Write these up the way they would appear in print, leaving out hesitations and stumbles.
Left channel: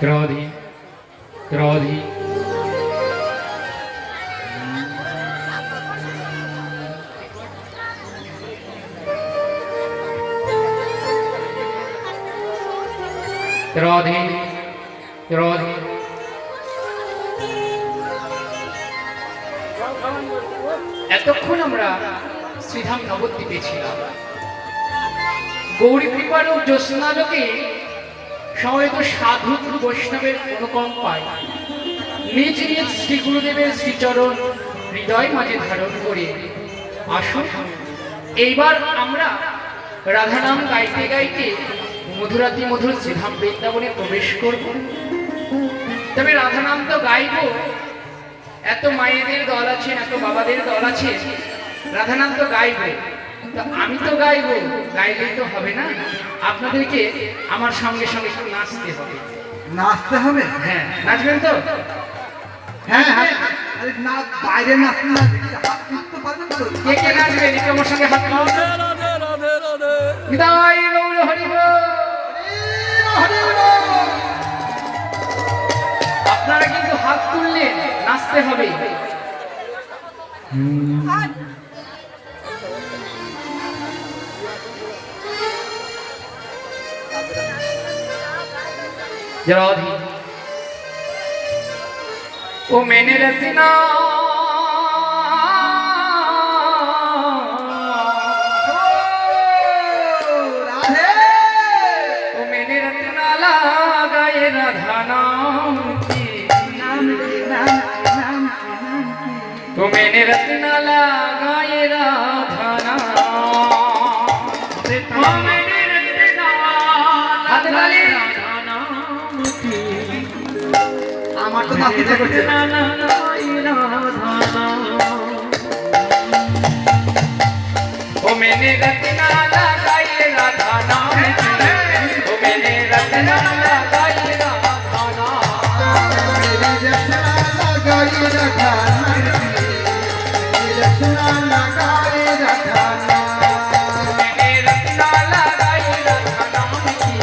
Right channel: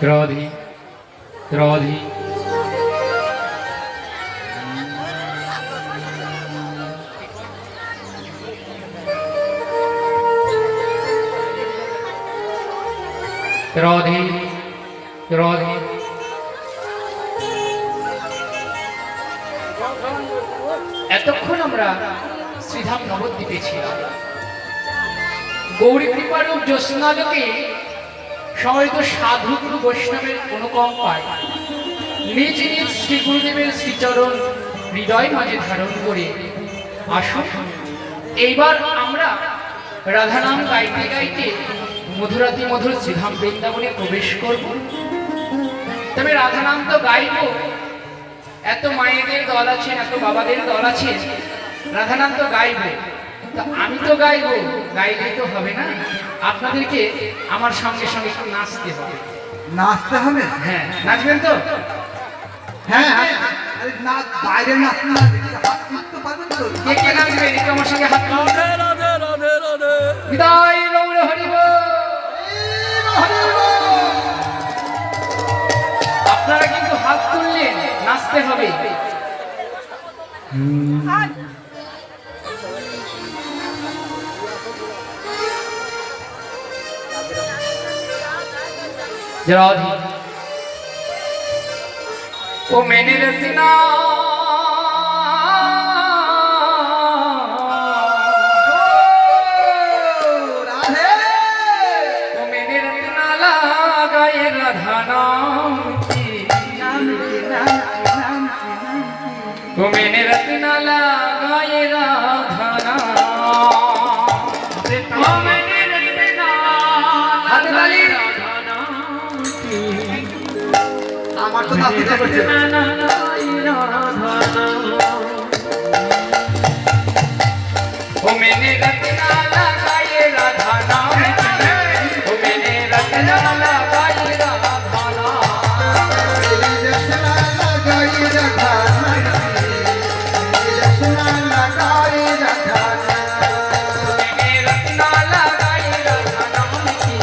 क्रोधी क्रोधी क्रोधी क्रोधी এতক্ষণ আমরা শ্রীধাম নবদ্বীপে ছিলাম। গৌরী কৃপারূপ জ্যোৎস্নালোকে সমবেত সাধু গুরু বৈষ্ণবের অনুকম্পায় নিজ নিজ শ্রী গুরুদেবের শ্রীচরণ হৃদয় মাঝে ধারণ করে আসুন এইবার আমরা রাধানাম গাইতে গাইতে মধুরাতি মধুর শ্রীধাম বৃন্দাবনে প্রবেশ করব। তবে রাধানাম তো গাইব, এত মায়েদের দল আছেন, এত বাবাদের দল আছে, রাধানাম তো গাইব, তো আমি তো গাইব, গাইলেই তো হবে না, আপনাদেরকে আমার সঙ্গে সঙ্গে একটু নাচতে হবে। নাচতে হবে? হ্যাঁ, নাচবেন তো? হ্যাঁ হ্যাঁ, না বাইরে নাচতে না হাত তুলতে পারবেন তো? কে কে নাচবেন একটু আমার সঙ্গে হাত তুলুন। বিদায় গৌর হরি বল। আপনারা কিন্তু হাত তুললেন, নাচতে হবে। राधी ओ मैंने रचना राधे ओ मैंने रचना लगाए राधा नाम की ओ मैंने रचना लगाए राधा नाम ओ मैंने रचना लगाए আমার তো নাচতে করছে ओ मैंने रचना लगाए राधा नाम ओ मैंने रचना लगाए राधा नाम रचना लगाई रखा रचना लगाई रखा मैंने रचना लगाए राधा नाम की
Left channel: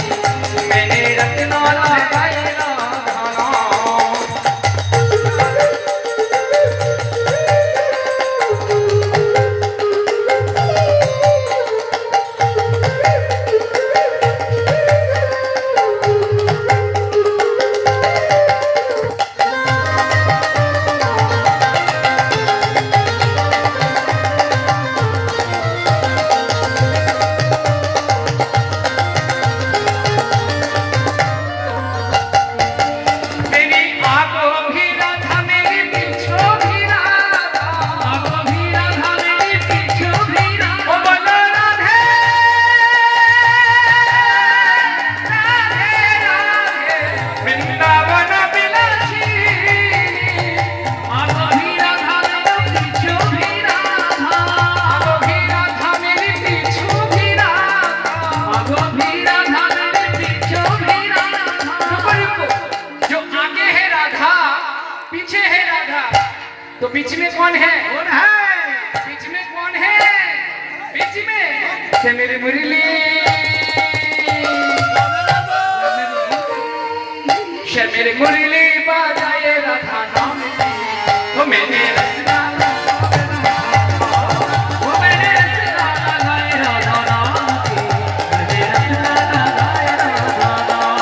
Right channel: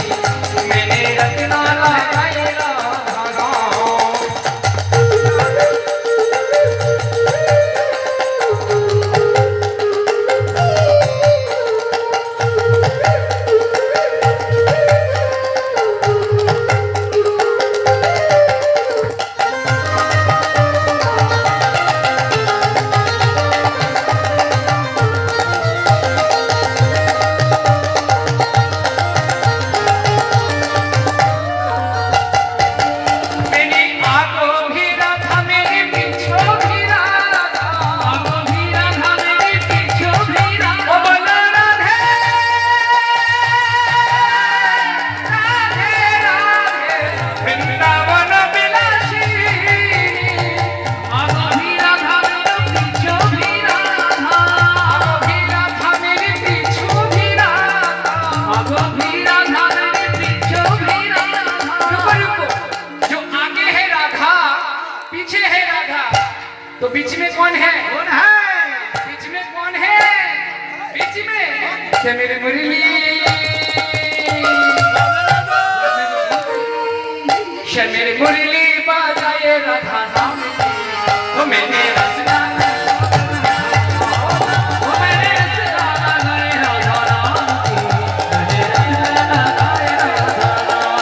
मैंने रचना लगाए राधा नाम तो बीच में कौन है? कौन है? बीच में कौन है? बीच में से मेरी मुरली से मेरी मुरली बजाए राधा नाम की वो मैंने रचना वो मैंने रचना लगाए राधा नाम की मैंने रचना लगाए राधा नाम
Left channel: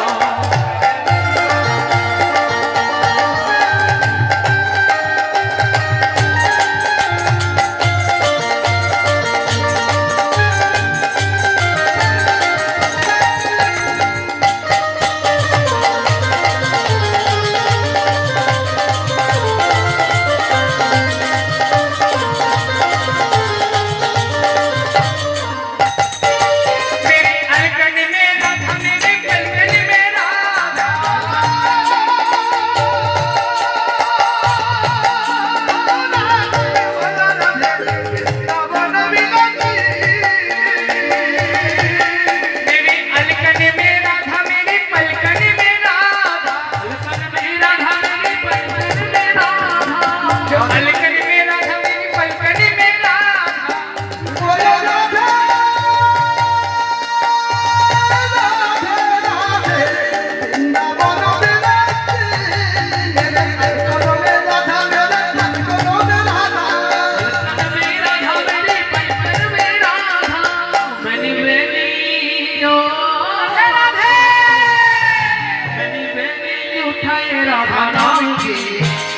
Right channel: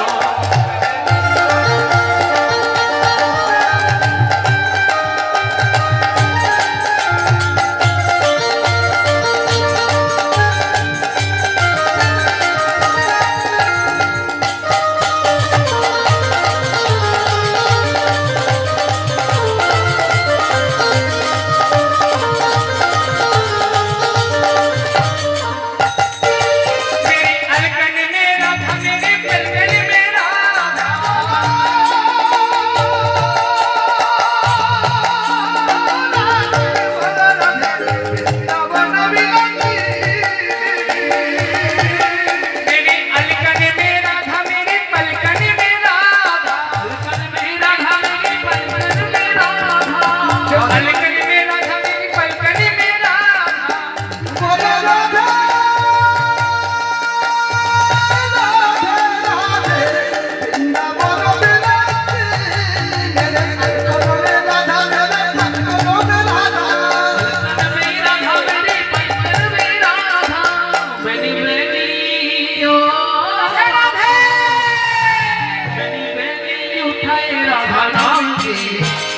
की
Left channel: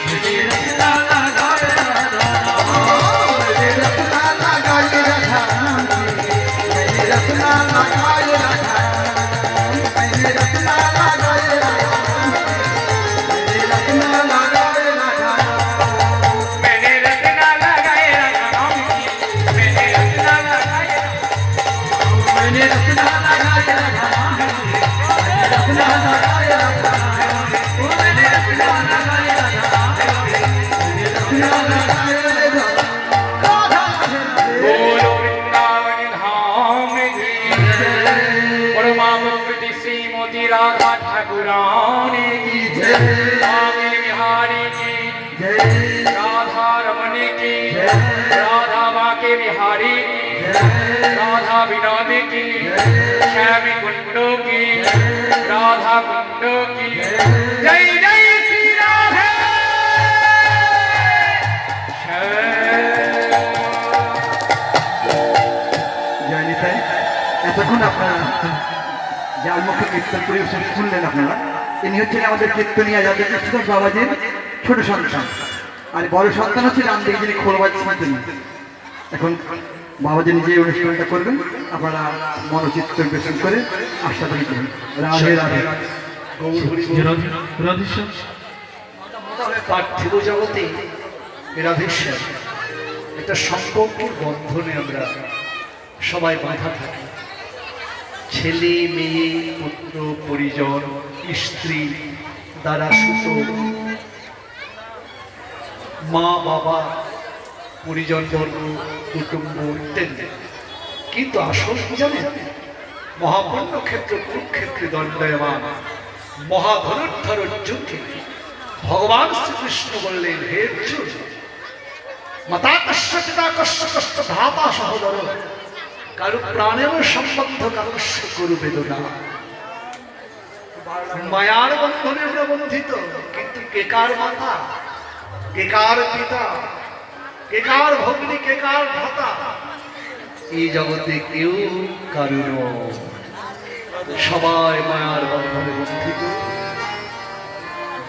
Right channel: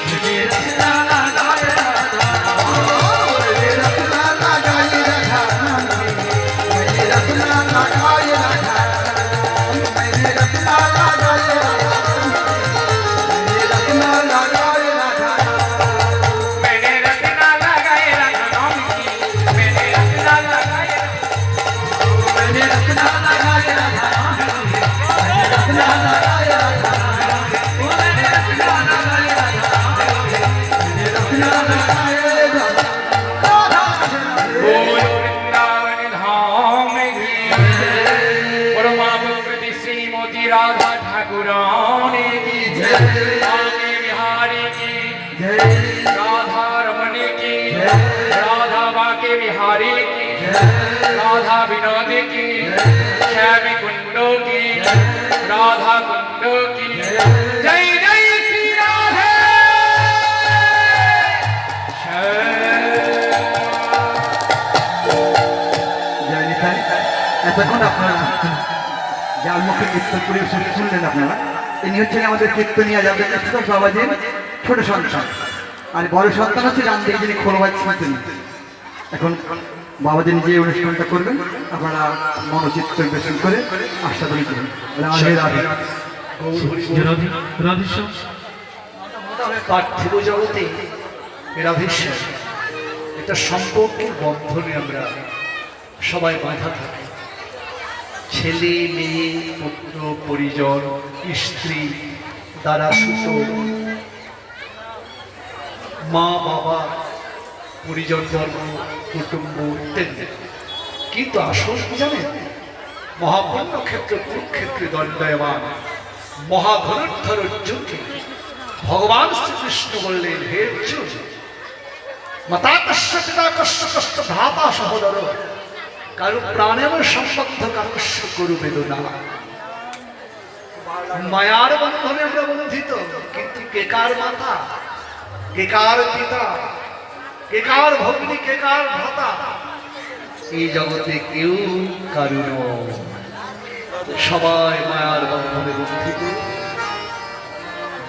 मेरे रत्ना लगाए राधा मेरे रत्ना लगाए राधा मेरे रत्ना लगाए राधा मेरे रत्ना लगाए राधा मेरे रत्ना लगाए राधा मैंने रत्ना लगाए राधा नाम की मैंने रत्ना लगाए मैंने रत्ना लगाए राधा मैंने रत्ना लगाए राधा मैंने रत्ना लगाए राधा मैंने रत्ना लगाए राधा बोलो वृंदावन धाम की परमा भक्ति श्रीमती राधा ठाकुरानी की आगे बिहारी की राधा रमण की राधा बाके बिहारी की राधा विनोद की श्यामी कुंड की राधा कुंड की जय जय श्री राधे জয় নিতাই। এতক্ষণ আপনারা যার মুখে কীর্তন পরিবেশন শুনলেন আপনারা, ইনি হচ্ছেন আমাদের কীর্তনিয়া যাদের বাবাজির ছোট সন্তান, আর বড় সন্তান হচ্ছে রামদেব, যিনি খোলবাজ শুনতেন। এখন বাবাজি নিজে অনুষ্ঠানটা করবেন, আপনারা মনোচিত্ত পরিবেশন করে আস্বাদন করবেন। রাধে রাধে। পার্থিব জগতে রাধেশ্বর একটা সম্পর্কের বন্ধনে আমরা সবাই বাঁধা থাকি। ছেলে মেয়ে পুত্র পরিজন স্ত্রী দ্বারা সুত মা বাবা পরিজন বর্গ কুটুম্ব ইত্যাদি। কিন্তু আসল কি জানেন, মহাপূর্ণ ক্ষেত্র কুরুক্ষেত্রে দণ্ডায়মান মহাধনুর্ধর অর্জুনকে ভগবান শ্রীকৃষ্ণ বললেন, হে অর্জুন, মাতা কষ্ট পিতা কষ্ট কষ্ট ধাতা সহোদর কারু প্রাণের সম্বন্ধ কাকস্য করু বেদনা। মায়ার বন্ধনে আমরা বন্ধিত, কিন্তু কে কার মাতা, কে কার পিতা, কে কার ভগ্নী, কে কার ভ্রাতা, এই জগতে কেউ কারু নয়। সবাই মায়ার বন্ধনে বন্ধিত।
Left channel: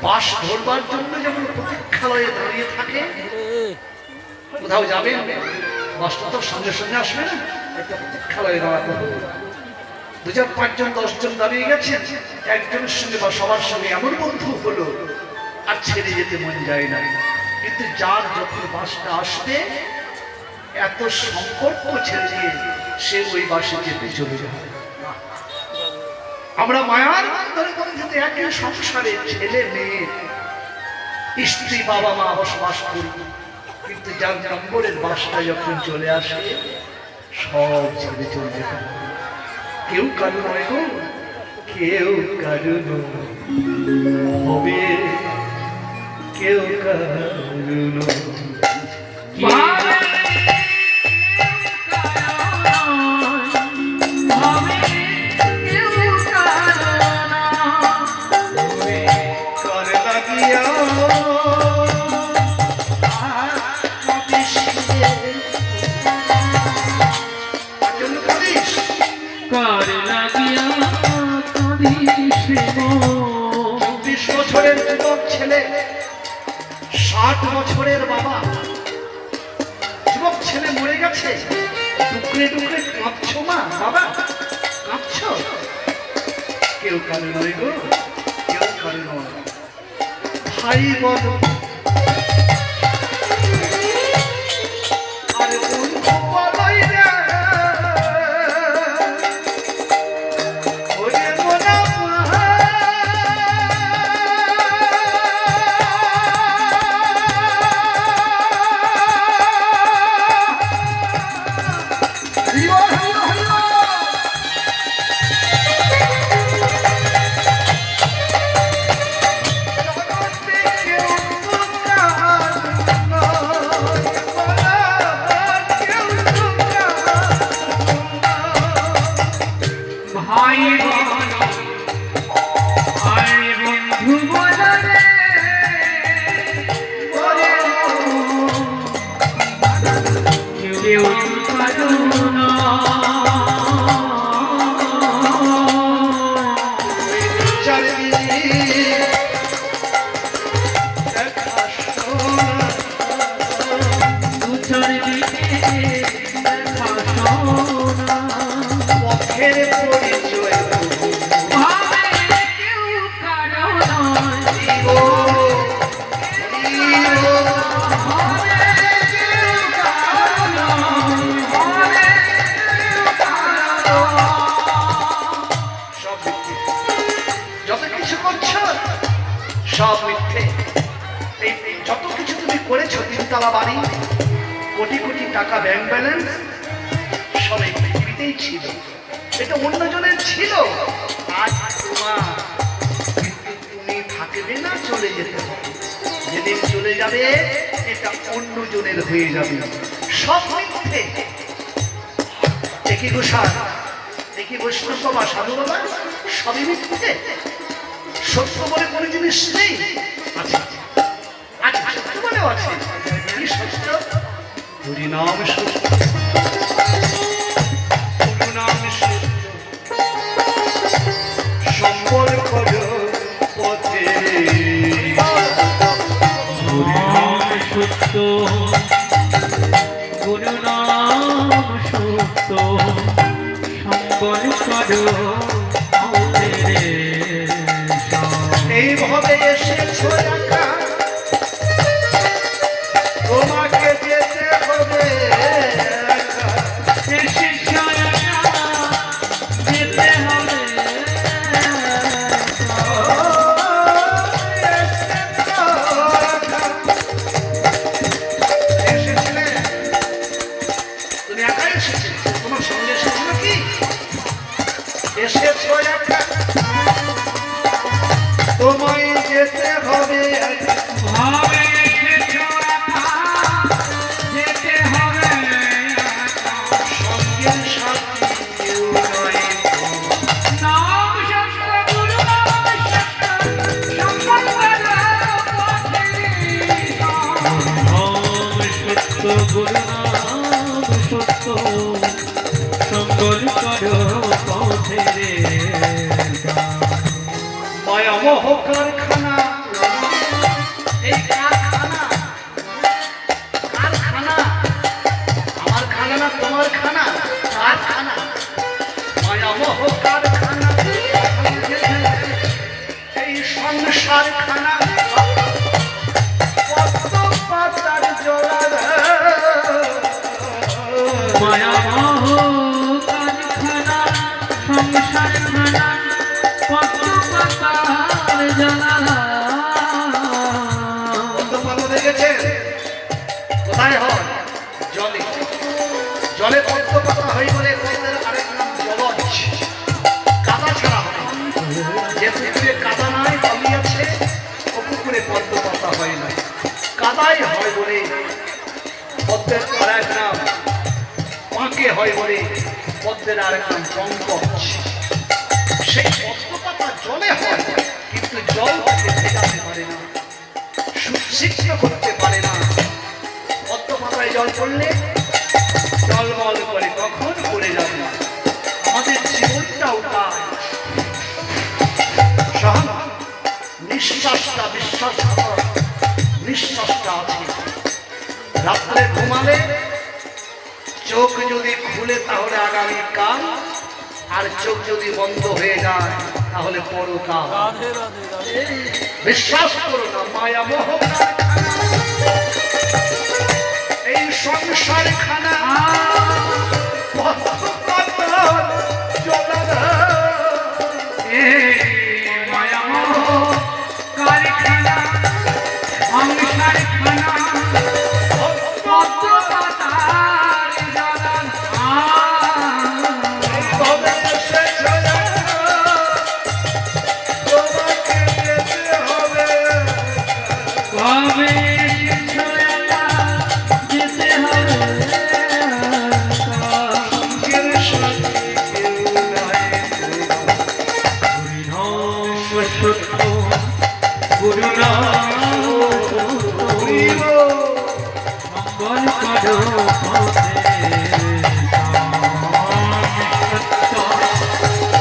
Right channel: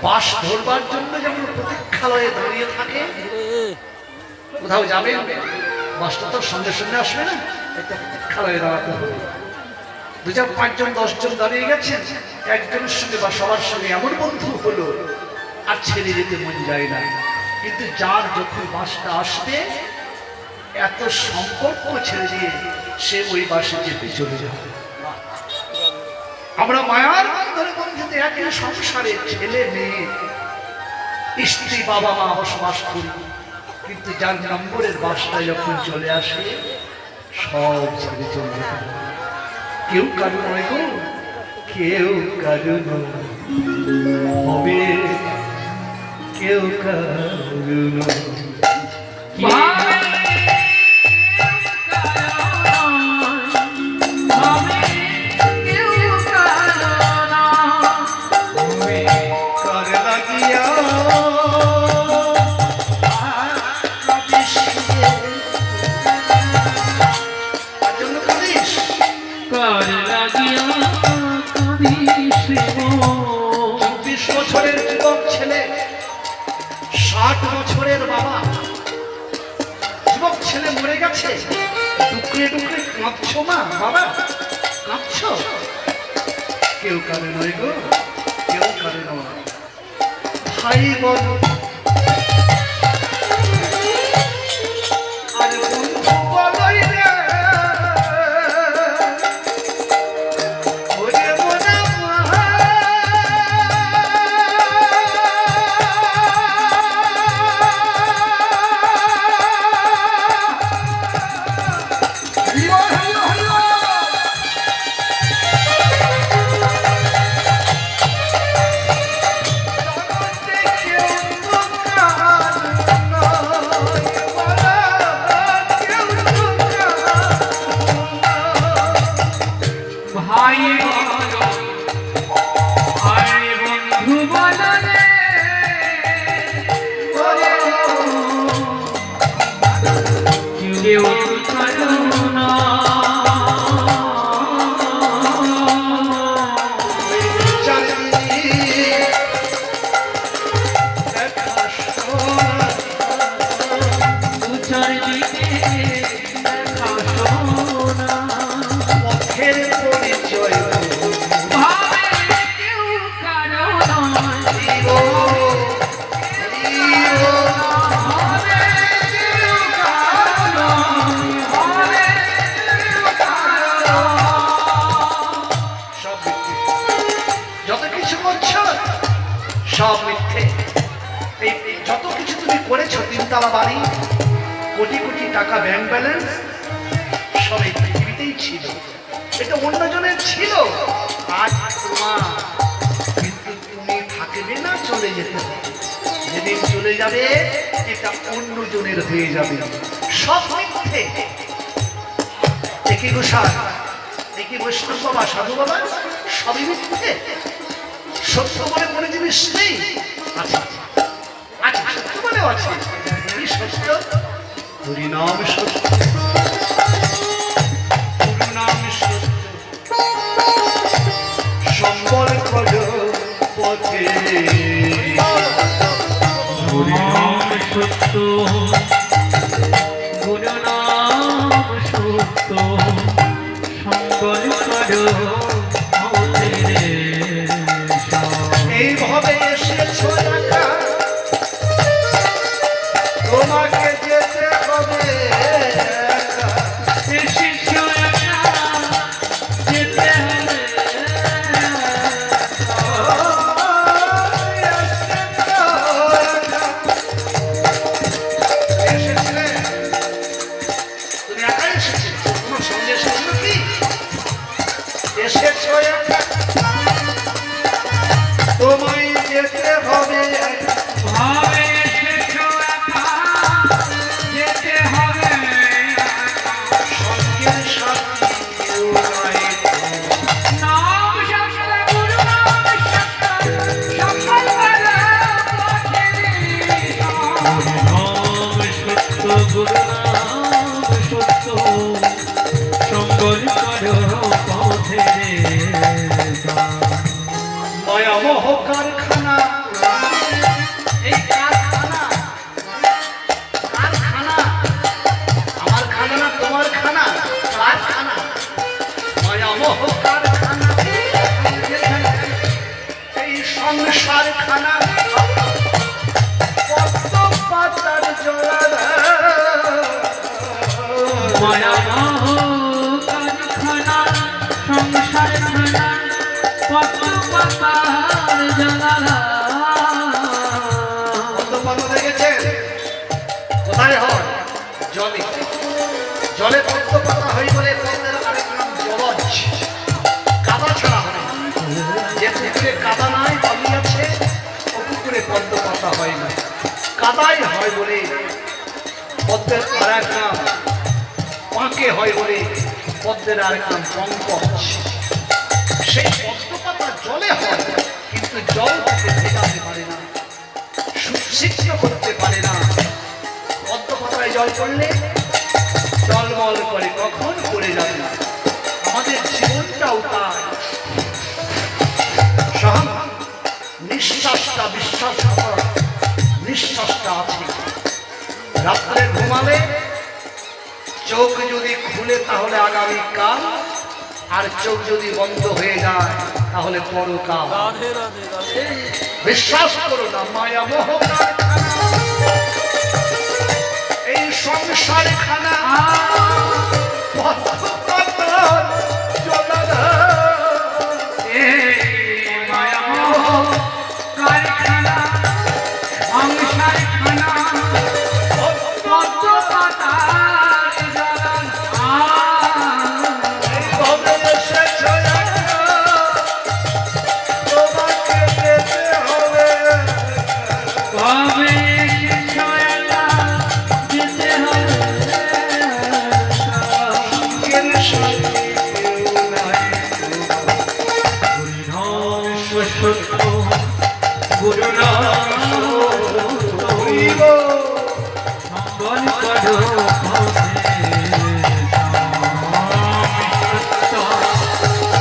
বাস ধরবার জন্য যেমন প্রতীক্ষালয়ে দাঁড়িয়ে থাকে, কোথাও যাবে বাসটা তো সঙ্গে সঙ্গে আসবে না, একটা প্রতীক্ষালয়ে দাঁড়াতে হবে। 2 4 5 জন 10 জন দাঁড়িয়ে গেছেন, একজনের সঙ্গে বা সবার সঙ্গে এমন বন্ধু হলো আর ছেড়ে যেতে মন যায় না। কিন্তু যার যখন বাসটা আসবে, এত সম্পর্ক ছেড়ে দিয়ে সে ওই বাসে যেতে চলে যায়। আমরা মায়ার বন্ধনে বন্ধিত একই সংসারে ছেলে মেয়ে স্ত্রী বাবা মা বসবাস করি, কিন্তু যার নম্বরের বাসটা যখন চলে আসে সব ছেড়ে চলে যেতে হবে। কেউ কারু নয় গো, কেউ কারু হবে, কেউ কারু নয়। বছরের যুবক ছেলে, 60 বছরের বাবা, যুবক ছেলে মরে গেছে, ডুকরে ডুকরে কাঁদছো মা, বাবা কাঁদছ? কেউ কারো নয় গো, কেউ কারো নয়। ভাই বোন আর বন্ধু বলই রে, ওরে মোনা ভাই বলো আরে বন্ধু বলো রে, কেউ কারো না। করছো সব মিথ্যে। এই যত কিছু তুমি করেছো, 3 তলা বাড়ি, কোটি কোটি টাকা ব্যাংক ব্যালেন্স, সব এই পৃথিবীতেই ছিল, এটা অন্যজনের ছিল। আজ তোমার, কিন্তু তুমি থাকবে না, চলে যেতে হবে। যেদিন চলে যাবে এটা অন্যজনের হয়ে যাবে। সব মিথ্যে। একই গোসাই, একই বৈষ্ণব বাবা, সাধু বাবা, সবই মিথ্যে। সত্য বলে কোনো জিনিস নেই। আচ্ছা আচ্ছা, সত্য বলেও আছে। কি সত্য? হরিনাম সত্য, গুরুনাম সত্য, সম্বল কর পথে। হরিনাম সত্য, গুরুনাম সত্য, সম্বল করো এইভাবে এসেছো একা, তোমাকে যেতে হবে একা। এসেছো একা, যেতে হবে এসেছিলে, তুমি একাই এসেছিলে, তোমার সঙ্গে এসেছিল কি? এসেছো একা, তোমায় যেতে হবে একা। ভাবে এসেছো একা, যেতে হবে একা। সঙ্গীর সাথী কেউ নয় তোমার। নাম সত্য, গুরুনাম সত্য, সম্বল করো পথে। হরিনাম সত্য, গুরুনাম সত্য, সম্বল করো পথে। মায়া মোহ কারখানা, এই কারখানা, কারখানা, আমার খানা না তোমার খানা, কারখানা, মায়া মোহ কারখানা, এই সংসার খানা, পদ্ম পাতার জলার মায়ামোহ কারখানা, সংসার খানা, পদ্ম পাতার জ্বালা। পদ্ম পাতা দেখেছেন কোথায় হয়? জলে। জলে পদ্ম পাতা হয় বলে পদ্মের আরেক নাম জলজ। কাদা ছাড়া হয়, যে পুকুরে কাদা নাই, বালি আছে, ও পুকুরে পদ্ম পাতা হয় না। কাদাই হয় বলে পদ্মের আরেক নাম পাঁকে হয় বলে পদ্মের আরেক নাম পঙ্কজ। সেই পদ্ম পাতা জলে হয়, কিন্তু জল তাকে ভেজাতে পারে না, সুশিক্ষিত করতে পারে না। পদ্ম পাতায় জল পড়লে জলমল করে, কখন পড়ে যাবে না। আমাদের জীবনটাও তাই। নিঃশ্বাসটা, নিঃশ্বাসটা আছে। রাত্রে ঘুমালে চোখ যদি খুলে তাহলে আগামীকাল, আর চোখ যদি বন্ধ হয়ে যায় তাহলে পরকাল। বিশ্বাস করো না, মায়া মোহ কারখানা, এই সংসার খানা, মায়ামোহ কারখানা, সংসার খানা, পদ্ম পাতার জ্বালা। তোমাকে যেতে হবে, কবে এসেছো একা, যেতে হবে কেউ নাই তোমার। হরিনাম সত্য, গুরুনাম হরিব। সম্বল করো পথে। সত্য,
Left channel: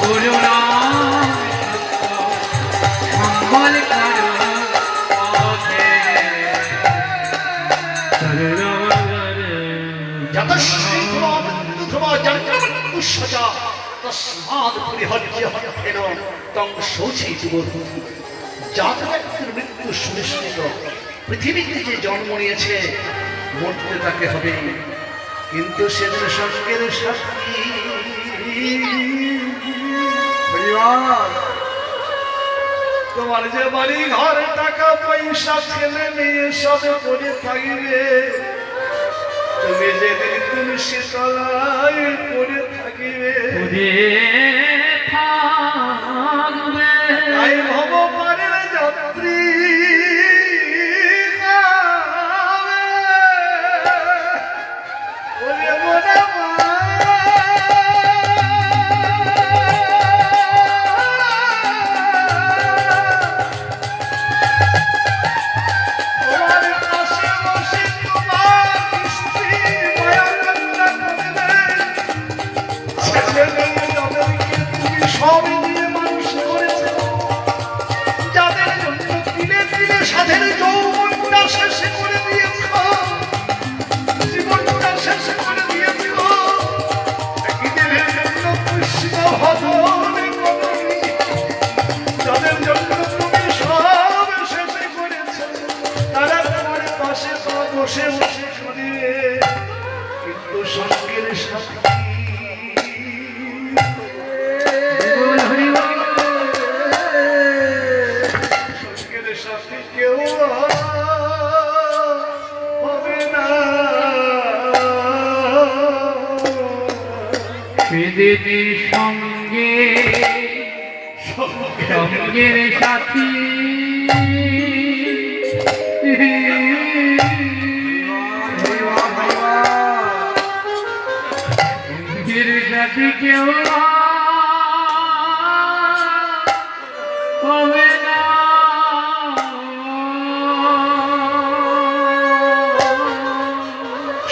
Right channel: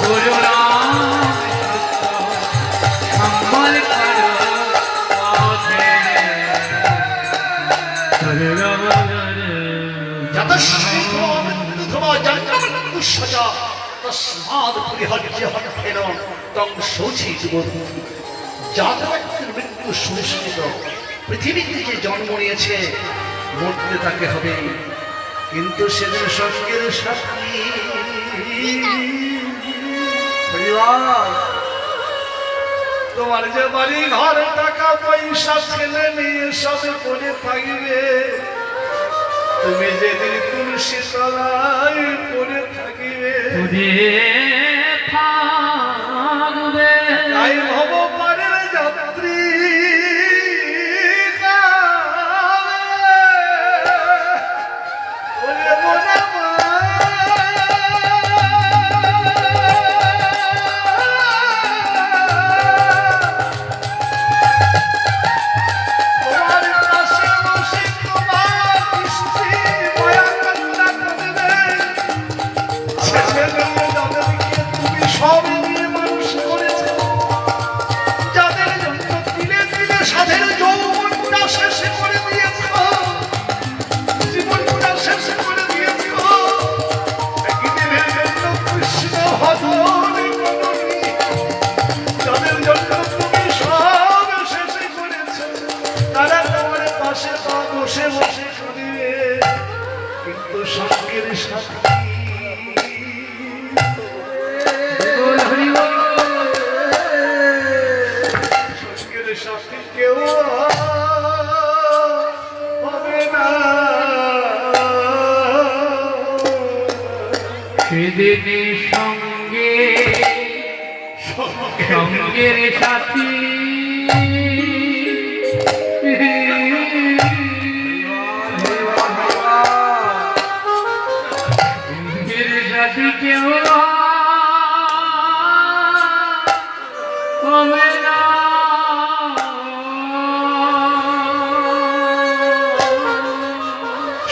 গুরুনাম সত্য, সম্বল করো পথে। মৃত্যু সুনিশ্চিত। পৃথিবীতে যে জন্ম নিয়েছে মরতে তাকে হবে, কিন্তু সেদিন স্বর্গের সাক্ষী তোমার যে বাড়ি ঘরে টাকা পয়সা ছেলে মেয়ে সবে পড়ে থাকবে, তুমি যেদিন তুলসী তলায় পড়ে থাকিবে, ওরে থাকবে তাই ভব পারের যাত্রী ওরে মোরা মা, তোমার পাশে বসে তোমার স্ত্রী মায়া কান্না করবে, যাদেরকে তুমি সব দিয়ে মানুষ করেছো, যাদের জন্য দিলে দিলে সাধের যৌবনটা শেষ করে দিয়েছ, জীবনটা শেষ করে দিয়েছ, একদিনের জন্য কৃষ্ণ ভজনে করনি, যাদের জন্য তুমি সব শেষ করেছ, তারা তোমার পাশে তা বসে বসে করিবে, কিন্তু সঙ্গের সাথী বল হরি বল সঙ্গের সাথে কেউ হবে না, সেদিনের সঙ্গে সঙ্গের সাথী সঙ্গের সাথী কেউ হবে না,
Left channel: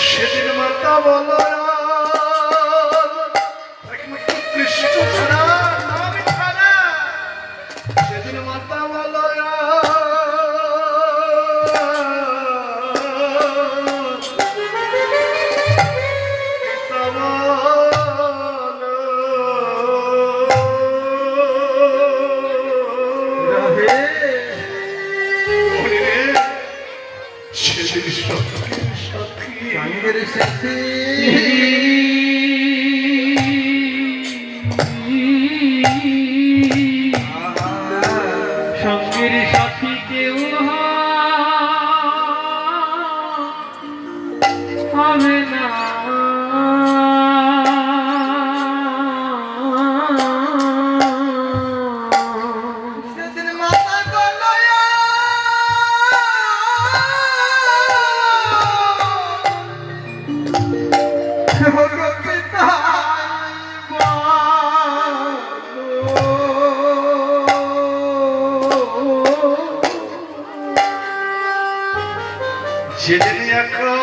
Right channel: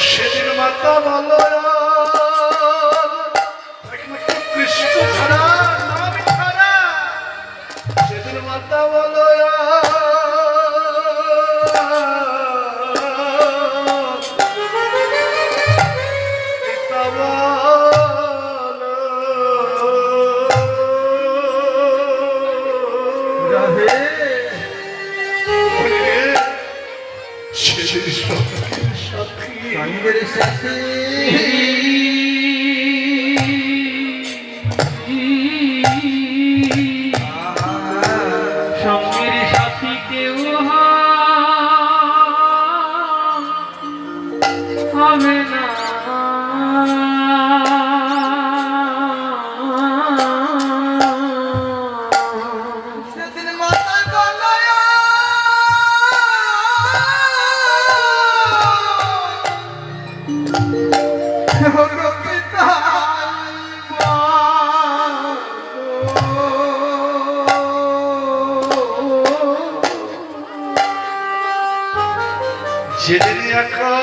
সেদিন মাতা বলো একমাত্র কৃষ্ণ ছাড়া নাম ছাড়া, সেদিন মাতা বলো পিতা বলো রাধে সেদিন সাথী সঙ্গের সাথী সঙ্গের সাথী কেউ হবে না, সেদিন মাতা গলায় যেদিন একা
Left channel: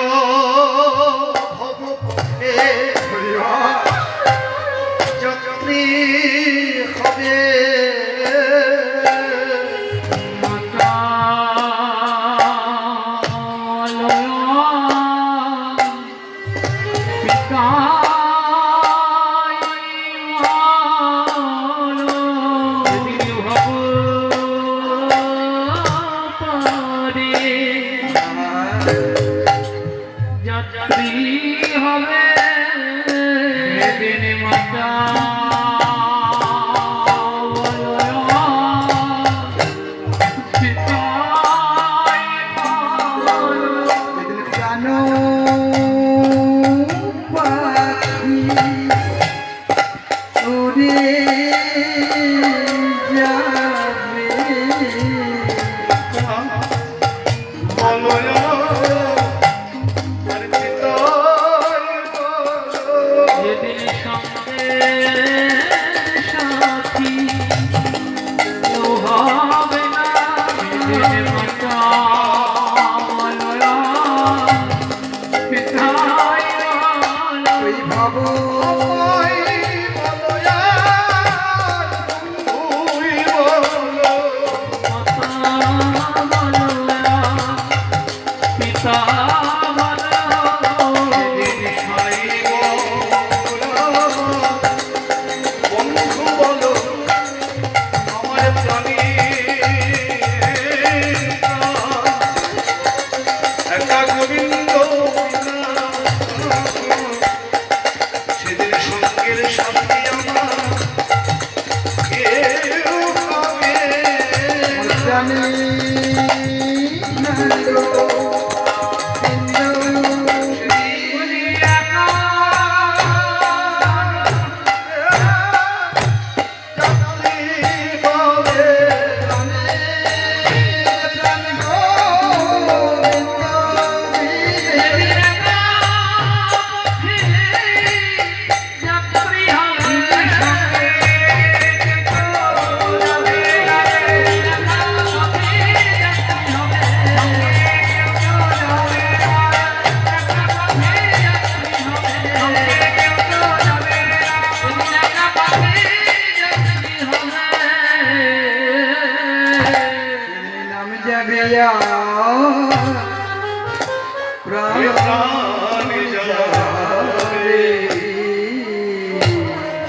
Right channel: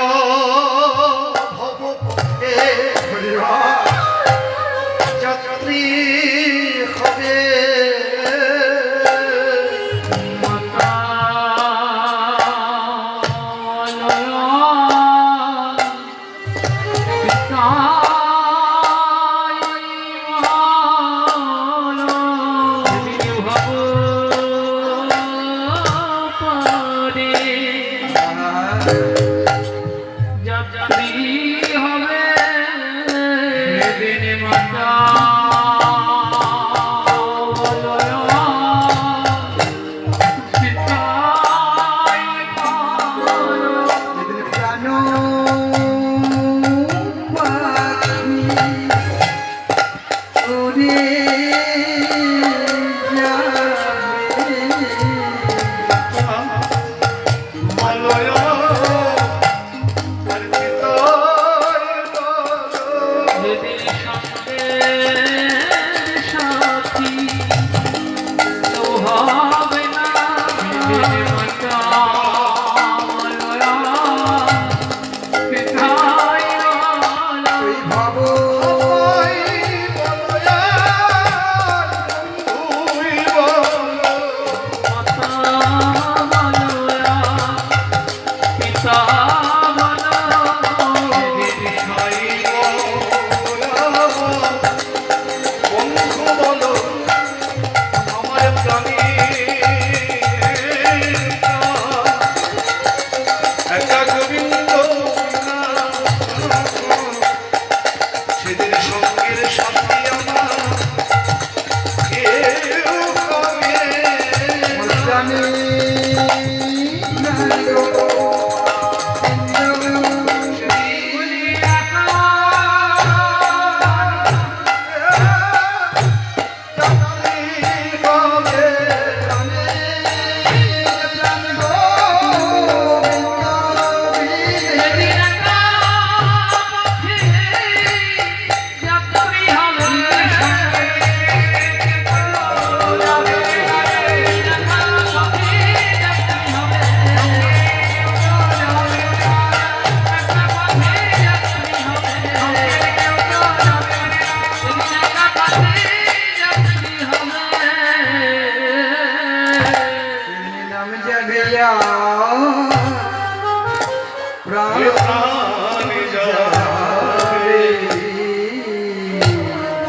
ভব পথে যাত্রী হবে, মাতা লয়া পিতাই ভালো, সেদিন ভাব পারে যাত্রী হবে, সেদিন মাতা লয়া পিতাই ভালো, সেদিন প্রাণ পাখি উড়ে যাবে, বলয়া আর পিতায় বলো, যেদিন সঙ্গে সাথী কেউ হবে না, সেদিন মাতা লয়া পিতাই ভালো, ওই ভাব আমায় বলয়া বন্ধুই বলো, মাতা লয়া পিতা ভালো, সেদিন খাইব বলয়া বন্ধু বলো, আমার প্রাণী জানি না গো ইন্দ্র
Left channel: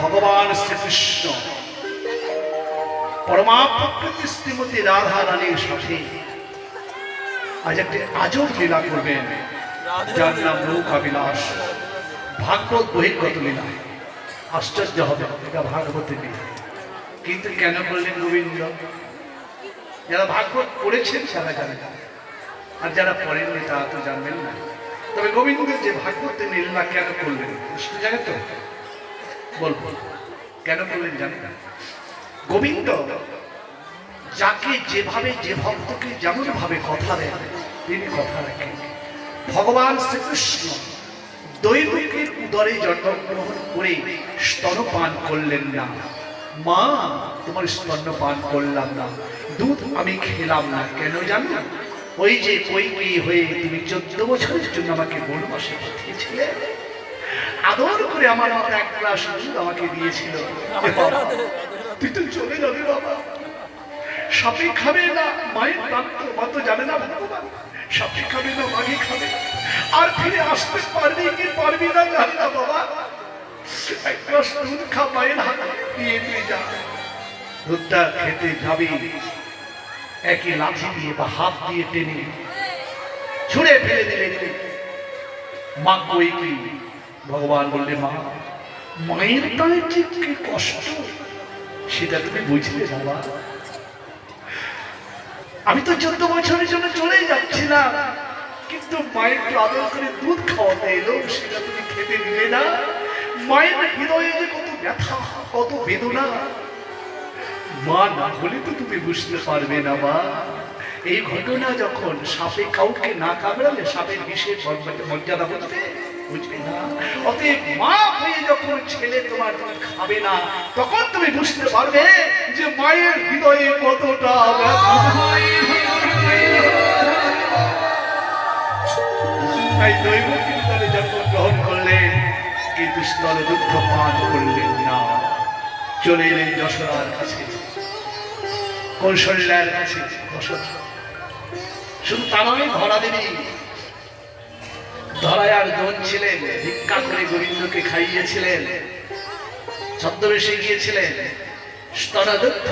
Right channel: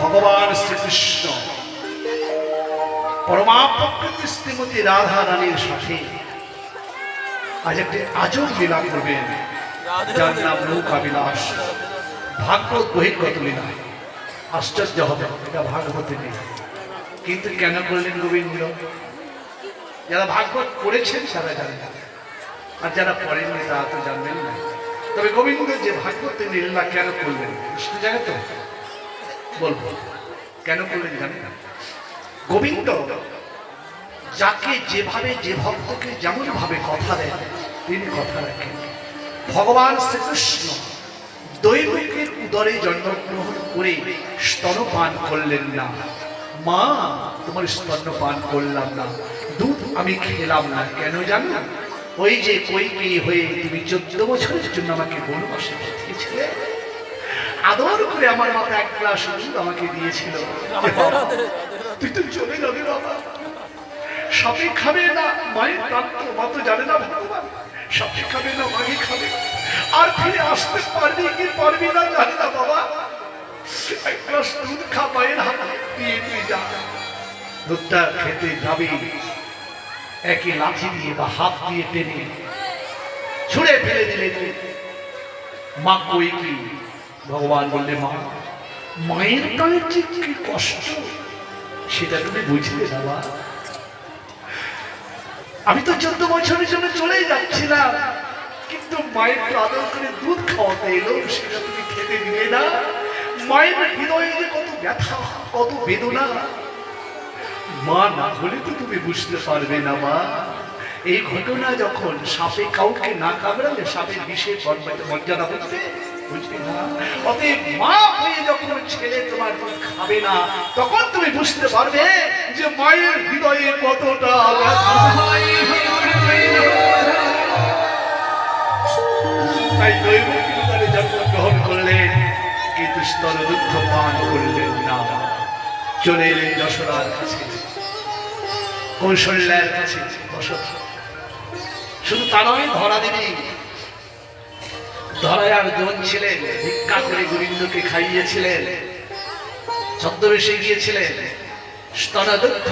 ভগবান শ্রীকৃষ্ণ পরমা প্রকৃতি শ্রীমতী রাধা রানীর সাথে আজ একটি আজব লীলা করবেন, যার নাম নৌকা বিলাস। ভাগবত বহির্গত লীলা, আশ্চর্য হবে, এটা ভাগবতে নেই। কিন্তু কেন করলেন গোবিন্দ? যারা ভাগবত পড়েছেন তারা জানেন, আর যারা পড়েননি তারা তো জানবেন না। তবে গোবিন্দ যে ভাগবতের লীলা কেন করলেন বুঝতে জানে তো? বলবো কেন করলেন জানেন না? গোবিন্দ যাকে যেভাবে যে ভক্তকে যেমন ভাবে কথা দেন তিনি কথা রাখেন। ভগবান শ্রীকৃষ্ণ দৈবকীর উদরে জন্মগ্রহণ করে স্তনপান করলেন না। মা, তোমার স্তন্যপান করলাম না, দুধ আমি খেলাম না। কেন জানো? ওই যে কৈকেয়ী হয়ে তুমি 14 বছরের জন্য আমাকে বনবাসে পাঠিয়েছিলে, আদর করে আমার মাথা এক গ্লাস দুধ আমাকে দিয়েছিল। তুই তো চলে যাবে বাবা, সাপে খাবে না, মায়ের প্রান্ত মা তো জানে না ভগবান, সাপে খাবে না মাগে খাবে, আর ফিরে আসতে পারবি কি পারবি না জানি না বাবা। এক গ্লাস দুধ খা, মায়ের হাতে দিয়ে তুই যা। দুধটা খেতে যাবি, একই লাঠি দিয়ে বা হাত দিয়ে টেনে ছুঁড়ে ফেলে দিলে মা কৈকেয়ী। ভগবান বললে, মা, মায়ের কালের যে কি কষ্ট সেটা তুমি বুঝলে বাবা। আমি তো 14 বছরের জন্য চলেই যাচ্ছিলাম, কিন্তু মায়ের আদর করে দুধ খাওয়াতে এলো, সেটা তুমি খেতে দিলে না। মায়ের হৃদয়ে যে কত ব্যথা, কত বেদনা, মা না হলে তো তুমি বুঝতে পারবে না মা। এই ঘটনা যখন সাপে কাউকে না কামড়ালে সাপের বিষের মর্যাদা বলতে বুঝবে না। অতএব মা হয়ে যখন ছেলে তোমার খাবে না, তখন তুমি বুঝতে পারবে যে মায়ের হৃদয়ে কতটা ব্যথা। তাই দৈবকীর উদরে জন্মগ্রহণ করলেন, কিন্তু স্তনদুগ্ধ পান করলেন না। চলে এলেন যশোদার কাছে, কৌশল্যার কাছে। শুধু তা নয়, ধরা দেবী ধরায় আর জন ছিলেন, ভিক্ষা করে গোবিন্দকে খাইয়েছিলেন, ছদ্মবেশে গিয়েছিলেন, স্তনদুগ্ধ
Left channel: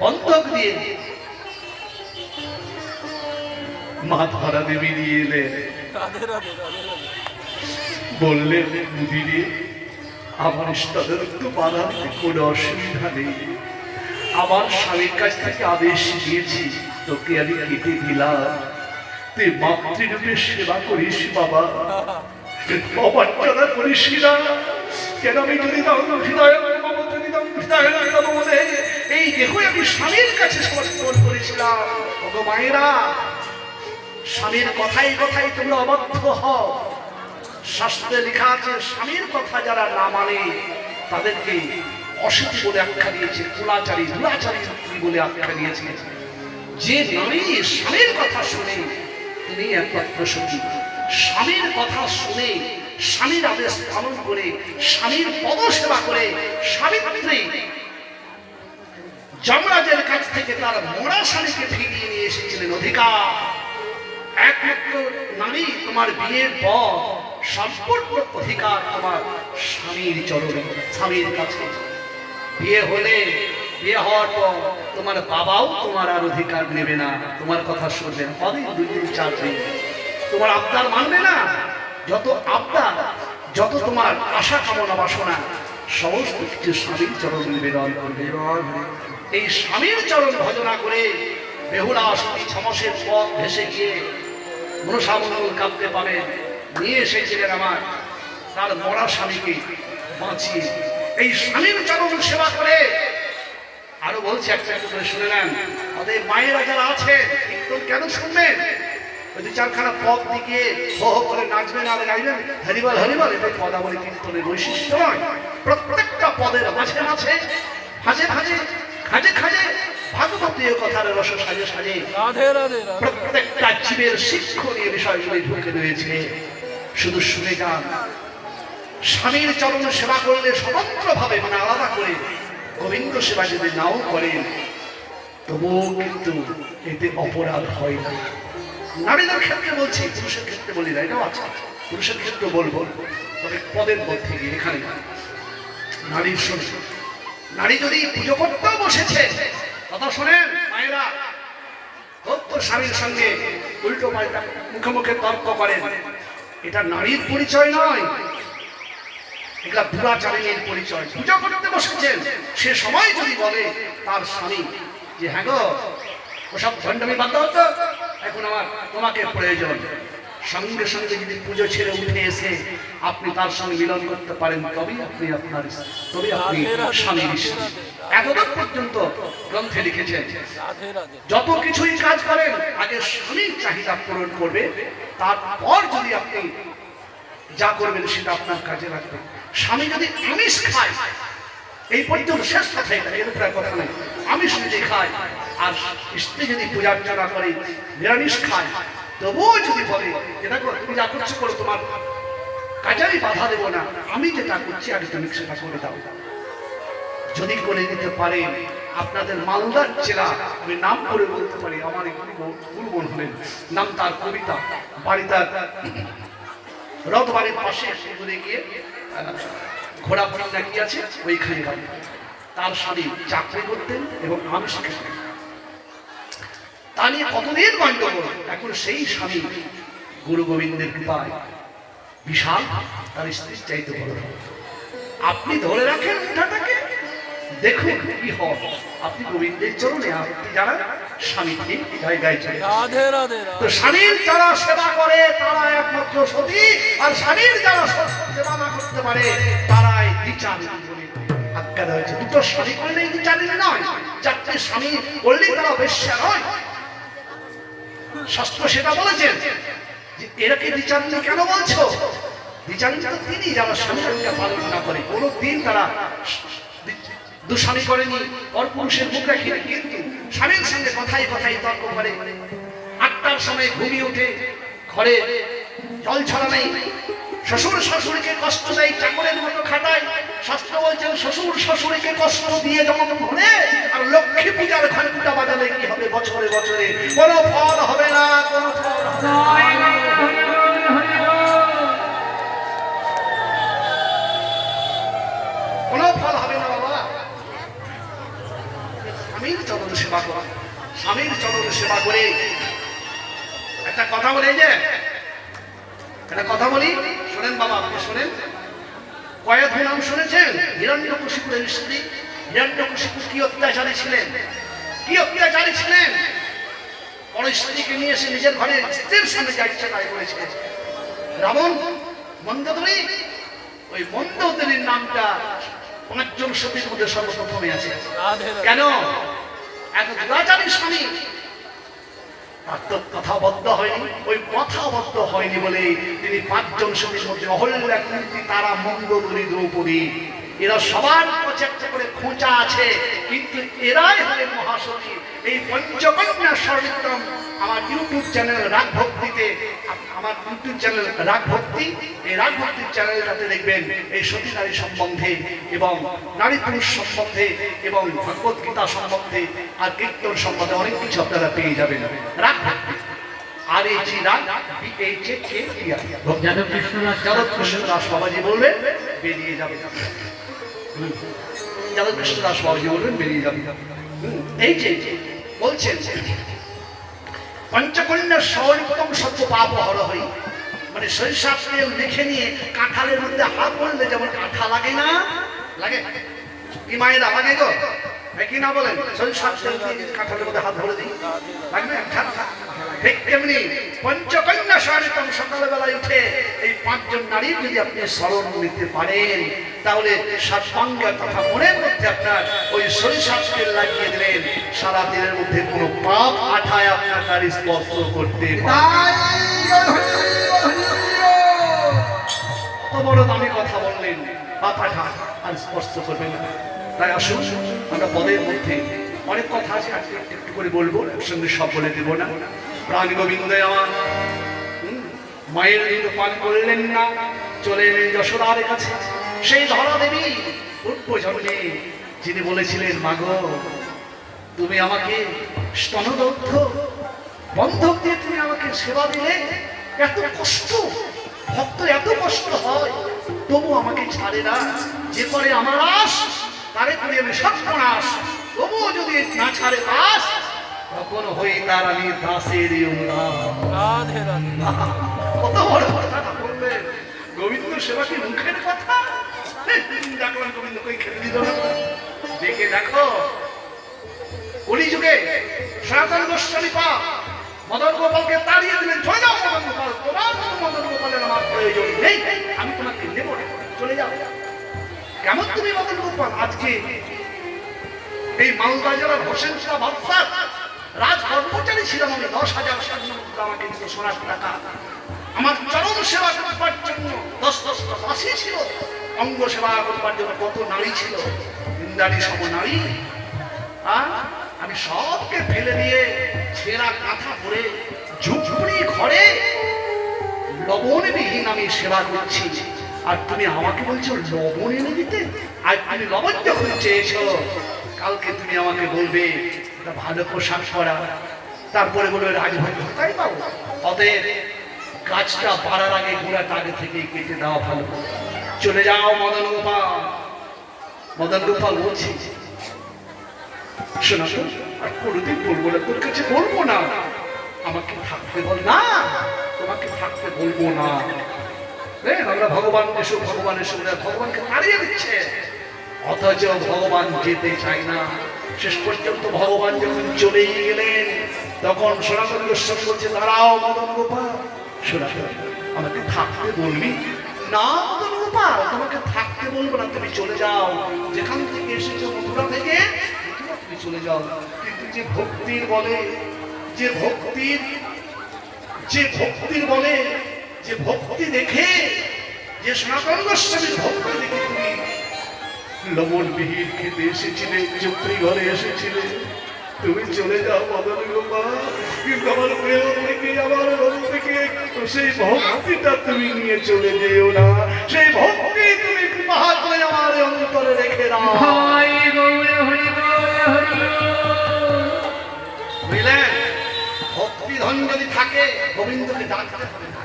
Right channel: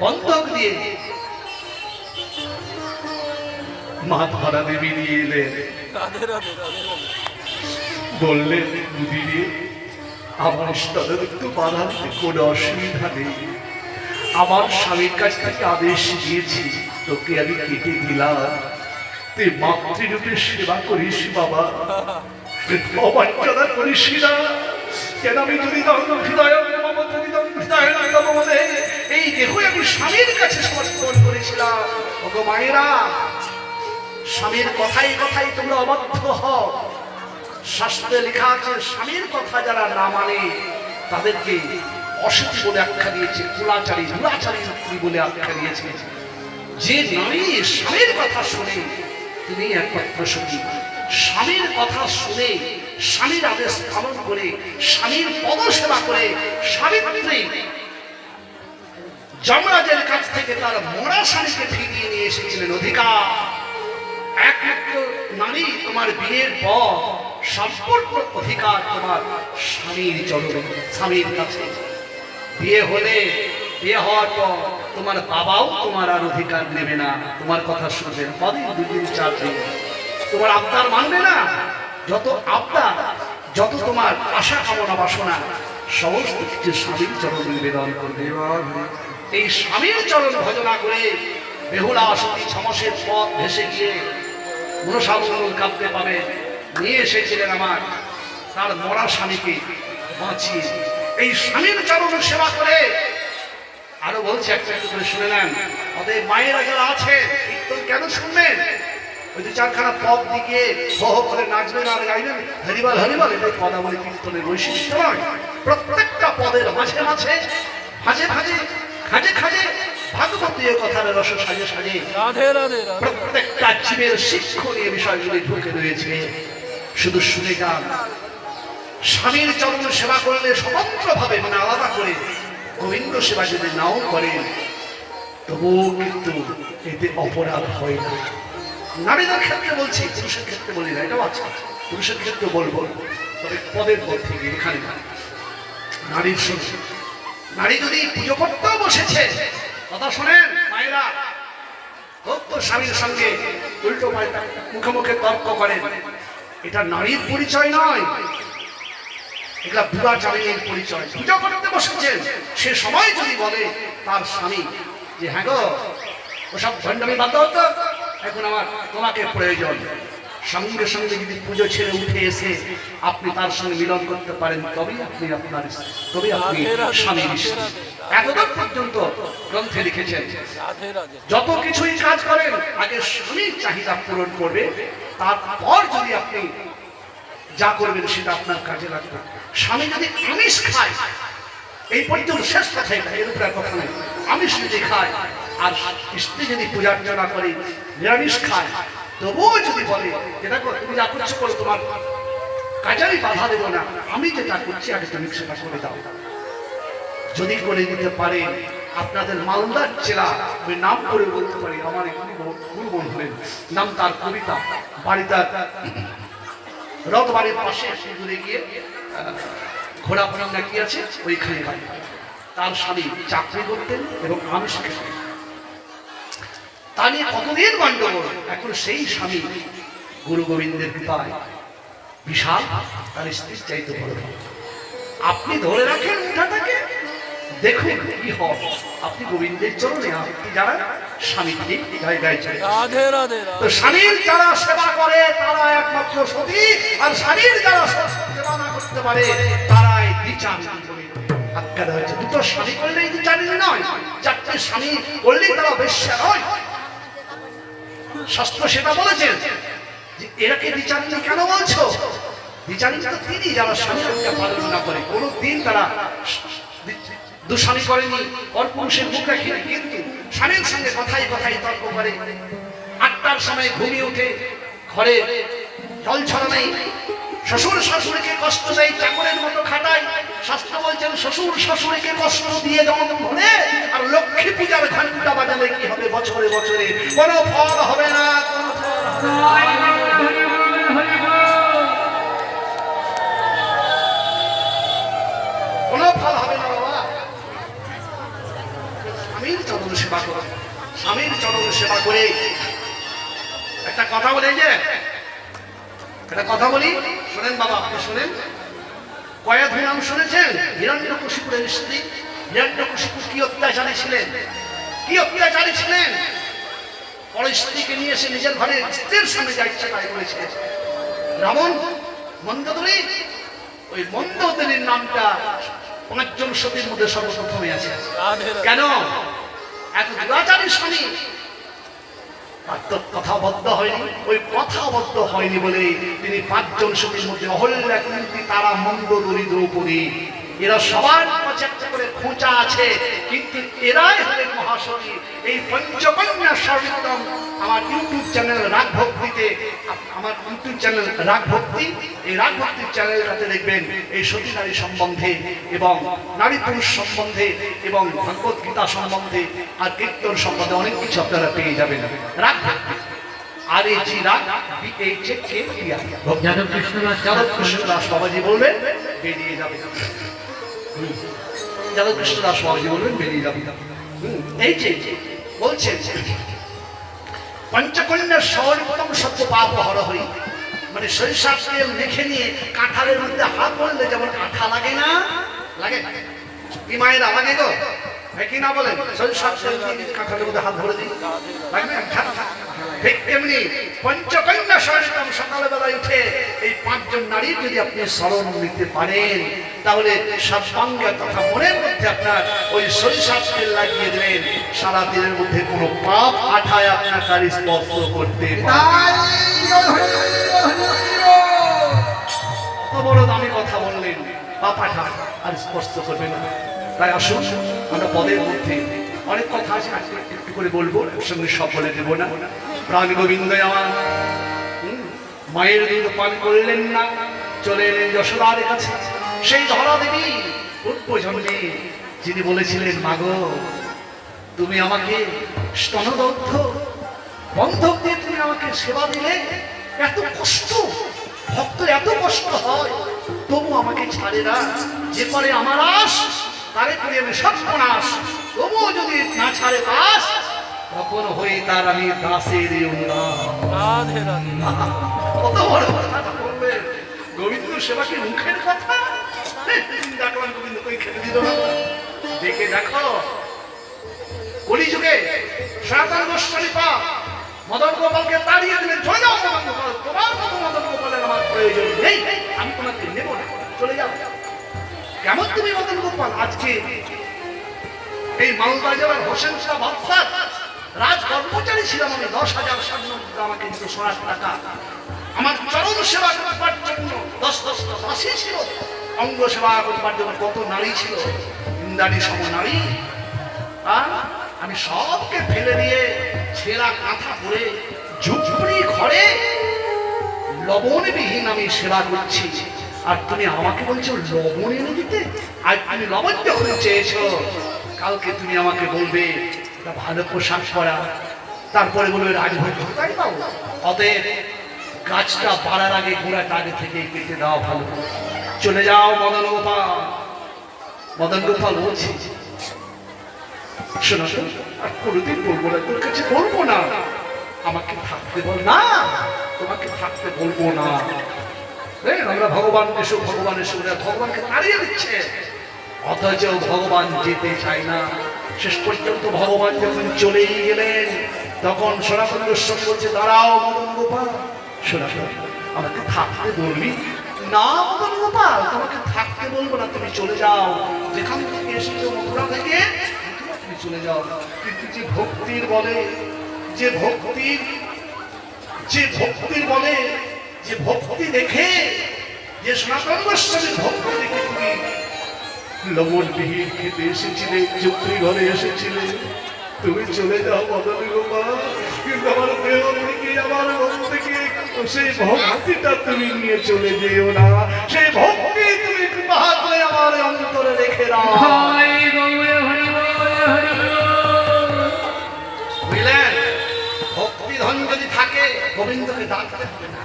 বন্ধক দিয়ে মা ধরা দেবী নিয়ে এলেন। বললেন, মুদিরে, আমার স্তনদুগ্ধ বাঁধাতে কোনো অসুবিধা নেই, আমার স্বামীর কাছ থেকে আদেশ দিয়েছি, তোকে আমি কেটে দিলাম, তুই মাতৃরূপে সেবা করিস বাবা, অবাঞ্ছনা করিস না। কেন? আমি যদি এই দেখো আমি স্বামীর কাছে সমর্পণ করেছিলাম। ওগো মায়েরা, স্বামীর কথাই কথাই তোমরা অবাধ্য হও। শাস্ত্রে লেখা আছে, স্বামীর কথা যারা না মানে তাদেরকে অসতী বলে আখ্যা দিয়েছে, কুলাচারী, দুরাচারী বলে আখ্যা দিয়েছে। যে নারী স্বামীর কথা শুনে তিনি একমাত্র সতী। স্বামীর কথা শুনে, স্বামীর আদেশ পালন করে, স্বামীর পদসেবা করে সাবিত্রী যমরাজের কাছ থেকে তার মরা স্বামীকে ফিরিয়ে নিয়ে এসেছিলেন। অধিকার একমাত্র নারী, তোমার বিয়ের পর সম্পূর্ণ অধিকার তোমার স্বামীর চরণে, স্বামীর কাছে। বিয়ে হলে, বিয়ে হওয়ার পর তোমার বাবাও তোমার আর অধিকার নেবে না, তোমার কথা শুনবে না। কদিন, 2 দিন, 4 দিন তোমার আবদার মানবে না। যত আবদার, যত তোমার আশা কামনা বাসনা, সমস্ত কিছু স্বামীর চরণ নিবেদন করবে। এই স্বামীর চরণ ভজনা করে বেহুলা সতী ছমাসের পথ ভেসে গিয়ে মনসামঙ্গল কাঁদতে পাবে নিয়ে এসেছিলেন আমার তার মরা স্বামীকে বাঁচিয়ে। এই স্বামীর চরণ সেবা করে আরো বলছে একটা একটু করে শুনে নেন। অতএব মায়েরা যারা আছেন কীর্তন কেন শুনবেন? ওই দু চারখানা পদ দিকে হো হো করে নাচবেন আর গাইবেন হরিবল হরিবল, এটাই পদাবলী কীর্তনের বৈশিষ্ট্য নয়। প্রত্যেকটা পদের মাঝে মাঝে ভাজে ভাজে খাজে খাজে ভাগবতীয় কথার রস সাজে সাজে রাধে রাধে রাধে প্রত্যেকটা জীবের শিক্ষণীয় বিষয়গুলি ঢুকে রয়েছে। শুধু শুনে যান। স্বামীর চরণ সেবা করলে স্বতন্ত্রভাবে মানে আলাদা করে গোবিন্দ সেবা যদি নাও করেন তবুও কিন্তু এতে অপরাধ হয় না। নারীদের ক্ষেত্রে বলছি, পুরুষের ক্ষেত্রে বলি না, এটাও আছে। পুরুষের ক্ষেত্রে বলবো, তবে পদের মধ্যে গিয়ে এখানে না। নারীর শুনে নারী যদি পুজো করতেও বসেছে, কথা শোনেন মায়েরা, খুব তো স্বামীর সঙ্গে উল্টো পাল্টা মুখে মুখে তর্ক করেন, এটা নারীর পরিচয় নয়, এগুলা দুরাচারীর পরিচয়। পূজা করতে বসেছেন সে সময় যদি বলে তার স্বামী যে হ্যাঁ গো ওসব ভণ্ডামি বাদ দাও তো, এখন আমার তোমাকে প্রয়োজন, সঙ্গে সঙ্গে যদি পুজো ছেড়ে উঠে এসে আপনি তার সঙ্গে মিলন করতে পারেন তবেই আপনি আপনার তবে আপনি স্বামীর স্ত্রী। এতদিন পর্যন্ত গ্রন্থে লিখেছেন রাধে রাধে যত কিছুই কাজ করেন আগে স্বামীর চাহিদা পূরণ করবে, তারপর যদি আপনি যা করবেন সেটা আপনার কাজে লাগবে। স্বামী যদি আমিষ খায়, এই পর্যন্ত শেষ কথা এটা, এর উপরে কথা নেই, আমিষ যদি খায় আর স্ত্রী যদি পূজা অর্চনা করে নিরামিষ খায়, তবুও যদি বলে যেটা তুমি যা করছো করো, তোমার কাজে আমি বাধা দেবো না, আমি যেটা করছি আগে তুমি সেটা করে দাও। যদি করে দিতে পারে, আপনাদের মালদার জেলা, আমি নাম করে বলতে পারি, আমার গুরুবন হলেন, নাম তার কবিতা, বাড়ি তার রথবাড়ির পাশে ঘুরে গিয়ে ঘোড়া ফোড়া নাকি আছে ওইখানে বাড়ি। তার স্বামী চাকরি করতেন এবং আমিষ খেতেন, তা নিয়ে কতদিন গন্ডগোল। এখন সেই স্বামী গুরু গোবিন্দের কৃপায় বিশাল তার স্ত্রীর চাইতে বড়। আপনি ধরে রাখেন মুঠাটাকে, দেখুন কি হয়। আপনি গোবিন্দের চরণে আপনি যারা স্বামী ঠিক জায়গায় চাই। রাধে রাধে তো স্বামীর যারা সেবা করে তারা একমাত্র সতী, আর স্বামীর যারা সেবা না করতে পারে তারাই দ্বিচারিণী বলে আখ্যা দেওয়া হয়েছে। দুটো স্বামী করলেই দ্বিচারিণী নয়, চারটে স্বামী করলেই তারা বেশ্যা নয়। শাস্ত্র সেটা বলেছেন যে এরাকে দ্বিচারিণী কেন বলছো? দ্বিচারিণী তো তিনি যারা স্বামীর আজ্ঞা পালন না করে, কোনো দিন তারা দুস্বামী করেনি, পরপুরুষের মুখ রাখেনি, কিন্তু স্বামীর সঙ্গে কথাই কথাই তর্ক করে। 8টার সময় ঘুমিয়ে উঠে ঘরে জল ছড়া নেই, শ্বশুর শাশুড়িকে কষ্ট দেয়, চাকরের মতো খাটায়। শাস্ত্র বলছেন শ্বশুর শাশুড়িকে কষ্ট দিয়ে যেমন ধরে, আর লক্ষ্মী পূজার ঘন্টা বাজালে কি হবে বছরে বছরে কোনো ফল হবে না, কোনো ফল হবে না। কোনো ফল হবে না বাবা। স্বামীর চরণ সেবা করো, স্বামীর চরণ সেবা করে। একটা কথা বলে, যে একটা কথা বলি শোনেন বাবা, আপনি শোনেন। কয়েক নাম শুনেছেন? হিরণ্যকশিপুরের স্ত্রী। হিরণ্যকশিপু কি অত্যাচারী ছিলেন, কি অত্যাচারী ছিলেন! বড় স্ত্রীকে নিয়ে এসে নিজের ঘরে স্ত্রীর সামনে যা ইচ্ছা তাই করেছিলেন। রাবণ মন্দোদরী, ওই মন্দোদরীর নামটা 5 জন সতীর মধ্যে সর্বপ্রথমে আছে। রাধে রাধে কেন? এক দুরাচারী স্বামী কথাবদ্ধ হয়নি, ওই কথাবদ্ধ হয়নি বলে তিনি 5 জন সতীর মধ্যে অহল্যা, কুন্তী, তারা, মন্দোদরী, দ্রৌপদী, এরা সবার কাছে একটা করে খোঁচা আছে, কিন্তু এরাই হলেন মহাসতী। এই পঞ্চকন্যা স্বর্ণিতম আমার ইউটিউব চ্যানেল রাগ ভক্তিতে, আমার ইউটিউব চ্যানেল রাগ ভক্তি, এই রাগ ভক্তির চ্যানেলটাতে দেখবেন এই সতী নারী সম্বন্ধে এবং নারী পুরুষ সম্বন্ধে এবং ভগবত গীতা সম্বন্ধে আর কীর্তন সম্বন্ধে অনেক কিছু আপনারা পেয়ে যাবেন। রাগ ভক্তি আর এই যে রাগ যাদব কৃষ্ণদাস বাবাজি বলবেন বেরিয়ে যাবে, যাদব কৃষ্ণদাস বাবাজি বলবেন বেরিয়ে যাবে। এই যে বলছেন পঞ্চকন্যার সর্বোত্তম সত্য পাপ হর হই, মানে সরিষার তেল মেখে নিয়ে কাঁঠালের মধ্যে হাত পড়লে যেমন আঠা লাগে না, লাগে কি মায়েরা লাগে গো? কি না বলেন শরীর স্বাস্থ্য কাঁঠালের মধ্যে হাত ধরে দিই লাগবে ঠিক তেমনি পঞ্চকন্যা স্মরণিতম সকালবেলায় উঠে এই পাঁচজন নারীর যদি আপনি স্মরণ নিতে পারেন তাহলে সাতবাঙ্গের কথা মনের মধ্যে আপনার ওই সরিষার তেল লাগিয়ে দেবেন, সারা দিনের মধ্যে কোনো পাপ আঠায় আপনার তার স্পর্শ করতে কত বড় দামি কথা বললেন, পাপ আঠা আর স্পর্শ করবে না। তাই আসুন আমরা পদের মধ্যে অনেক কথা আছে, আজকে একটু করে বলবো, সঙ্গে সব বলে দেবো না। প্রাণ গোবিন্দ আমার মায়ের দুধ পান করলেন না, চলে এলেন যশোদার কাছে। সেই ধরা দেবী উৎপজন্মে যিনি বলেছিলেন, মাগো তুমি আমাকে স্তনদগ্ধ বন্ধক দিয়ে তুমি আমাকে সেবা দিলে, এত কষ্ট ভক্ত এত কষ্ট হয় তবু আমাকে ছাড়ে না, যে করে আমার আশ তারে করি আমি সর্বনাশ, তবুও যদি না ছাড়ে বাস তখন হই তার আমি দাসের অনুরাগ। রাধে রাধে কত বড় কথা বললেন, গোবিন্দ সেবা কি মুখের কথা? দেখলাম গোবিন্দ কই খেতে দিল না, দেখে দেখো কলিযুগে সনাতন গোস্বামী পা মদন গোপালকে তাড়িয়ে দিলেন, চলে যাও মদন গোপাল, তোমার মতো মদন গোপালের আমার প্রয়োজন নেই, আমি তোমাকে নেব না, চলে যাও। কেমন তুমি মদন গোপাল? আজকে এই মালদা জেলার হোসেন শাহ বাদশাহ রাজ কর্মচারী ছিলাম আমি, 10,000 স্বর্ণ আমাকে দিত সোনার টাকা, আমার চরণ সেবা করবার জন্য 10-10টা দাসী ছিল, অঙ্গ সেবা করবার জন্য কত নারী ছিল, ইন্দ্রাণী সম নারী। আমি সবকে ফেলে দিয়ে ছেঁড়া কাঁথা পরে ঝুপড়ি ঘরে লবণবিহীন আমি সেবা করছি, আর তুমি আমাকে বলছো লবণ এনে দিতে? আর আমি লবণ যখন চেয়েছো, কালকে তুমি আমাকে বলবে একটা ভালো পোশাক পরা, তারপরে বলবে রাজভোগ তাই পাবো। অতএব গাছটা বাড়ার আগে গোড়াটা আগে থেকে কেটে দেওয়া ভালো। চলে যাও মদন গোপাল। মদন গোপাল বলছি, শোনা তো আর কোনোদিন বলবো না, তোর কাছে বলবো না, আমাকে থাকতে বল না, তোমাকে থাকতে বলবো না। আমরা ভগবান এসো ভগবান এসো, ভগবানকে তাড়িয়ে দিচ্ছে, অথচ ভগবান যেতে চায় না। শেষ পর্যন্ত ভগবান যখন চলেই গেলেন তখন সনাতন গোস্বামী বলছে, দাঁড়াও মদন গোপাল, শোনা আমাকে থাকতে বলবি না? মদন গোপাল তোমাকে থাকতে বলবো না, তুমি চলে যাও, যেখান থেকে এসেছো মথুরা থেকে তুমি চলে যাও। কিন্তু যে ভক্তির বলে, যে বলে, যে ভক্তি দেখে, যে সনাতন গোস্বামীর ভক্তি দেখে তুমি লবণ বিহীন খেতে এসেছিলে, চুপড়ি ঘরে এসেছিলে, তুমি চলে যাও মদন গোপাল। কিন্তু আমার প্রেম থেকে আমার মন থেকে সেই ভক্তিটা তুমি নিয়ে চলে যেও না, সেই ভক্তি তুমি কৃপা করে আমার অন্তরে রেখে দাও। বুঝলেন? ভক্তি ধন যদি থাকে গোবিন্দকে ডাকতে হবে না,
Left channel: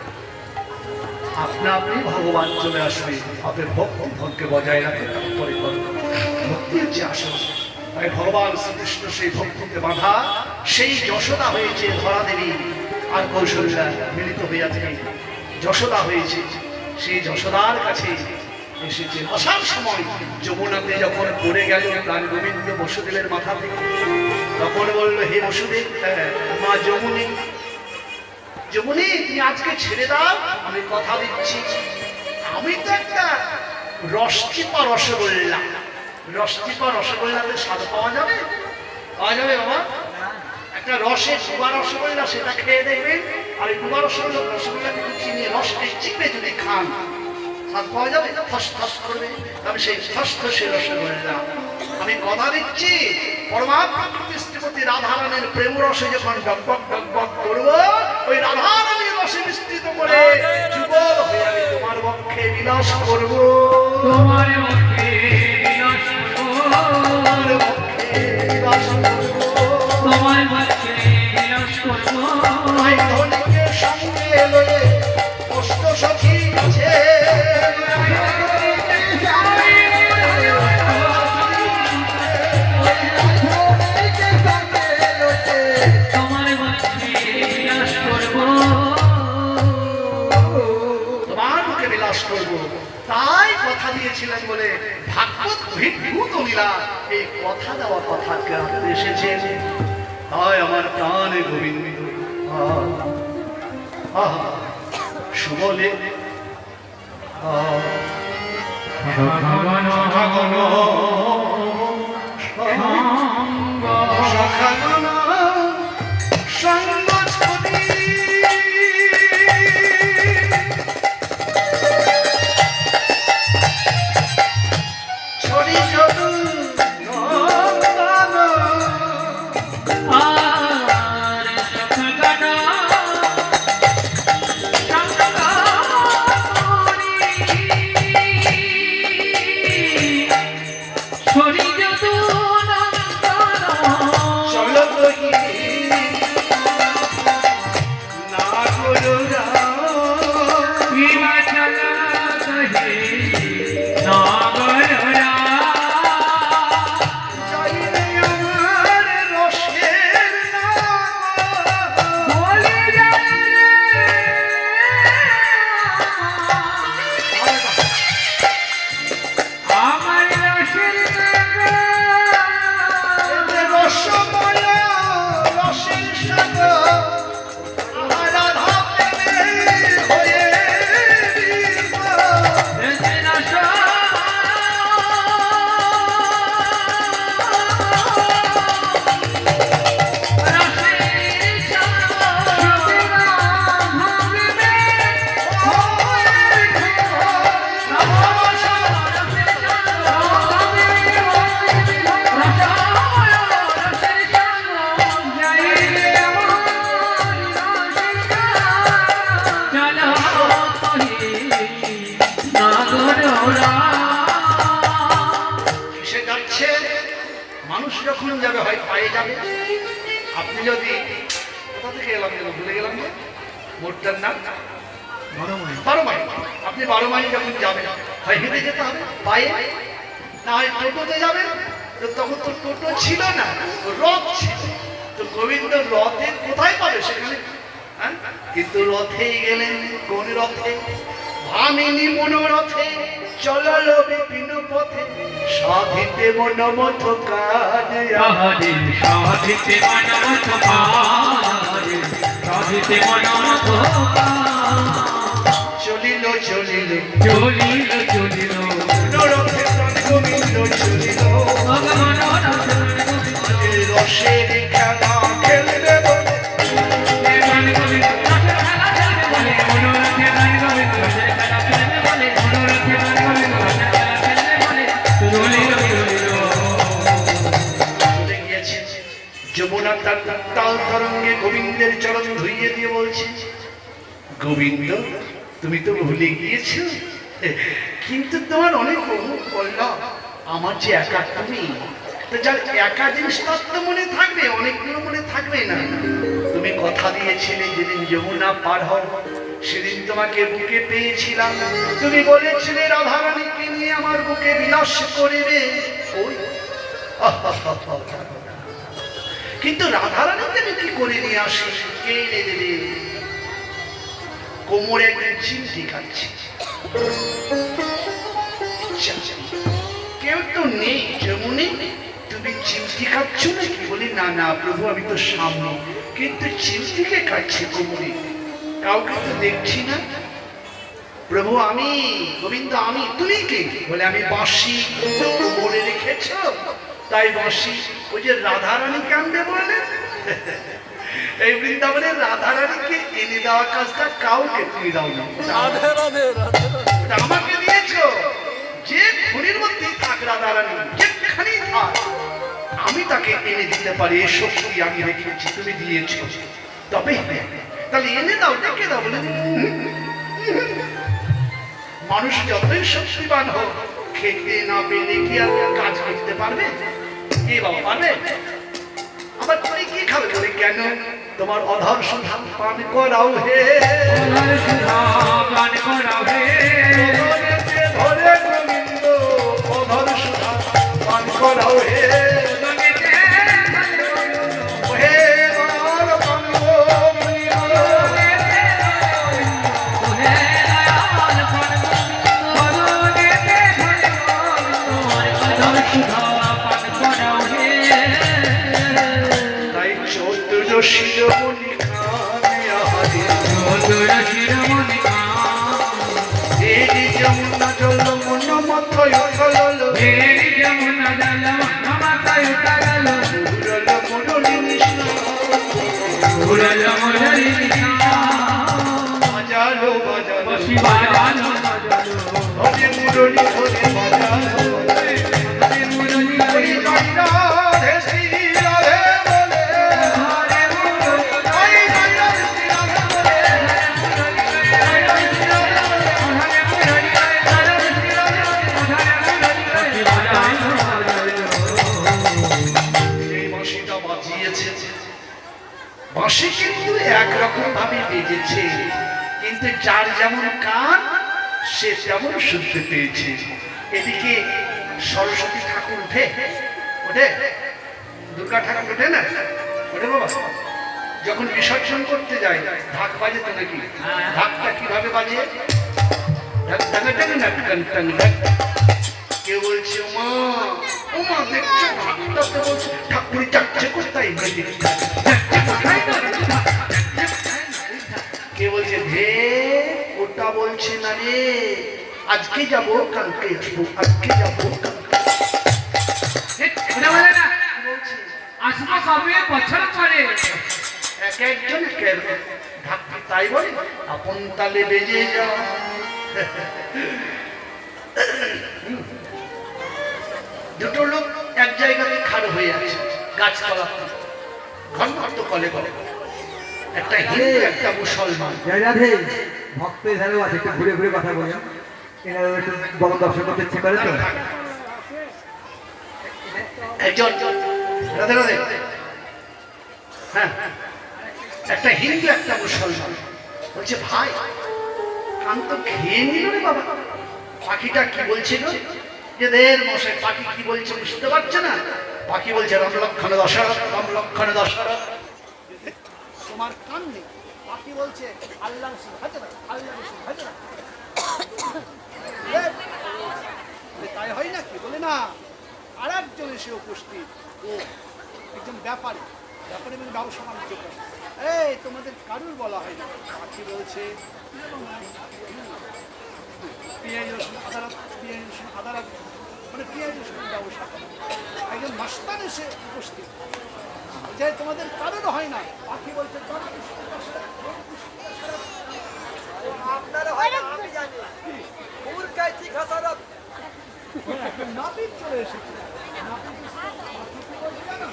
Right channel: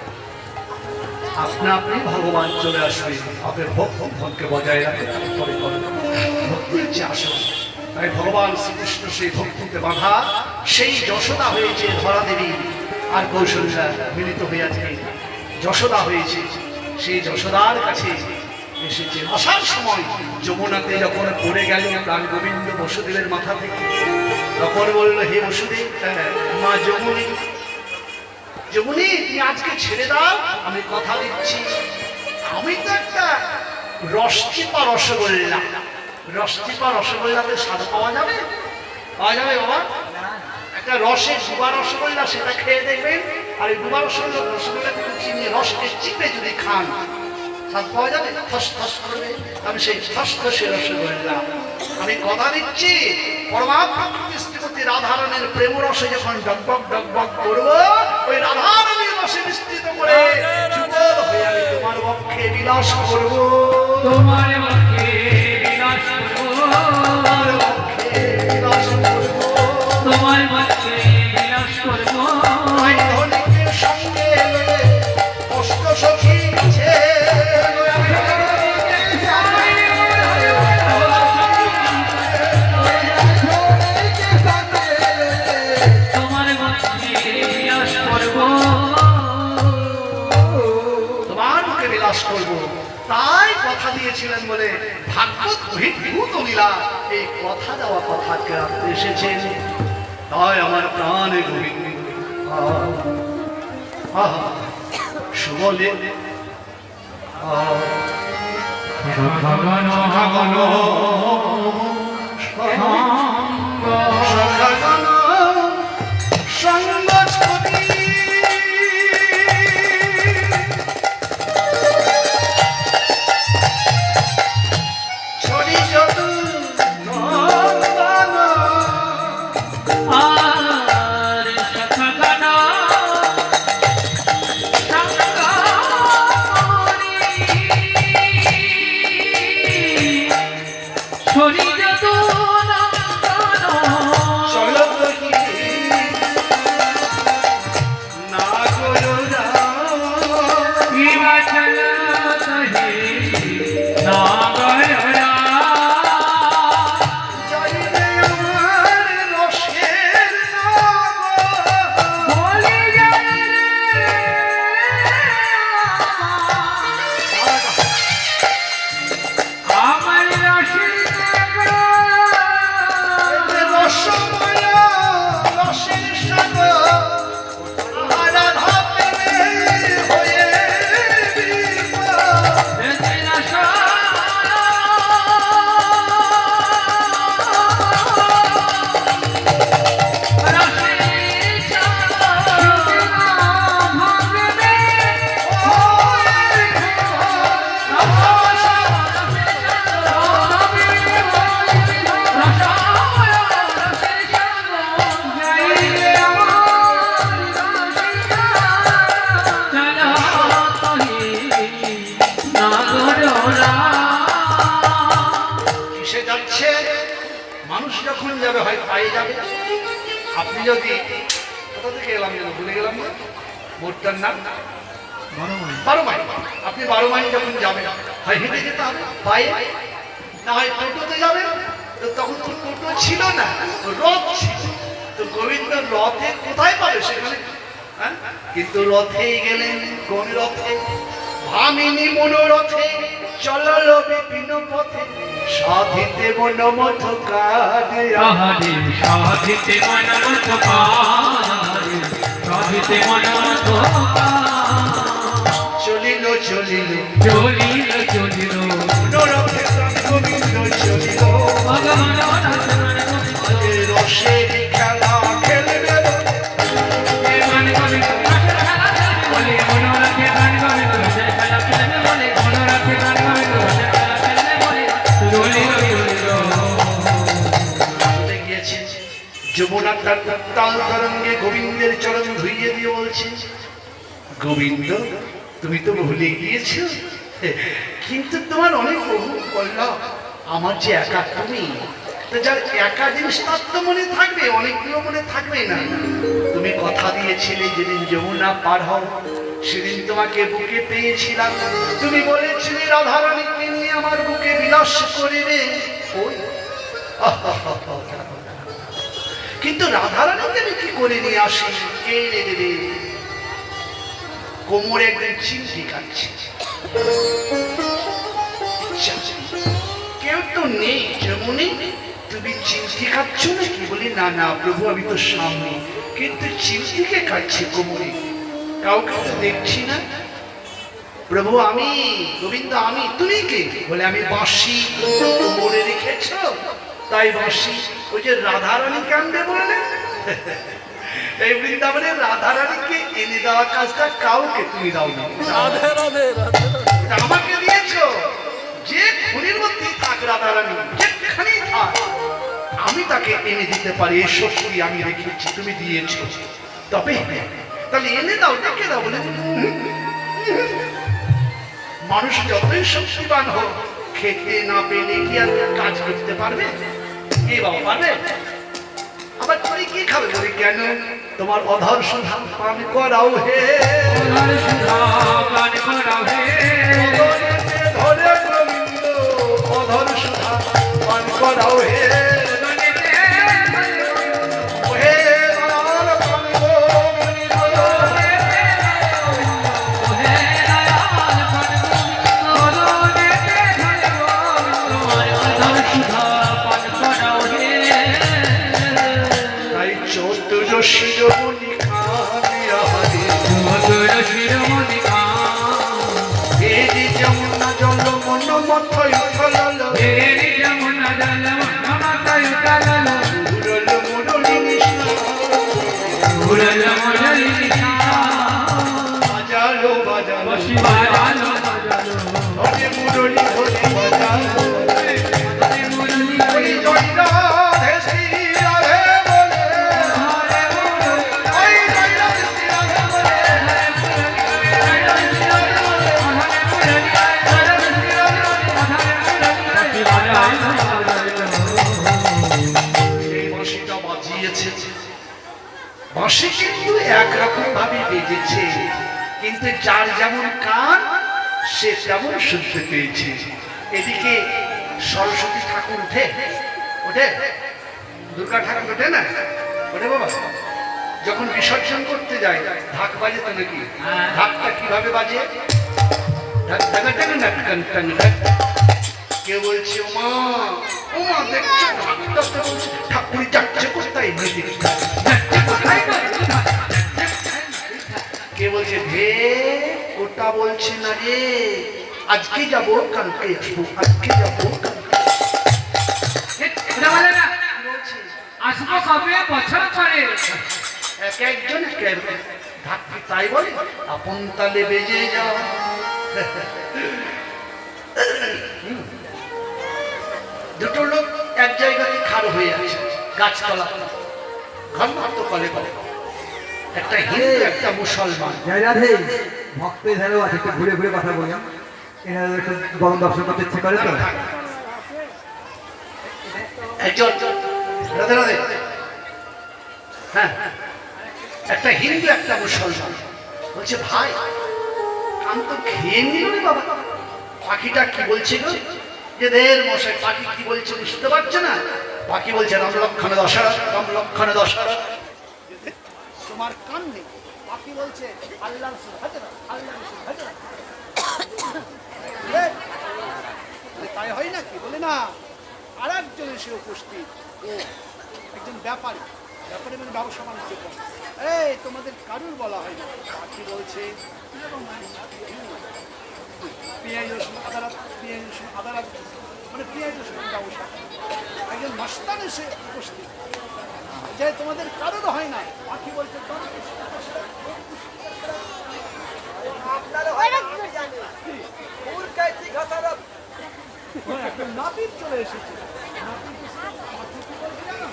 আপনা আপনি ভগবান চলে আসবে। আপনি ভক্তি ধনকে বজায় রাখে, তারপরে ভক্তির যে আসল। তাই ভগবান শ্রীকৃষ্ণ সেই ভক্তিতে বাধা, সেই যশোদা হয়েছে ধরা দেবী আর কৌশল্যা মিলিত হইয়াছে, যশোদা হয়েছে। সেই যশোদার কাছে এসেছে, আসার সময় যমুনাতে যখন পড়ে গেল প্রাণ গোবিন্দ বসুদেবের মাথা থেকে, তখন বলল, হে বসুদেব, মা যমুনী, যমুনী তুমি আজকে ছেড়ে দাও, আমি কথা দিচ্ছি, আমি তো একটা রসটিপা রসগোল্লা, রসটিপা রসগোল্লাতে স্বাদ পাওয়া যাবে? পাওয়া যাবে বাবা? একটা রসের ডুবা রসগোল্লা, সেটা খেয়ে দেখবেন, আর এই ডুবা রসগোল্লা কিন্তু চিনি রসকে চিপে যদি খান স্বাদ পাওয়া যাবে? ফস ফস করবে। আমি সেই ফস ফসে রসগোল্লা, আমি কথা দিচ্ছি, পরমাত্মা শ্রীমতী রাধারানীর প্রেম রসে যখন ডগবগ ডগবগ করবো, ওই রাধারানীর রসে মিশ্রিত করে যুগল হয়ে আমি তোমার বক্ষে বিলাস করবো, তোমার মুখে বিলাস করবো, তোমার বক্ষে বিলাস করবো, তোমার মুখে বিলাস করবো। ওই ধনীকে সঙ্গে লয়ে কষ্ট সখী আছে, তোমার মুখে বিলাস করবো। তাই কথা দিয়েছিলেন বলে ভাগবত ভূত লীলা এই কথা দেওয়া কথাকে রাখতে এসেছেন। তাই আমার প্রাণে গোবিন্দ সুবলে সঙ্গ ছবি ছড়ি যদু নন্দন আর সখগণ ছড়ি যদু নন্দন চল রহি না গরুরা হিমাচল কহে নাগরা চাইলে আমার রসের নাম বলে আমার রসের রসময়া রসের সাগর রাধা প্রেমে হয়ে বিভোর। কিসে যাচ্ছে? মানুষ যখন যাবে হয় পায়ে যাবে। আপনি যদি কোথা থেকে এলাম যেন ভুলে গেলাম না, মোটটার নাম 12 মাইল। আপনি 12 মাইল যখন যাবেন হয় হেঁটে যেতে হবে পায়ে, না হয় টোটোতে যাবেন। তো তখন তো টোটো ছিল না, রথ ছিল। তো গোবিন্দ রথে কোথায় পাবে সেখানে? হ্যাঁ? কিন্তু রথে গেলেন। কোন রথে? ভামিনী মনোরথে চলাল বিপিন পথে সাধিতে মনমথ কাজ আহারে সাধিতে মনমত কাজ, সাধিতে মনমত কাজ। চলিল চলিল চলিল চলিল মনোরথে প্রাণ গোবিন্দ চলিল। ভগবান রাধারণ গোবিন্দ রসের খেলা খেলবে গান গোবিন্দ রসের খেলা খেলবে বলে, মনোরথে গান গোবিন্দ রসের খেলা খেলবে বলে, মনোরথে গান গোবিন্দ রসের খেলা খেলবে বলে, চলিল চলিল। চলে গিয়েছে। যমুনা তার তাল তরঙ্গে গোবিন্দের চরণ ধুইয়ে দিয়ে বলছে, গোবিন্দ তুমি তো ভুলে গিয়েছো, কিন্তু তোমার অনেক বহু বললাম আমার যে একা তুমি। তো যার একা জিনিস তার তো মনে থাকবে, অনেকগুলো মনে থাকবে না। তুমি কথা দিয়েছিলে যেদিন যমুনা পার হও সেদিন তোমাকে বুকে পেয়েছিলাম। তুমি বলেছিলে রাধারানীকে নিয়ে আমার বুকে বিলাস করিবে। ওই কিন্তু রাধারানীকে আমি কি করে নিয়ে আসি? কে এনে দেবে? কোমরে একদিন চিমটি কাটছে, কেউ তো নেই যেমনি, তুমি চিমটি কাটছ নাকি? বলি না না প্রভু আমি তো সামনে, কিন্তু চিমটিকে কাটছে কোমরে, কাউকে তো দেখছি না। প্রভু আমি, গোবিন্দ আমি। তুমি কে? বলে আমি বাঁশি। কোমরে রেখেছ তাই বাঁশি। ওই যে রাধারানী কান্দে বলে, এই বৃন্দাবনে রাধারানীকে এনে দেওয়া কাজটা কাউকে তুমি দাও না, রাধে রাধে রাধে রাধে। ওটা আমাকে দিয়েছো। যে খুনির মধ্যে থাক রাধারানী, যেখানেই থাক আমি তাকে এনে দিতে পারি, এই শক্তি আমি রেখেছি, তুমি দিয়েছো। তবে তাহলে এনে দাও, ডেকে দাও। বলে মানুষ যতই শক্তিবান হোক, খেতে না পেলে কি আর কাজ করতে পারবে? কে বাবা পারবে? আবার তুমি কি খাবে? বলি কেন? তোমার অধর সুধা পান করাও হে, অধর সুধা পান করাও হে, অধরেতে ধরে গোবিন্দ অধর সুধা পান করাও হে। হে দয়াল বন্ধ গোবিন্দ, হে দয়াল মধুর শিরোমণি খানে আহারে মধুর শিরোমণি খান এই যমুনা জল মন মথয় উঠল এই যমুনা জল মন মাথায় উঠাল উড়ল মুরলি নিশা উড়ল মুরলি নিশা বাজালো বাজালো বাজালো হরে মুরলি হরে বাজালো হরে মুরলি ওই হরে জয় রাধে শ্রী রাধে বলে হরে মুরলি ওই জয় রাধে শ্রী রাধে বলে এই বাঁশিটা বাজিয়েছে বাঁশি কিন্তু একরকম ভাবে বেজেছে কিন্তু যার যেমন কান সে তেমন শুনতে পেয়েছে এদিকে সরস্বতী ঠাকুর ওঠে দুর্গা ঠাকুর ওঠে না ওঠে বাবা যখন বিসর্জন করতে যায় ঢাক বাজে তো নাকি ঢাকটা কিভাবে বাজে ঢাক ঢাকা ঢাকা ঢাক টাং টাং ঢাক কেউ বলছে ওমা ওমা দেখছো ঢাকটাতে বলছে ঠাকুরি যাচ্ছে কোথায় কে বলছে ভে ওটা বলছে না রে আজকে যাবো কালকে আসবো আজকে যাবো কালকে ওটা বলে না আসবো কবে বছর পরে এক একজন ঢাকি তাই বলে আপন তালে বেজে যা দুটো লোক এক জায়গাতে খাড় হয়ে আছে গাছতলা ঘর মাত্র কলে কলে একটা হিন্দু একটা মুসলমান জয় রাধে ভক্ত এধারেও আছে, একটু ঘুরে ঘুরে কথা বলি। এনারা একটু গরম দর্শন করতে ইচ্ছে করে তো। একজন রাধে রাধে হ্যাঁ একটা হিন্দু একটা মুসলমান বলছে ভাই কান তো খেয়ে নিল রে বাবা পাখিটা কি বলছিল যে দের মশাই পাখি কি বলছে বুঝতে পারছে না পাখি বলছে রাম লক্ষণ দশরথ রাম লক্ষণ দশরথ তোমার কান নেই পাখি বলছে আল্লাহ রসুল হযরত আল্লাহ রসুল হযরত তাই হয় নাকি বলে না আর একজন এসে উপস্থিত ও একজন ব্যাপারী ব্যাপারী মানে ব্যবসা বাণিজ্য করে এই তোমাদের কারুর বলা হয় না পাখি বলছে পেঁয়াজ রসুন আদালত পেঁয়াজ রসুন আদালত মানে পেঁয়াজ রসুন ব্যবসা করে একজন মাস্তান এসে উপস্থিত যে তোমাদের কারোর হয় না পাখি বলছে নাপিত চলে এসেছে নাপিত এসে পাখি কি বলছে জানো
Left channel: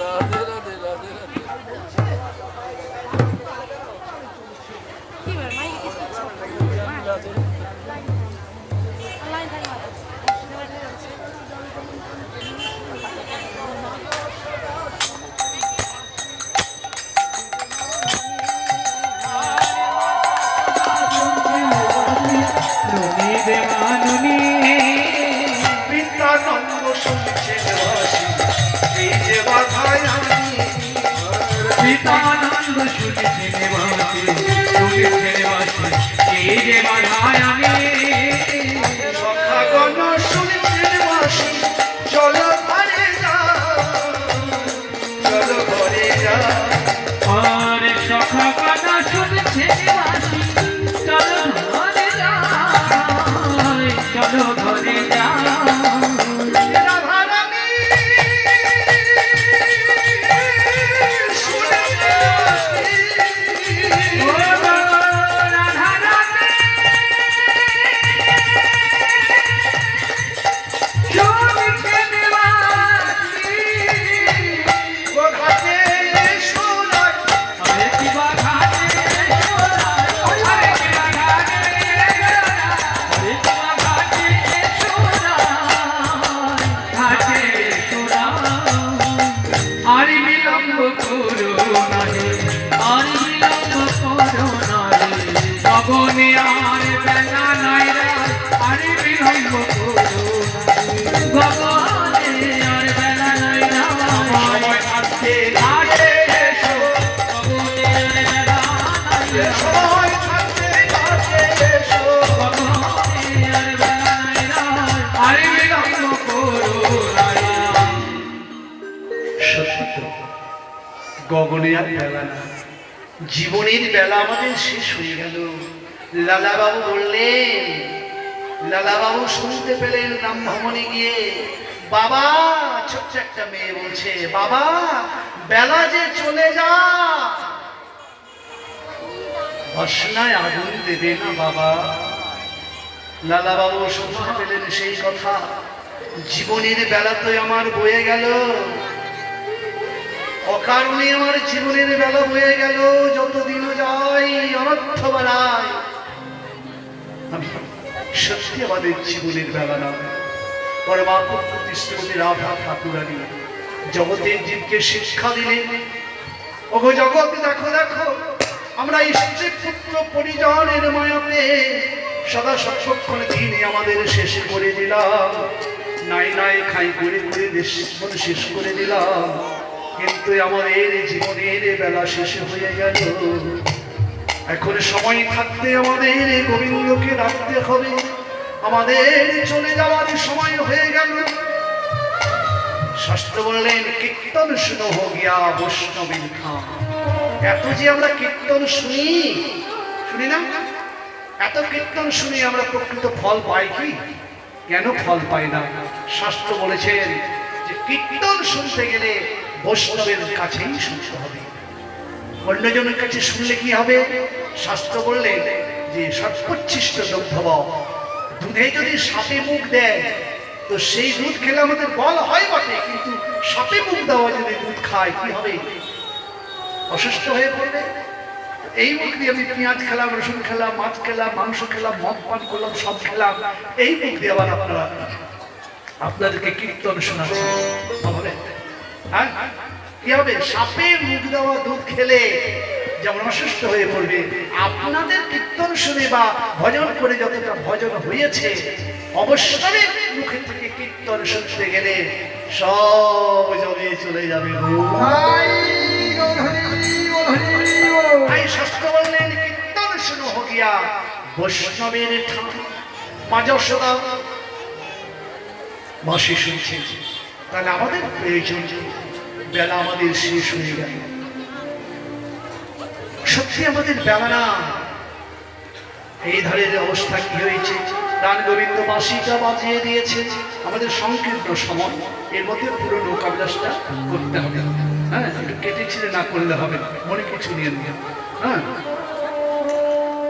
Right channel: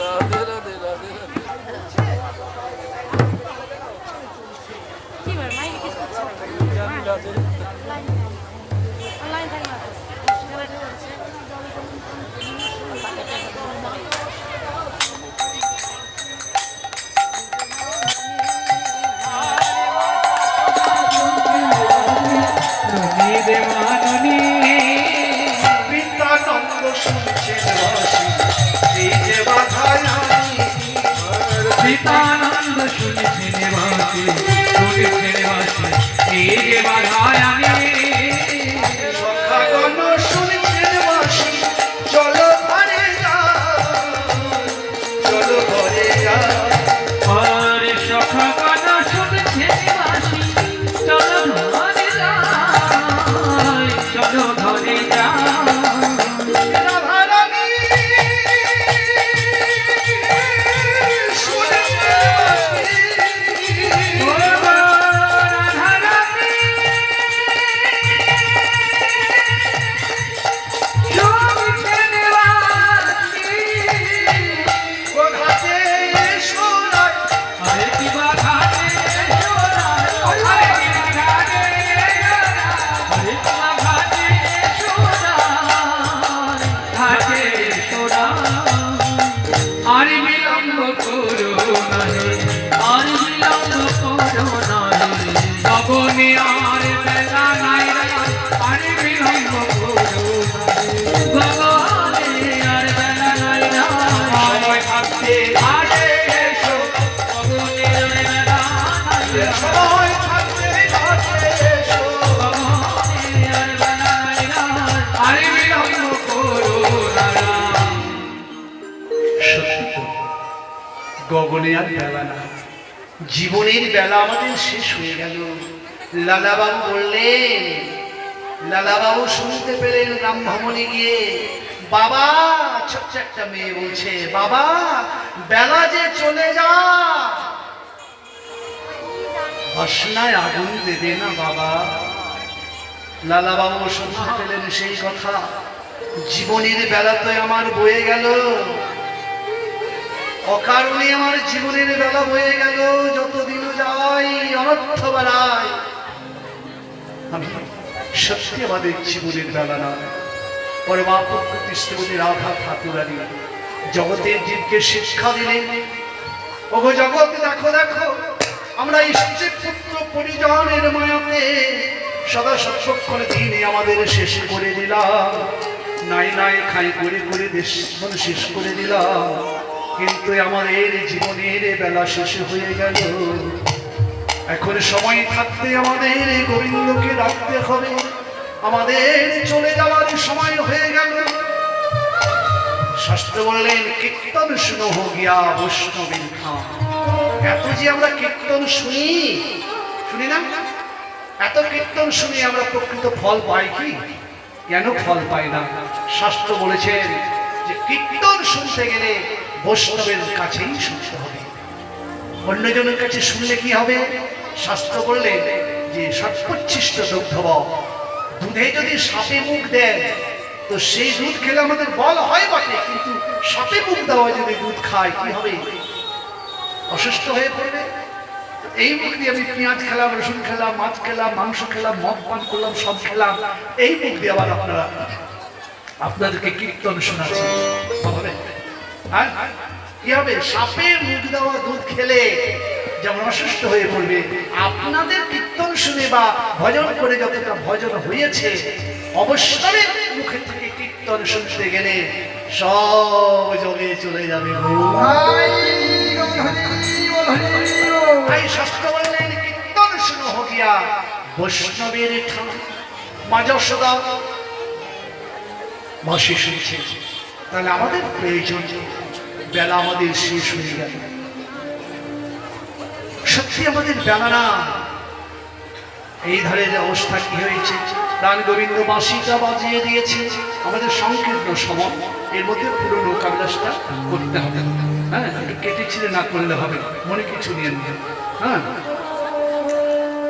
রাধে রাধে রাধে রাধে জানি রাধে পিতানন্দ শুনছেন বাসি এই যে বাধায় আমি সীতানন্দ শুনেছেন বাসি শুনেছেন বাসি এই যে বাধায় আমি সখাগণ শুনছেন বাসি চলো ঘরে যা চলো ঘরে যা আর সখা কথা শুনছেন বাসি চলো ঘরে যাই চলো ঘরে যাই রাধারানী শুনছে বাসি ও রাধা রাধে শুনছেন বাসি ও ঘাটে সোনায় আরে কি বাঘাতে আরে কি বাঘাতে আরে কি বাঘাতে সোনা ঘাটে সোনা আর বিলম্ব করো না রে আর বিলম্ব করো না রে ভবনে আর বেলা নাই রে আর বিলম্ব করো না রে ভবনে আর বেলা নাই রে সময় থাকতে ঘাটে এসো ভবনে আর বেলা নাই রে সময় থাকতে ঘাটে এসো ভবনে আর বেলা নাই রে আর বিলম্ব করো না রে সত্য, গগনে আর বেলা না, জীবনের বেলা আমাদের শেষ হয়ে গেল। লালাবাবু বললেন, লালাবাবু শুনতে পেলেন রাম ভবনে গিয়ে, বাবা, ছোট্ট একটা মেয়ে বলছে, বাবা বেলা যে চলে যা, বাসনায় আগুন দেবে না বাবা। লালাবাবু শুনতে পেলেন সেই কথা, জীবনের বেলা তো আমার বয়ে গেল, অকারণে আমার জীবনের বেলা বয়ে গেল, যতদিন যাই অনর্থ বাড়ায়। আমি সত্যি আমাদের জীবনের বেলা না, পরমা প্রকৃতি শ্রীমতী রাধা ঠাকুরানী জগতের জীবকে শিক্ষা দিলেন, ওগো জগৎ দেখো দেখো, আমরা স্ত্রী পুত্র পরিজনের মায়াতে সদা সক্ষণে দিনে আমাদের শেষ করে দিলাম, নাই নাই খাই করে করে দেশ শেষ করে দিলাম, কিন্তু আমাদের জীবনের বেলা শেষ হয়ে গেল। এখন সময় থাকতে আমাদের গোবিন্দকে রাখতে হবে, আমাদের চলে যাওয়ার সময় হয়ে গেল। শাস্ত্র বললেন, কীর্তন শুনো গিয়া বৈষ্ণবীর খান। এত যে আমরা কীর্তন শুনি, শুনি না? এত কীর্তন শুনি আমরা প্রকৃত ফল পাই কি? কেন ফল পাই না? শাস্ত্র বলেছেন যে কীর্তন শুনতে গেলে বৈষ্ণবের কাছেই শুনতে হবে, অন্যজনের কাছে শুনলে কি হবে? শাস্ত্র বললেন যে সৎপচ্ছিষ্ট দুগ্ধব, দুধে যদি সাপে মুখ দেয় তো সেই দুধ খেলে আমাদের বল হয় বটে, কিন্তু সাপে মুখ দেওয়া যদি দুধ খায় কি হবে? অসুস্থ হয়ে পড়বে। এই মুখ দিয়ে আমি পেঁয়াজ খেলাম, রসুন খেলাম, মাছ খেলাম, মাংস খেলাম, মদ পান করলাম, সব খেলাম, এই মুখ দিয়ে আবার আপনাদেরকে কীর্তন শোনাচ্ছি, হবে? হ্যাঁ, কি হবে? সাপে মুখ দেওয়া দুধ খেলে যেমন অসুস্থ হয়ে পড়বে, আপনাদের কীর্তন শুনে বা ভজন করে যতটা ভজন হয়েছে, অবশ্যই মুখে থেকে কীর্তন শুনতে গেলে সব যোগে চলে যাবে। তাই শাস্ত্র বললেন, কীর্তন শুনো গিয়া বৈষ্ণবের ঠান। মা যশোদা বাঁশি শুনছে, তাহলে আমাদের প্রয়োজন, বেলা আমাদের শেষ হয়ে গেল, সত্যি আমাদের বেলা না। এই ধরনের অবস্থা কি হয়েছে? প্রাণ গোবিন্দ বাঁশিটা বাজিয়ে দিয়েছে, আমাদের সংকীর্ণ সময়, এর মধ্যে পুরো নৌকা বিলাসটা করতে হবে। হ্যাঁ, একটু কেটে ছিঁড়ে না করলে হবে, মনে কিছু নিয়ে নিয়ে। হ্যাঁ,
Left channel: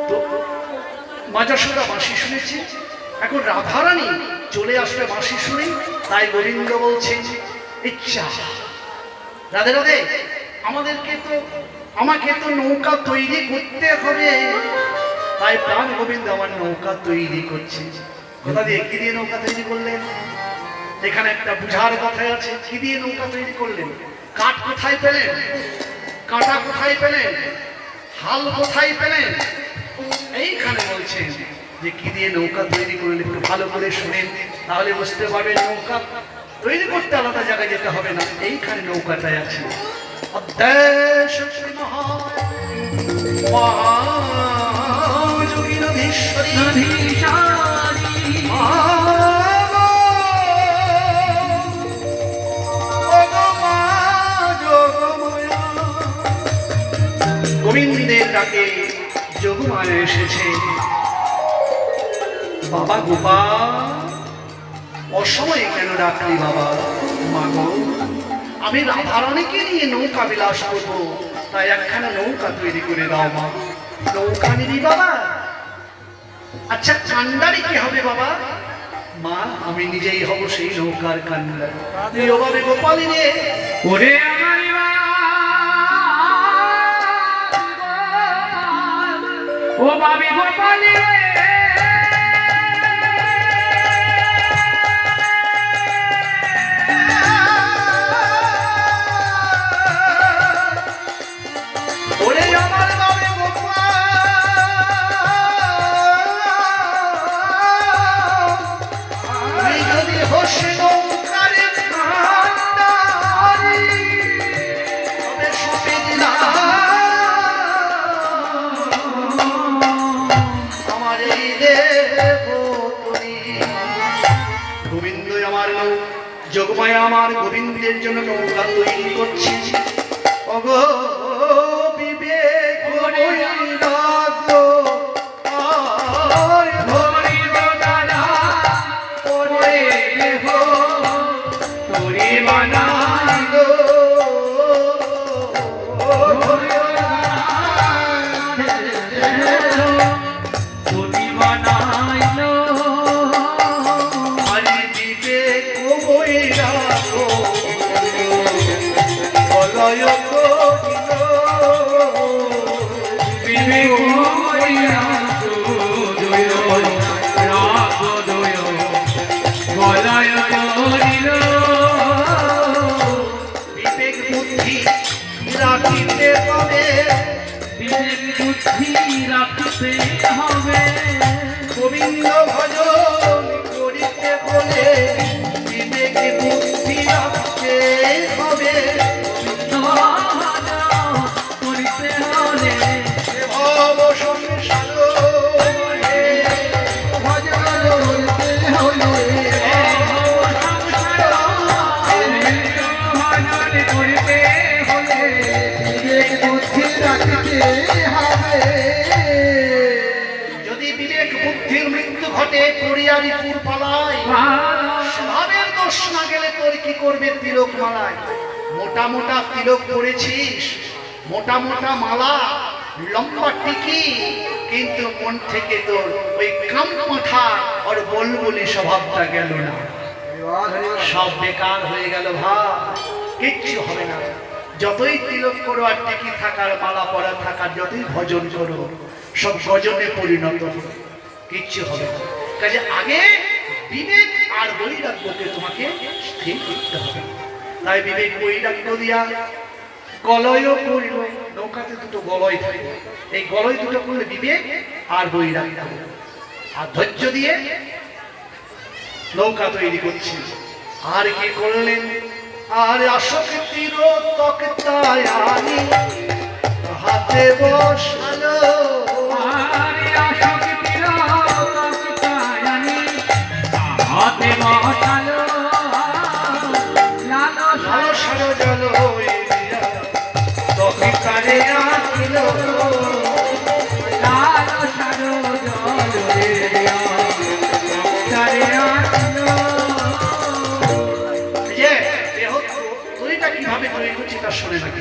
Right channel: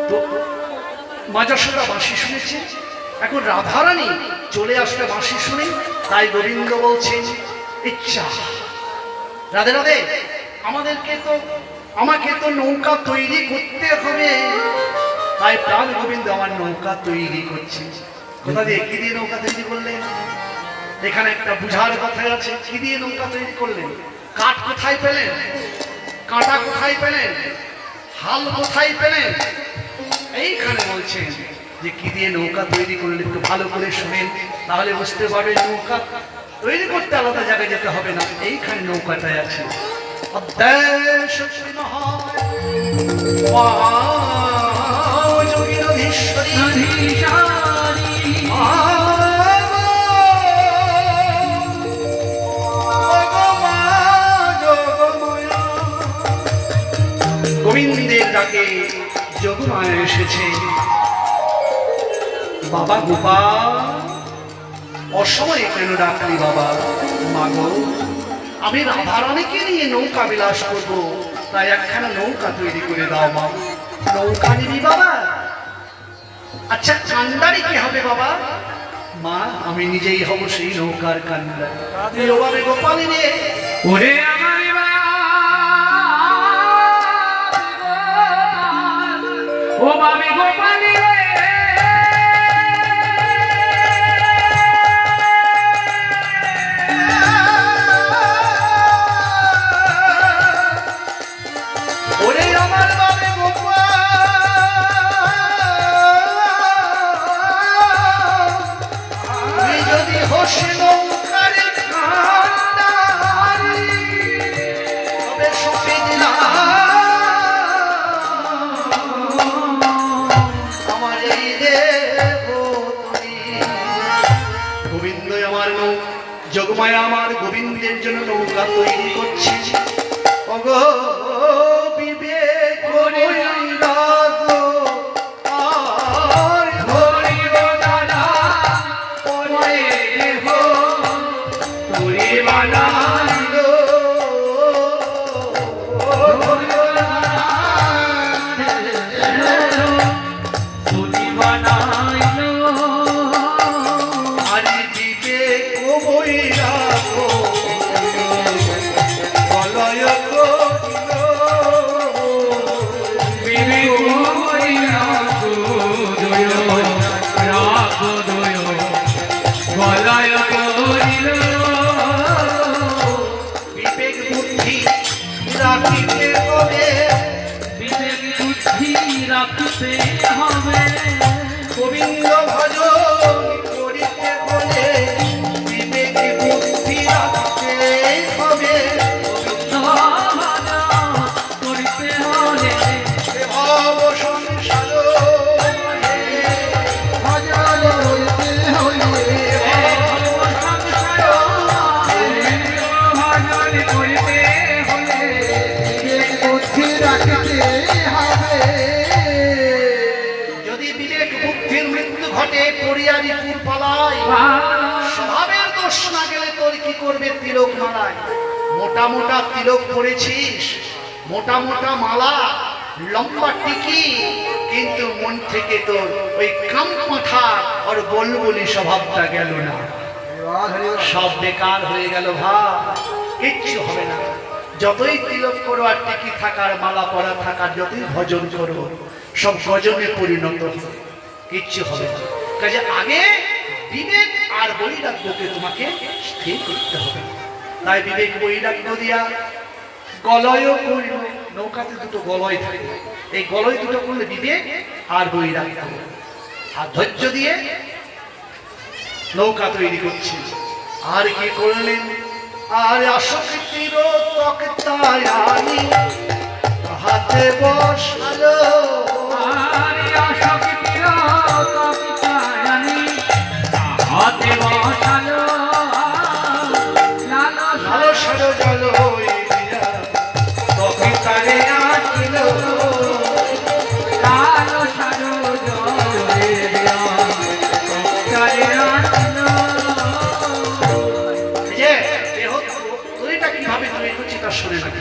তো মা যশোদা বাঁশি শুনেছে, এখন রাধারানী চলে আসবে বাঁশি শুনে, তাই গোবিন্দ বলছেন, ইচ্ছা রাধে রাধে, আমাকে তো নৌকা তৈরি করতে হবে। তাই প্রাণ গোবিন্দ আমার নৌকা তৈরি করছে। কোথা দিয়ে, কি দিয়ে নৌকা তৈরি করলেন? এখানে একটা বুঝার কথা আছে, কি দিয়ে নৌকা তৈরি করলেন? কাঠ কোথায় পেলেন? কাঁটা কোথায় পেলেন? হাল কোথায় পেলেন? এইখানে বলছেন যে কি দিয়ে নৌকা তৈরি করলেন, একটু ভালো করে শুনেন, তাহলে বুঝতে পারবেন নৌকা তৈরি করতে আলাদা জায়গায় যেতে হবে না, এইখানে নৌকাটাই আছে। গোবিন্দের ডাকে যোগমায়া এসেছে। বাবা গোপাল, অসময়ে কেন ডাকলি বাবা? মাগো, আমি রাধারানীকে নিয়ে নৌকা বিলাস করবো, তাই একখানা নৌকা তৈরি করে দাও মা। নৌকা নিবি বাবা? আচ্ছা, কান্ডারি কি হবে বাবা? মা, আমি নিজেই হব সেই নৌকার কান্ডারি। ও বাবে গোপালী রে, ওরে আমার ও বাবে গোপালী রে, ওরে আমার বাবে গোপাল, যদি হোসে নৌকার কান্ডারি, তবে শুনে দিলাম আমার যোগমায়া আমার গোবিন্দের জন্য নৌকা তৈরি করছে। ওগো বিবেক বৈরাগ আর ধরিব দানা পরে দেহ তোরে বানাইলো আরে বিবেক বৈরাগ বলয় করিল বিবেক বৈরাগ দয় রাগ দয় গলায় করিল বিবেক বুদ্ধি রাখিতে হবে বিবেক বুদ্ধি রাখতে হবে গোবিন্দ ভজন করিতে হলে বিবেক বুদ্ধি রাখতে হবে করিতে হলে ভাব সংসার ভজন হইতে হলে ভজন করিতে হলে বিবেক বুদ্ধি রাখতে হবে। যদি বিবেক বুদ্ধির মৃত্যু ঘটে পরিয়ারি পুর পালায় স্বভাবের দোষ না গেলে তোর কি করবে তিলক মালায় মোটা মোটা তিলক পরেছিস মোটা মোটা মালা লম্বা টিকি কিন্তু মন থেকে তোর ওই কাম মাথা আর বলবলি স্বভাবটা গেল না সব বেকার হয়ে গেল ভাই কিচ্ছু হবে না যতই তিলক করো আর টিকি থাকার মালা পরা থাকার যতই ভজন করো সব গজনে পরিণত হবে কিচ্ছু হবে না কাজে আগে বিবেক আর বৈরাগ্যকে তোমাকে স্থির করতে হবে তাই বিবেক বৈরাগ্য দিয়া গলয় করিল নৌকাতে দুটো গলয় থাকে এই গলয় দুটো করলে বিবেক আর বৈরাগ্য আর ধৈর্য দিয়ে নৌকা তৈরি করছি আর কি করলেন আর আসক্তির তক্তায়ানি হাতে বসালো আরে আশাকির তক্তায়ানি হাতে বসালো লালসার জল তক্তারে আসিল লালসার জলে তক্তারে আসিল যে দেহ তৈরিটা কিভাবে তৈরি করছি তা শুনে নাকি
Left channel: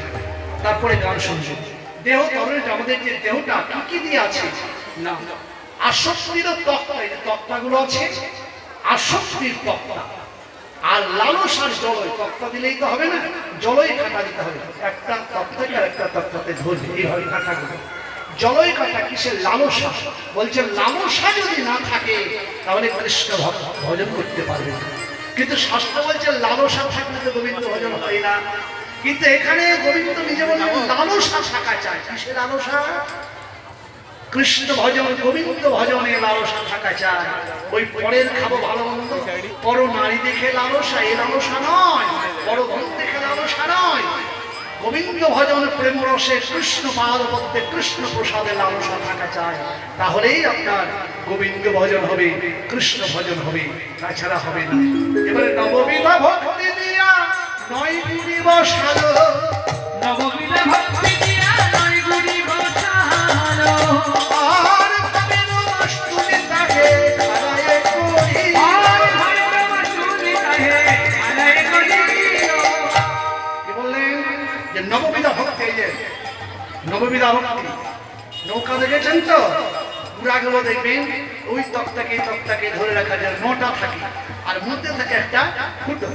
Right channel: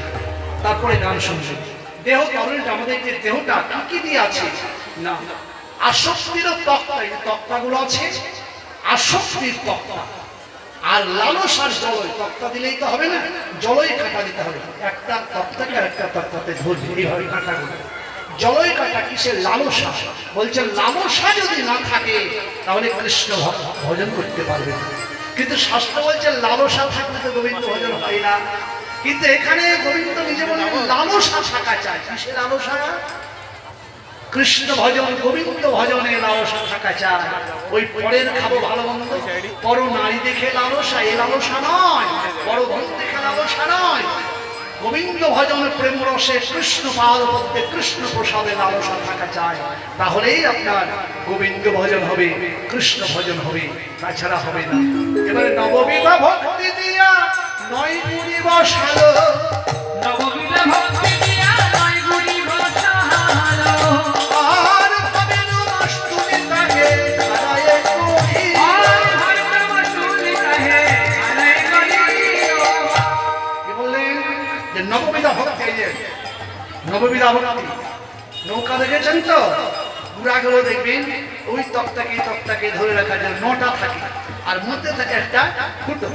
তারপরে গান শুনবেন দেহ তরণীটা আমাদের যে দেহটা কি কি দিয়ে আছে না আসক্তির তক্তা এই তক্তাগুলো আছে আসক্তির তক্তা আর লালসার জলয় তক্তা দিলেই তো হবে না জলই কাটা দিতে হবে একটা তক্তাকে আর একটা তক্তাতে ধরবে এইভাবে কাটাগুলো জলই কাটা কিসের লালসা বলছেন লালসা যদি না থাকে তাহলে কৃষ্ণ ভজন করতে পারবে না কিন্তু শাস্ত্র বলছে লালসা থাকলে তো গোবিন্দ ভজন হয় না কিন্তু এখানে গোবিন্দ নিজে বললেন লালসা থাকা চায় কিসের লালসা কৃষ্ণ ভজন গোবিন্দ ভজনে লালসা থাকা চায় ওই পরের খাবো ভালো মন্দ পর নারী দেখে লালসা এই লালসা নয় পর ধন দেখে লালসা নয় গোবিন্দ ভজন প্রেম রসে কৃষ্ণ পাদ করতে কৃষ্ণ প্রসাদে লালসা থাকা চায় তাহলেই আপনার গোবিন্দ ভজন হবে কৃষ্ণ ভজন হবে তাছাড়া হবে না এবারে নববিধা ভক্তি দিয়া নয় গুণী বসালো নববিধা ভক্তি দিয়া নয় গুণী বসালো আর ভাবে নমস্তুতি তাকে খারায়ে করি আর ভাবে নমস্তুতি তাকে খারায়ে করি কি বললেন যে নববিধা ভক্তি এই যে নববিধা ভক্তি নৌকা দেখেছেন তো পুরাগুলো দেখবেন ওই তক্তাকে ধরে রাখা যায় নটা থাকে আর মধ্যে থাকে একটা ফুটো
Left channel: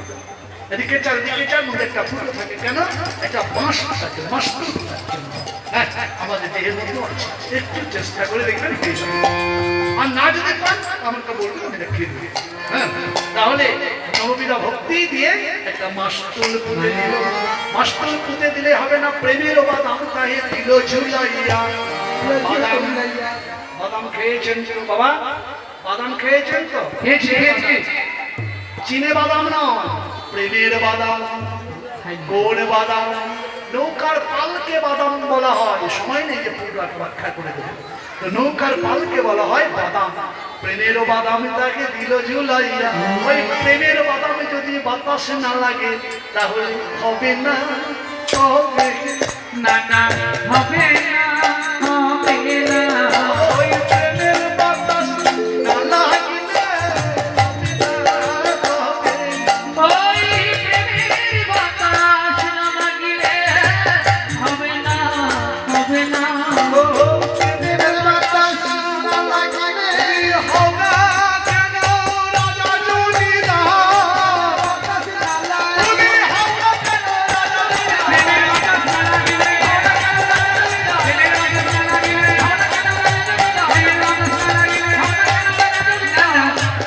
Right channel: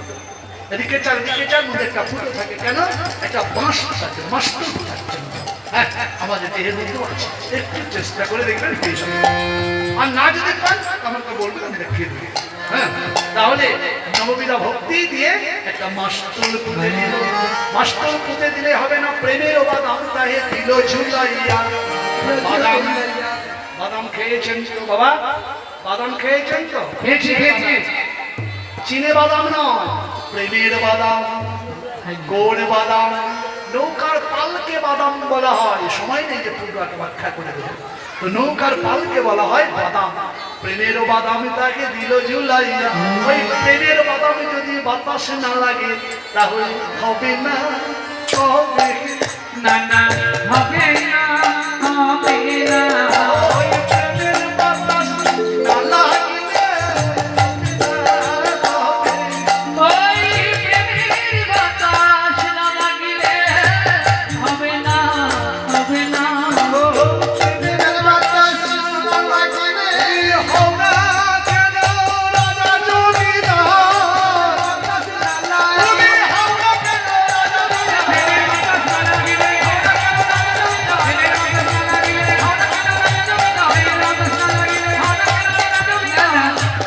এদিকে চার মধ্যে একটা ফুটো থাকে কেন একটা বাঁশ থাকে মাস্তুল থাকে হ্যাঁ আমাদের দেহের মধ্যে আছে একটু চেষ্টা করে দেখবেন পেয়ে যাবেন আর না যদি পান আমাকে বলবেন আমি দেখিয়ে দেবো হ্যাঁ তাহলে নববিধা ভক্তি দিয়ে একটা মাস্তুল পুঁতে দিল মাস্তুল পুঁতে দিলে হবে না প্রেমের বাদাম তাহে দিল ঝুলাইয়া বাদাম খেয়েছেন তো বাবা বাদাম খেয়েছেন তো খেয়েছি চিনে বাদাম নয় প্রেমের বাদাম গোল বাদাম নৌকার পালকে বাদাম বলা হয়, সময় নেই যে পুরোটা ব্যাখ্যা করে দেবো। তো নৌকার পালকে বলা হয় বাদাম। প্রেমের বাদাম তাকে দিল ঝুলাইয়া, ওই প্রেমের বাদামে যদি বাতাস না লাগে তাহলে হবে না, হবে না না হবে না, হবে না। ওই প্রেমের বাতাস না লাগলে হবে না, ওই প্রেমের বাতাস না লাগিলে হবে না, হবে না। প্রেমের বাতাস না লাগলে হবে কেন রাজা জমিদার, তুমি হবে কেন রাজা জমিদার।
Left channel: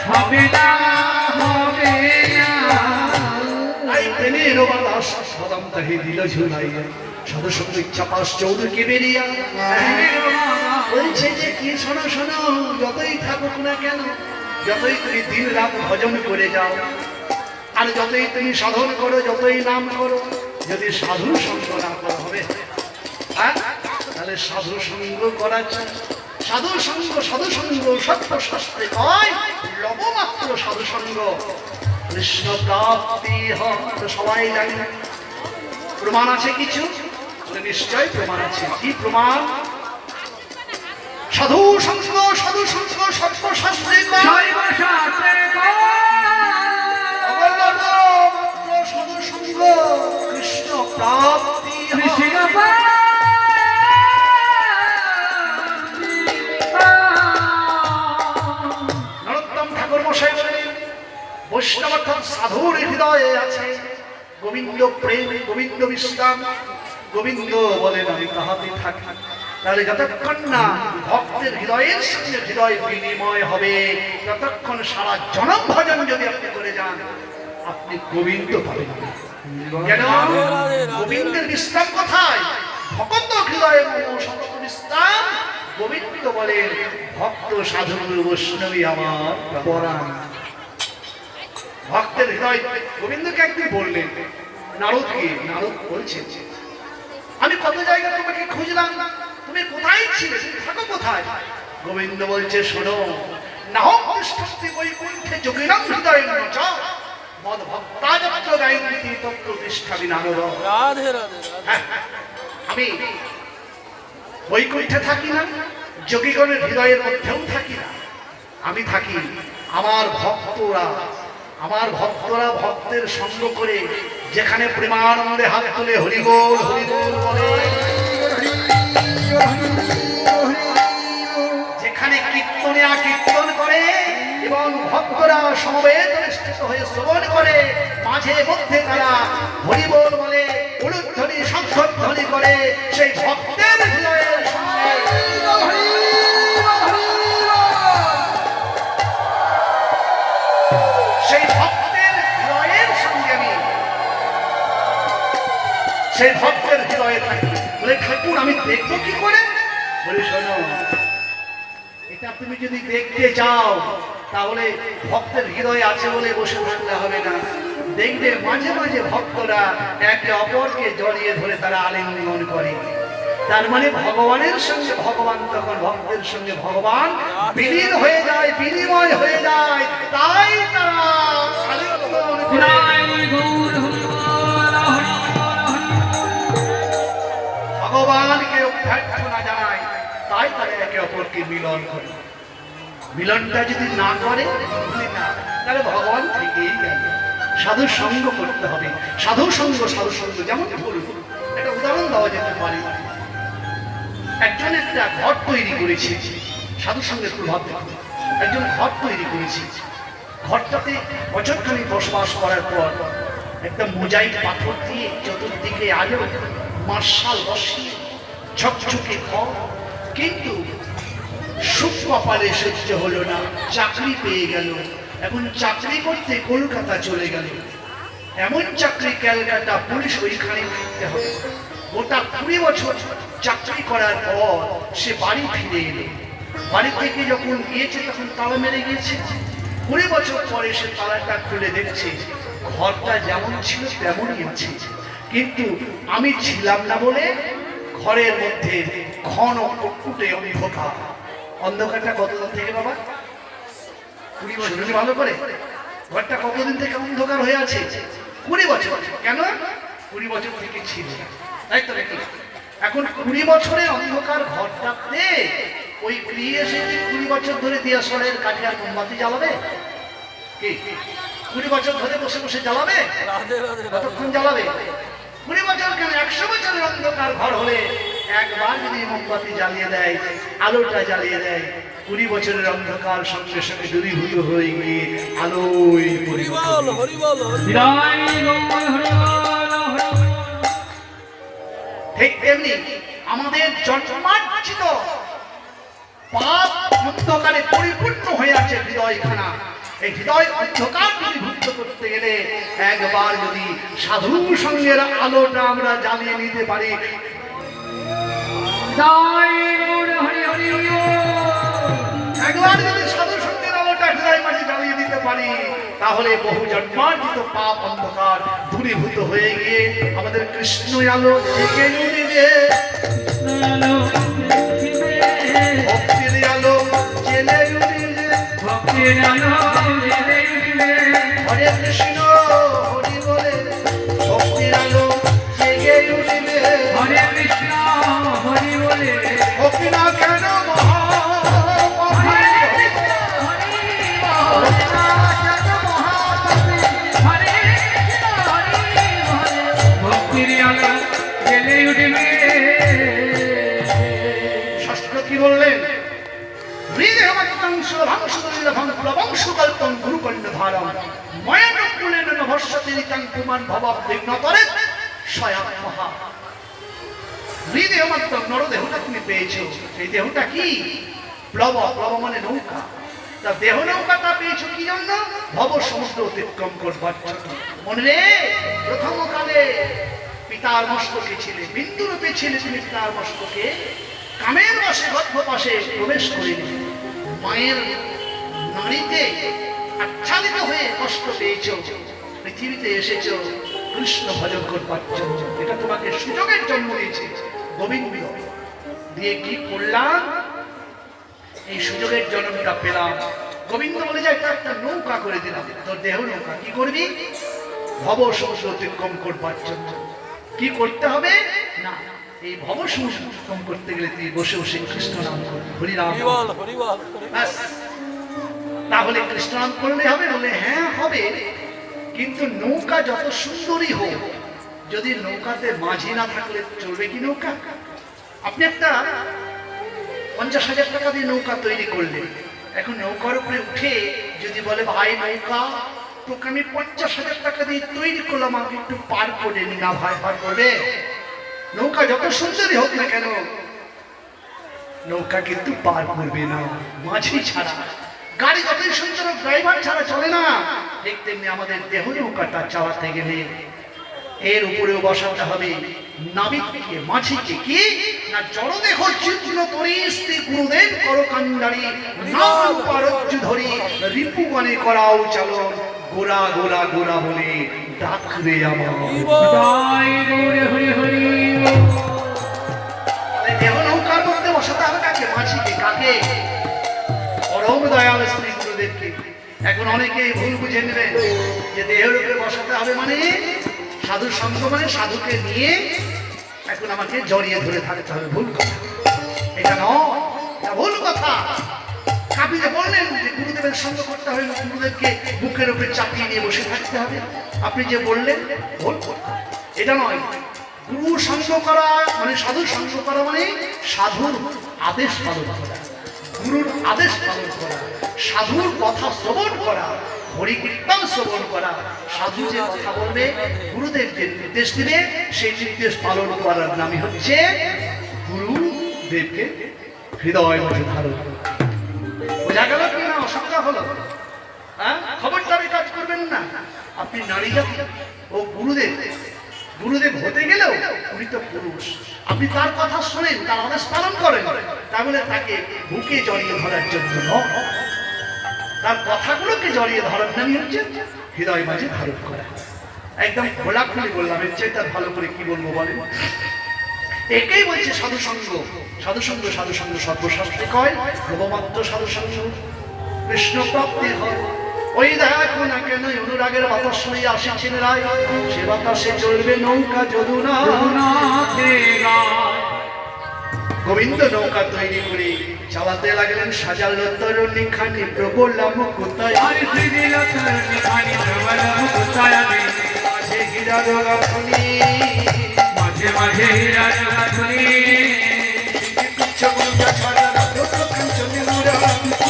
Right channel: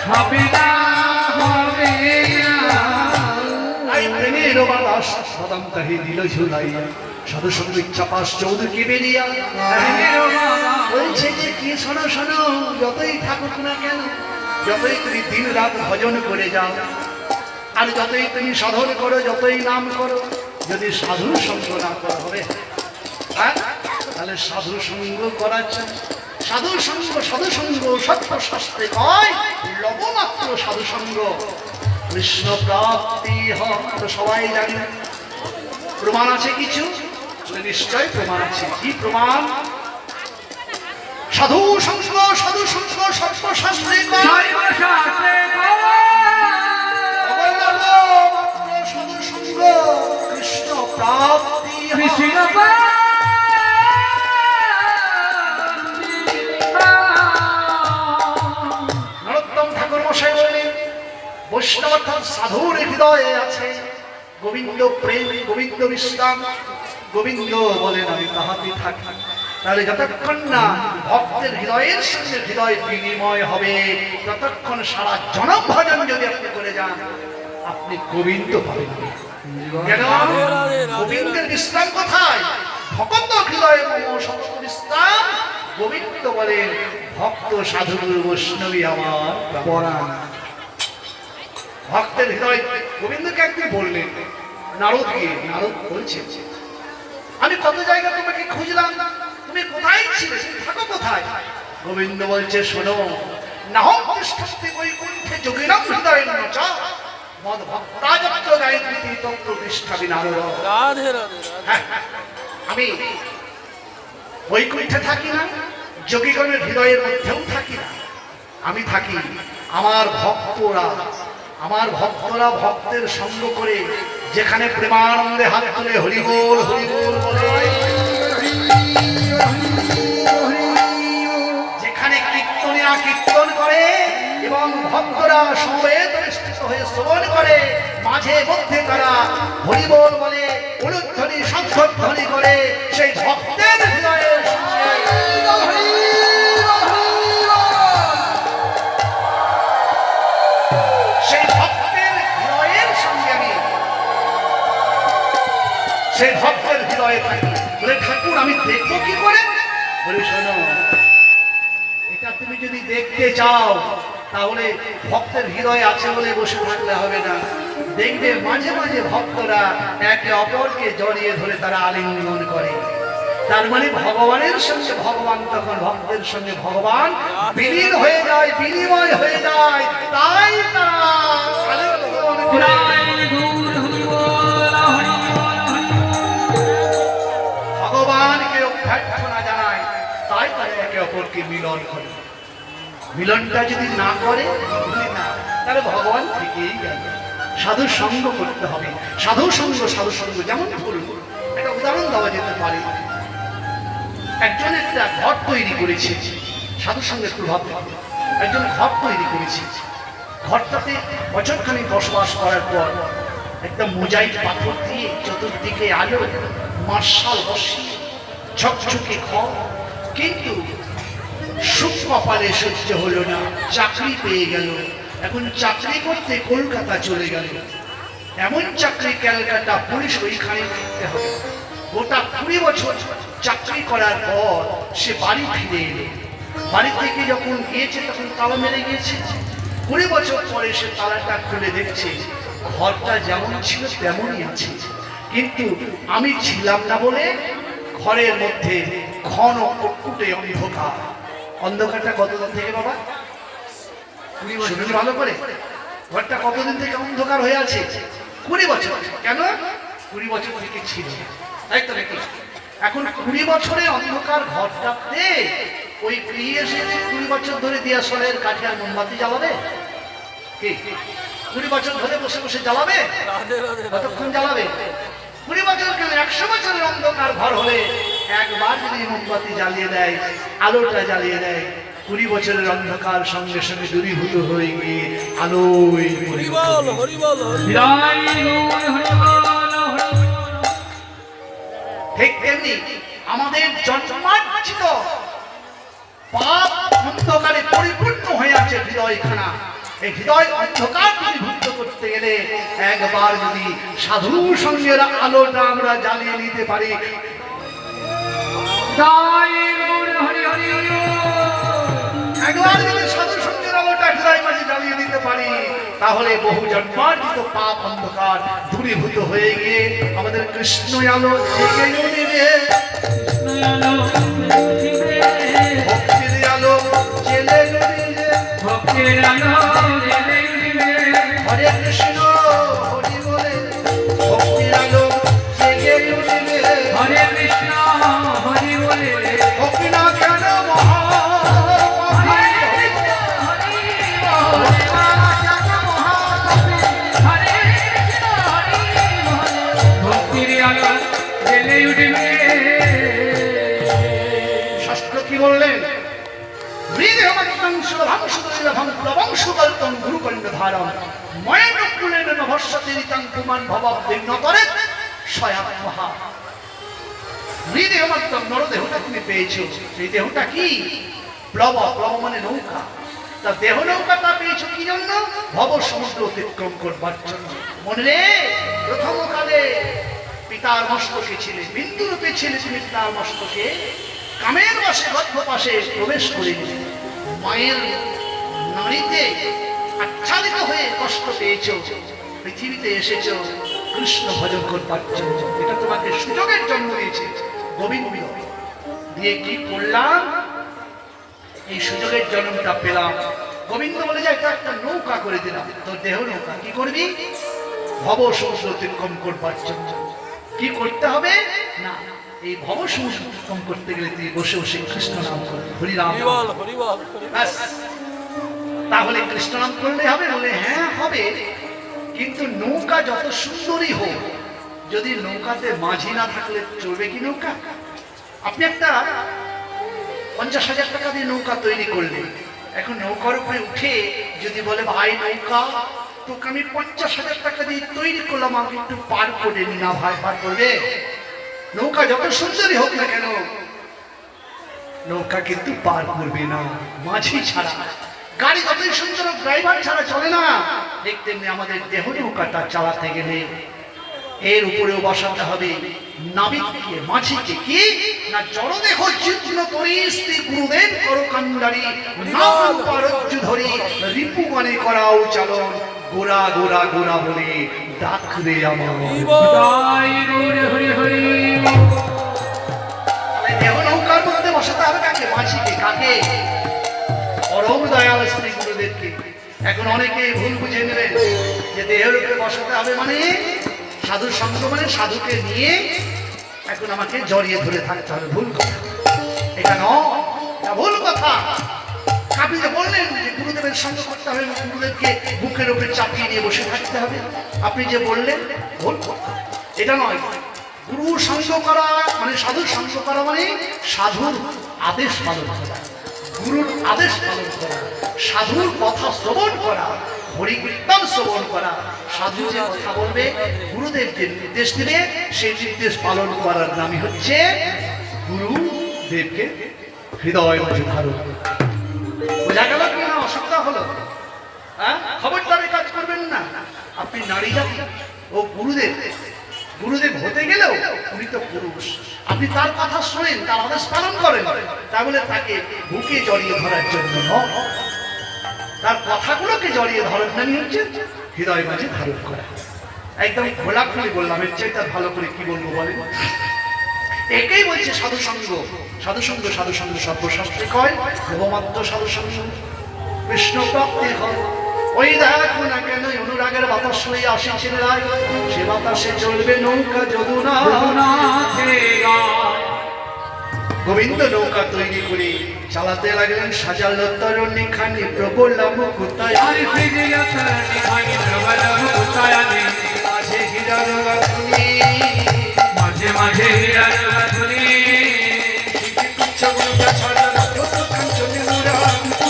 হবে না, হবে না। আই প্রেমের বাতাস বাদাম তাহে দিল ঝুলাইয়া, সাধু সঙ্গ ইচ্ছা পাস চৌধুরী বেরিয়া বলছে যে কি শোনো শোনো, যতই থাকুক না কেন, যতই তুমি দিন রাত ভজন করে যাও, আর যতই তুমি সাধন করো, যতই নাম করো, যদি সাধু সঙ্গ না করা হবে, হ্যাঁ, তাহলে সাধু সঙ্গ করা চাই। সাধু সঙ্গ সত্য শাস্ত্রে কয় লবমাত্র সাধু সঙ্গ কৃষ্ণ প্রাপ্তি হয়। তো সবাই জানি না, প্রমাণ আছে কিছু? বলে নিশ্চয় প্রমাণ আছে। কি প্রমাণ? সাধু সঙ্গ সত্য শাস্ত্রে কয় সর্বশাস্ত্রে লবমাত্র সাধু সঙ্গ কৃষ্ণ প্রাপ্তি হয়। কৃষ্ণ নরোত্তম ঠাকুর মশাই বললেন বৈষ্ণব অর্থাৎ সাধুর হৃদয়ে আছে গোবিন্দ প্রেম, গোবিন্দ বিশ্রাম। গোবিন্দ বলেন আমি তাহাতে থাকি। তাহলে যতক্ষণ না ভক্তের হৃদয়ের সঙ্গে হৃদয় বিনিময় হবে, ততক্ষণ সারা জনম ভজন যদি আপনি করে যান, আপনি গোবিন্দ পাবেন। কেন? গোবিন্দের বিশ্রাম কোথায়? ভক্ত হৃদয়ে মম সমস্ত বিশ্রাম। গোবিন্দ বলেন ভক্ত সাধু বৈষ্ণবী আমার পরাণ। ভক্তের হৃদয় গোবিন্দকে একদিন বললেন নারদকে, নারদ বলছে আমি কত জায়গা তোমাকে খুঁজলাম, তুমি কোথায় ছিলে, তুমি থাকো কোথায়? গোবিন্দ বলছে শোনো, নাহং তিষ্ঠন্তি বৈকুণ্ঠে যোগিনাং হৃদয়েন চ মদ ভক্তাযত্র গায়ন্তি তত্র তিষ্ঠামি নারদ। রাধে রাধে রাধে। হ্যাঁ, আমি বৈকুণ্ঠে থাকি না, যোগীগণের হৃদয়ের মধ্যেও থাকি না, আমি থাকি আমার ভক্তরা ভক্তের সঙ্গ করে যেখানে প্রেমানন্দে হাত তুলে হরিবোল হরিবোল বলে, যেখানে কীর্তন করে এবং ভক্তরা সমবেত স্থিত হয়ে শ্রবণ করে, মাঝে মধ্যে তারা হরিবোল বলে, উলুধ্বনি শঙ্খধ্বনি করে, সেই ভক্তের হৃদয়ের সঙ্গে সেই ভক্তের হৃদয়ে থাকি। বলে ঠাকুর আমি দেখবো কি করে? বলে শোনো, এটা তুমি যদি দেখতে চাও তাহলে ভক্তের হৃদয়ে আছে বলে বসে থাকলে হবে না। দেখবে মাঝে মাঝে ভক্তরা একে অপরকে জড়িয়ে ধরে তারা আলিঙ্গন করে। তার মানে ভগবানের সঙ্গে ভগবান, তখন ভক্তের সঙ্গে ভগবান বিলীন হয়ে যায়, বিনিময় হয়ে যায়। তাই তারা আলিঙ্গন করে। ভগবানকে অভ্যর্থনা জানায়, তাই তারা একে অপরকে মিলন করে। মিলনটা যদি না করে তাহলে ভগবান থেকেই গেল। সাধু সঙ্গ করতে হবে। সাধু সঙ্গ যেমন ধরুন একটা উদাহরণ দেওয়া যেতে পারে। একজন একটা ঘর তৈরি করেছে, সাধু সঙ্গের প্রভাব একজন ঘর তৈরি করেছে। ঘরটাতে বছরখানি বসবাস করার পর একটা মোজাইক পাথর দিয়ে চতুর্দিকে আলো মার্শাল বসিয়ে ঝকঝকে ঘর, কিন্তু সুখ কপালে সহ্য হলো না, চাকরি পেয়ে গেল। এখন চাকরি করতে কলকাতা চলে গেল। এমন চাকরি ক্যালকাটা, পুলিশ ওইখানে করতে হবে। গোটা 20 বছর চাকরি করার পর সে বাড়ি ফিরে এলো। বাড়ি থেকে যখন গিয়েছে তখন তালা মেরে গিয়েছে। 20 বছর পরে সে তালাটা খুলে দেখছে ঘরটা যেমন ছিল তেমনই আছে। কিন্তু আমি ছিলাম না বলে ঘরের মধ্যে ঘন কুটকুটে অন্ধকার। অন্ধকারটা কতদিন থেকে বাবা? 20 বছর। শুনুন ভালো করে, ঘরটা কতদিন থেকে অন্ধকার হয়ে আছে? 20 বছর। কেন? 20 বছর থেকে ছিল না, তাই তো নাকি? এখন 20 বছরের অন্ধকার ঘরটাতে ওই ফিরে এসে 20 বছর ধরে দিয়াশলের কাঠে আর মোমবাতি জ্বালাবে কি? 20 বছর ধরে বসে বসে জ্বালাবে? রাধে রাধে রাধে কতক্ষণ জ্বালাবে? 20 বছর কেন, 100 বছরের অন্ধকার ঘর হলে একবার যদি মোমবাতি জ্বালিয়ে দেয়, আলোটা জ্বালিয়ে দেয়, 20 বছরের অন্ধকার সঙ্গে সঙ্গে দূরীভূত হয়ে গিয়ে আলোয় হরিবল হরিবল হৃদয় গৌর হরি বল, হরি বল। ঠিক তেমনি আমাদের জন্মার্জিত পাপ অন্ধকারে পরিপূর্ণ হয়ে আছে হৃদয়খানা। এই হৃদয় অন্ধকার দূরীভূত করতে গেলে একবার যদি সাধু সঙ্গের আলোটা আমরা জ্বালিয়ে নিতে পারি, হৃদয় গৌর হরি হরি হরি বল। একবার যদি সাধু সঙ্গের আলোটা হৃদয় মাঝে জ্বালিয়ে দিতে পারি, তাহলে বহু জন্মার্জিত পাপ অন্ধকার দূরীভূত হয়ে গিয়ে আমাদের কৃষ্ণ আলো জেগে উঠবে, ভক্তির আলো জেলে উঠবে। ভক্তির আলো জ্বেলে উঠবে। হরে কৃষ্ণ হরি বলে ভক্তির আলো জেগে উঠবে। হরে কৃষ্ণ হরি বলে ভক্তি না কেন মহা ভক্তির আলো জ্বেলে উঠবে। শাস্ত্র কি বললেন? নরদেহটা তুমি পেয়েছো, সেই দেহটা কি? প্লব, প্লব মানে নৌকা। তা দেহ নৌকাটা পেয়েছো কি জন্য? ভব সমুদ্র অতিক্রম করবার জন্য। মনে রে, প্রথম কালে পিতার মস্তকে ছিলে, বিন্দু রূপে ছিলে তুমি পিতার মস্তকে, কামের বসে গর্ভ পাশে প্রবেশ করিনি, মায়ের নারীতে আচ্ছাদিত হয়ে কষ্ট পেয়েছো, পৃথিবীতে এসেছো কৃষ্ণ ভজন করবার জন্য। এটা তোমাকে সুযোগের জন্ম দিয়েছে গোবিন্দ। দিয়ে কি করলাম? এই সুযোগের জন্মটা পেলাম। গোবিন্দ বলে যায় এটা একটা নৌকা করে দিলাম, তোর দেহ নৌকা। কি করবি? ভব সমুদ্র অতিক্রম করবার জন্য। কি করতে হবে না? এই ভব সমুদ্র অতিক্রম করতে গেলে তুই বসে বসে কৃষ্ণ নাম করবি, হরিনাম। হরিবল হরিবল ব্যাস। তাহলে কৃষ্ণ নাম করলে হবে? বলে হ্যাঁ হবে, কিন্তু নৌকা যত সুন্দরী হোক, যদি নৌকাতে মাঝি না থাকলে চলবে কি নৌকা? আপনি একটা 50,000 টাকা দিয়ে নৌকা তৈরি করলেন, এখন নৌকার উপরে উঠে যদি বলে ভাই নৌকা তোকে আমি 50,000 টাকা দিয়ে তৈরি করলাম, আমাকে একটু পার করে নি না ভাই, পার করবে? নৌকা যত সুন্দরী হোক না কেন, নৌকা কিন্তু পার করবে না মাঝি ছাড়া। গাড়ি যতই সুন্দর হোক, ড্রাইভার ছাড়া চলে না। ঠিক তেমনি আমাদের দেহ নৌকাটা চালাতে গেলে এর উপরেও বসাতে হবে নাবিককে, মাঝিকে। কি না? জড়দেহ চিত্র তরি শ্রী গুরুদেব করো কান্ডারি, নাম পারজ্জু ধরি রিপুগণে করাও চালন, গোরা গোরা গোরা বলে ডাকবে আমার। হৃদয় গৌর হরি হরি বল। তাহলে দেহ নৌকার মধ্যে বসাতে হবে কাকে? মাঝিকে। কাকে? পরম দয়াল শ্রী গুরুদেবকে। এখন অনেকে ভুল বুঝে নেবেন যে দেহের উপরে বসাতে হবে মানে সাধুর সঙ্গ, মানে সাধুকে নিয়ে এখন আমাকে জড়িয়ে ধরে থাকতে হবে। ভুল কথা, এটা নয়, এটা ভুল কথা। আপনি যে বললেন যে গুরুদেবের সঙ্গ করতে হবে, গুরুদেবকে বুকের উপরে চাপিয়ে নিয়ে বসে থাকতে হবে, আপনি যে বললেন ভুল কথা, এটা নয়। গুরু সঙ্গ করা মানে সাধুর সঙ্গ করা মানে সাধুর আদেশ পালন করা, গুরুর আদেশ পালন করা, সাধুর কথা শ্রবণ করা, হরি কীর্তন শ্রবণ করা। সাধু যে কথা বলবে, গুরুদেব যে নির্দেশ দিবে, সেই নির্দেশ পালন করার নামই হচ্ছে গুরুদেবকে হৃদয় মাঝে ধারণ। বোঝা গেল কি না? অসুবিধা হলো? হ্যাঁ, খবরদারি কাজ করবেন না। আপনি নারী জাতি ও গুরুদেব, গুরুদেব হতে গেলেও উনি তো পুরুষ। আপনি তার কথা শোনেন, তার আদেশ পালন করেন, তা বলে তাকে বুকে জড়িয়ে ধরার জন্য নয়, তার কথাগুলোকে জড়িয়ে ধরার নামই হচ্ছে হৃদয় মাঝে ধারণ করা। একদম খোলাখুলি বললাম, এর চাইতে আর ভালো করে কি বলবো বলেন? একেই বলছে সাধুসঙ্গ, সাধুসঙ্গ, সাধুসঙ্গ সর্বশাস্ত্রে কয়, লোভমাত্র সাধুসঙ্গ কৃষ্ণ প্রাপ্তি হয়। ওই দেখো না কেন অনুরাগের বাতাস লইয়া আসিছেন রায়, সে বাতাসে চলবে নৌকা যদুনা। গোবিন্দ নৌকা তৈরি করে চালাতে লাগলেন, সাজালো তরুণী খানি প্রবলা মুকুতায়, মাঝে হীরা রাখনি, মাঝে মাঝে হীরা রাখনি, চগুলো ছাড়া যত কাঞ্চনে মুরা,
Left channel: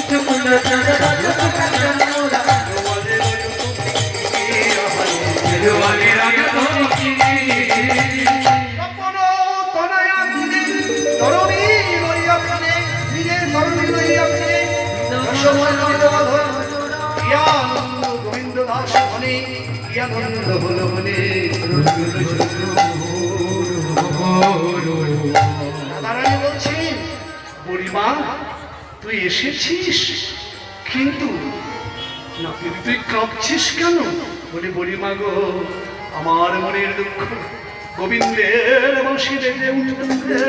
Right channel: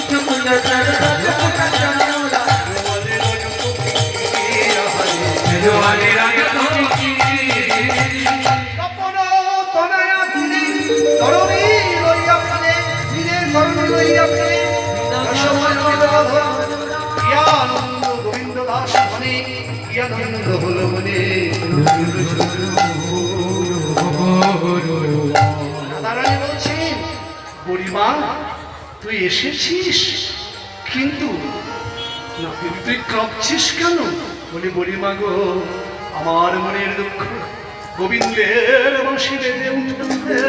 চগুলো ছাড়া যত কাঞ্চনে মুরা, রোয়ালে রাগে তোকি কপনো তনয়া দিনে তরুণী লইয়া ফিরে, নিজের তরুণী লইয়া ফিরে, রসমন্দিত বাধা কি আনন্দ গোবিন্দ দাস মনে, কি আনন্দ হলো মনে। দাদারানী বলছেন, বুড়িমা তুই এসেছিস, কিন্তু না তুই কাঁপছিস কেন? বলি বুড়িমা গো, আমার মনের দুঃখ গোবিন্দের বাঁশি বেজে উঠেছে,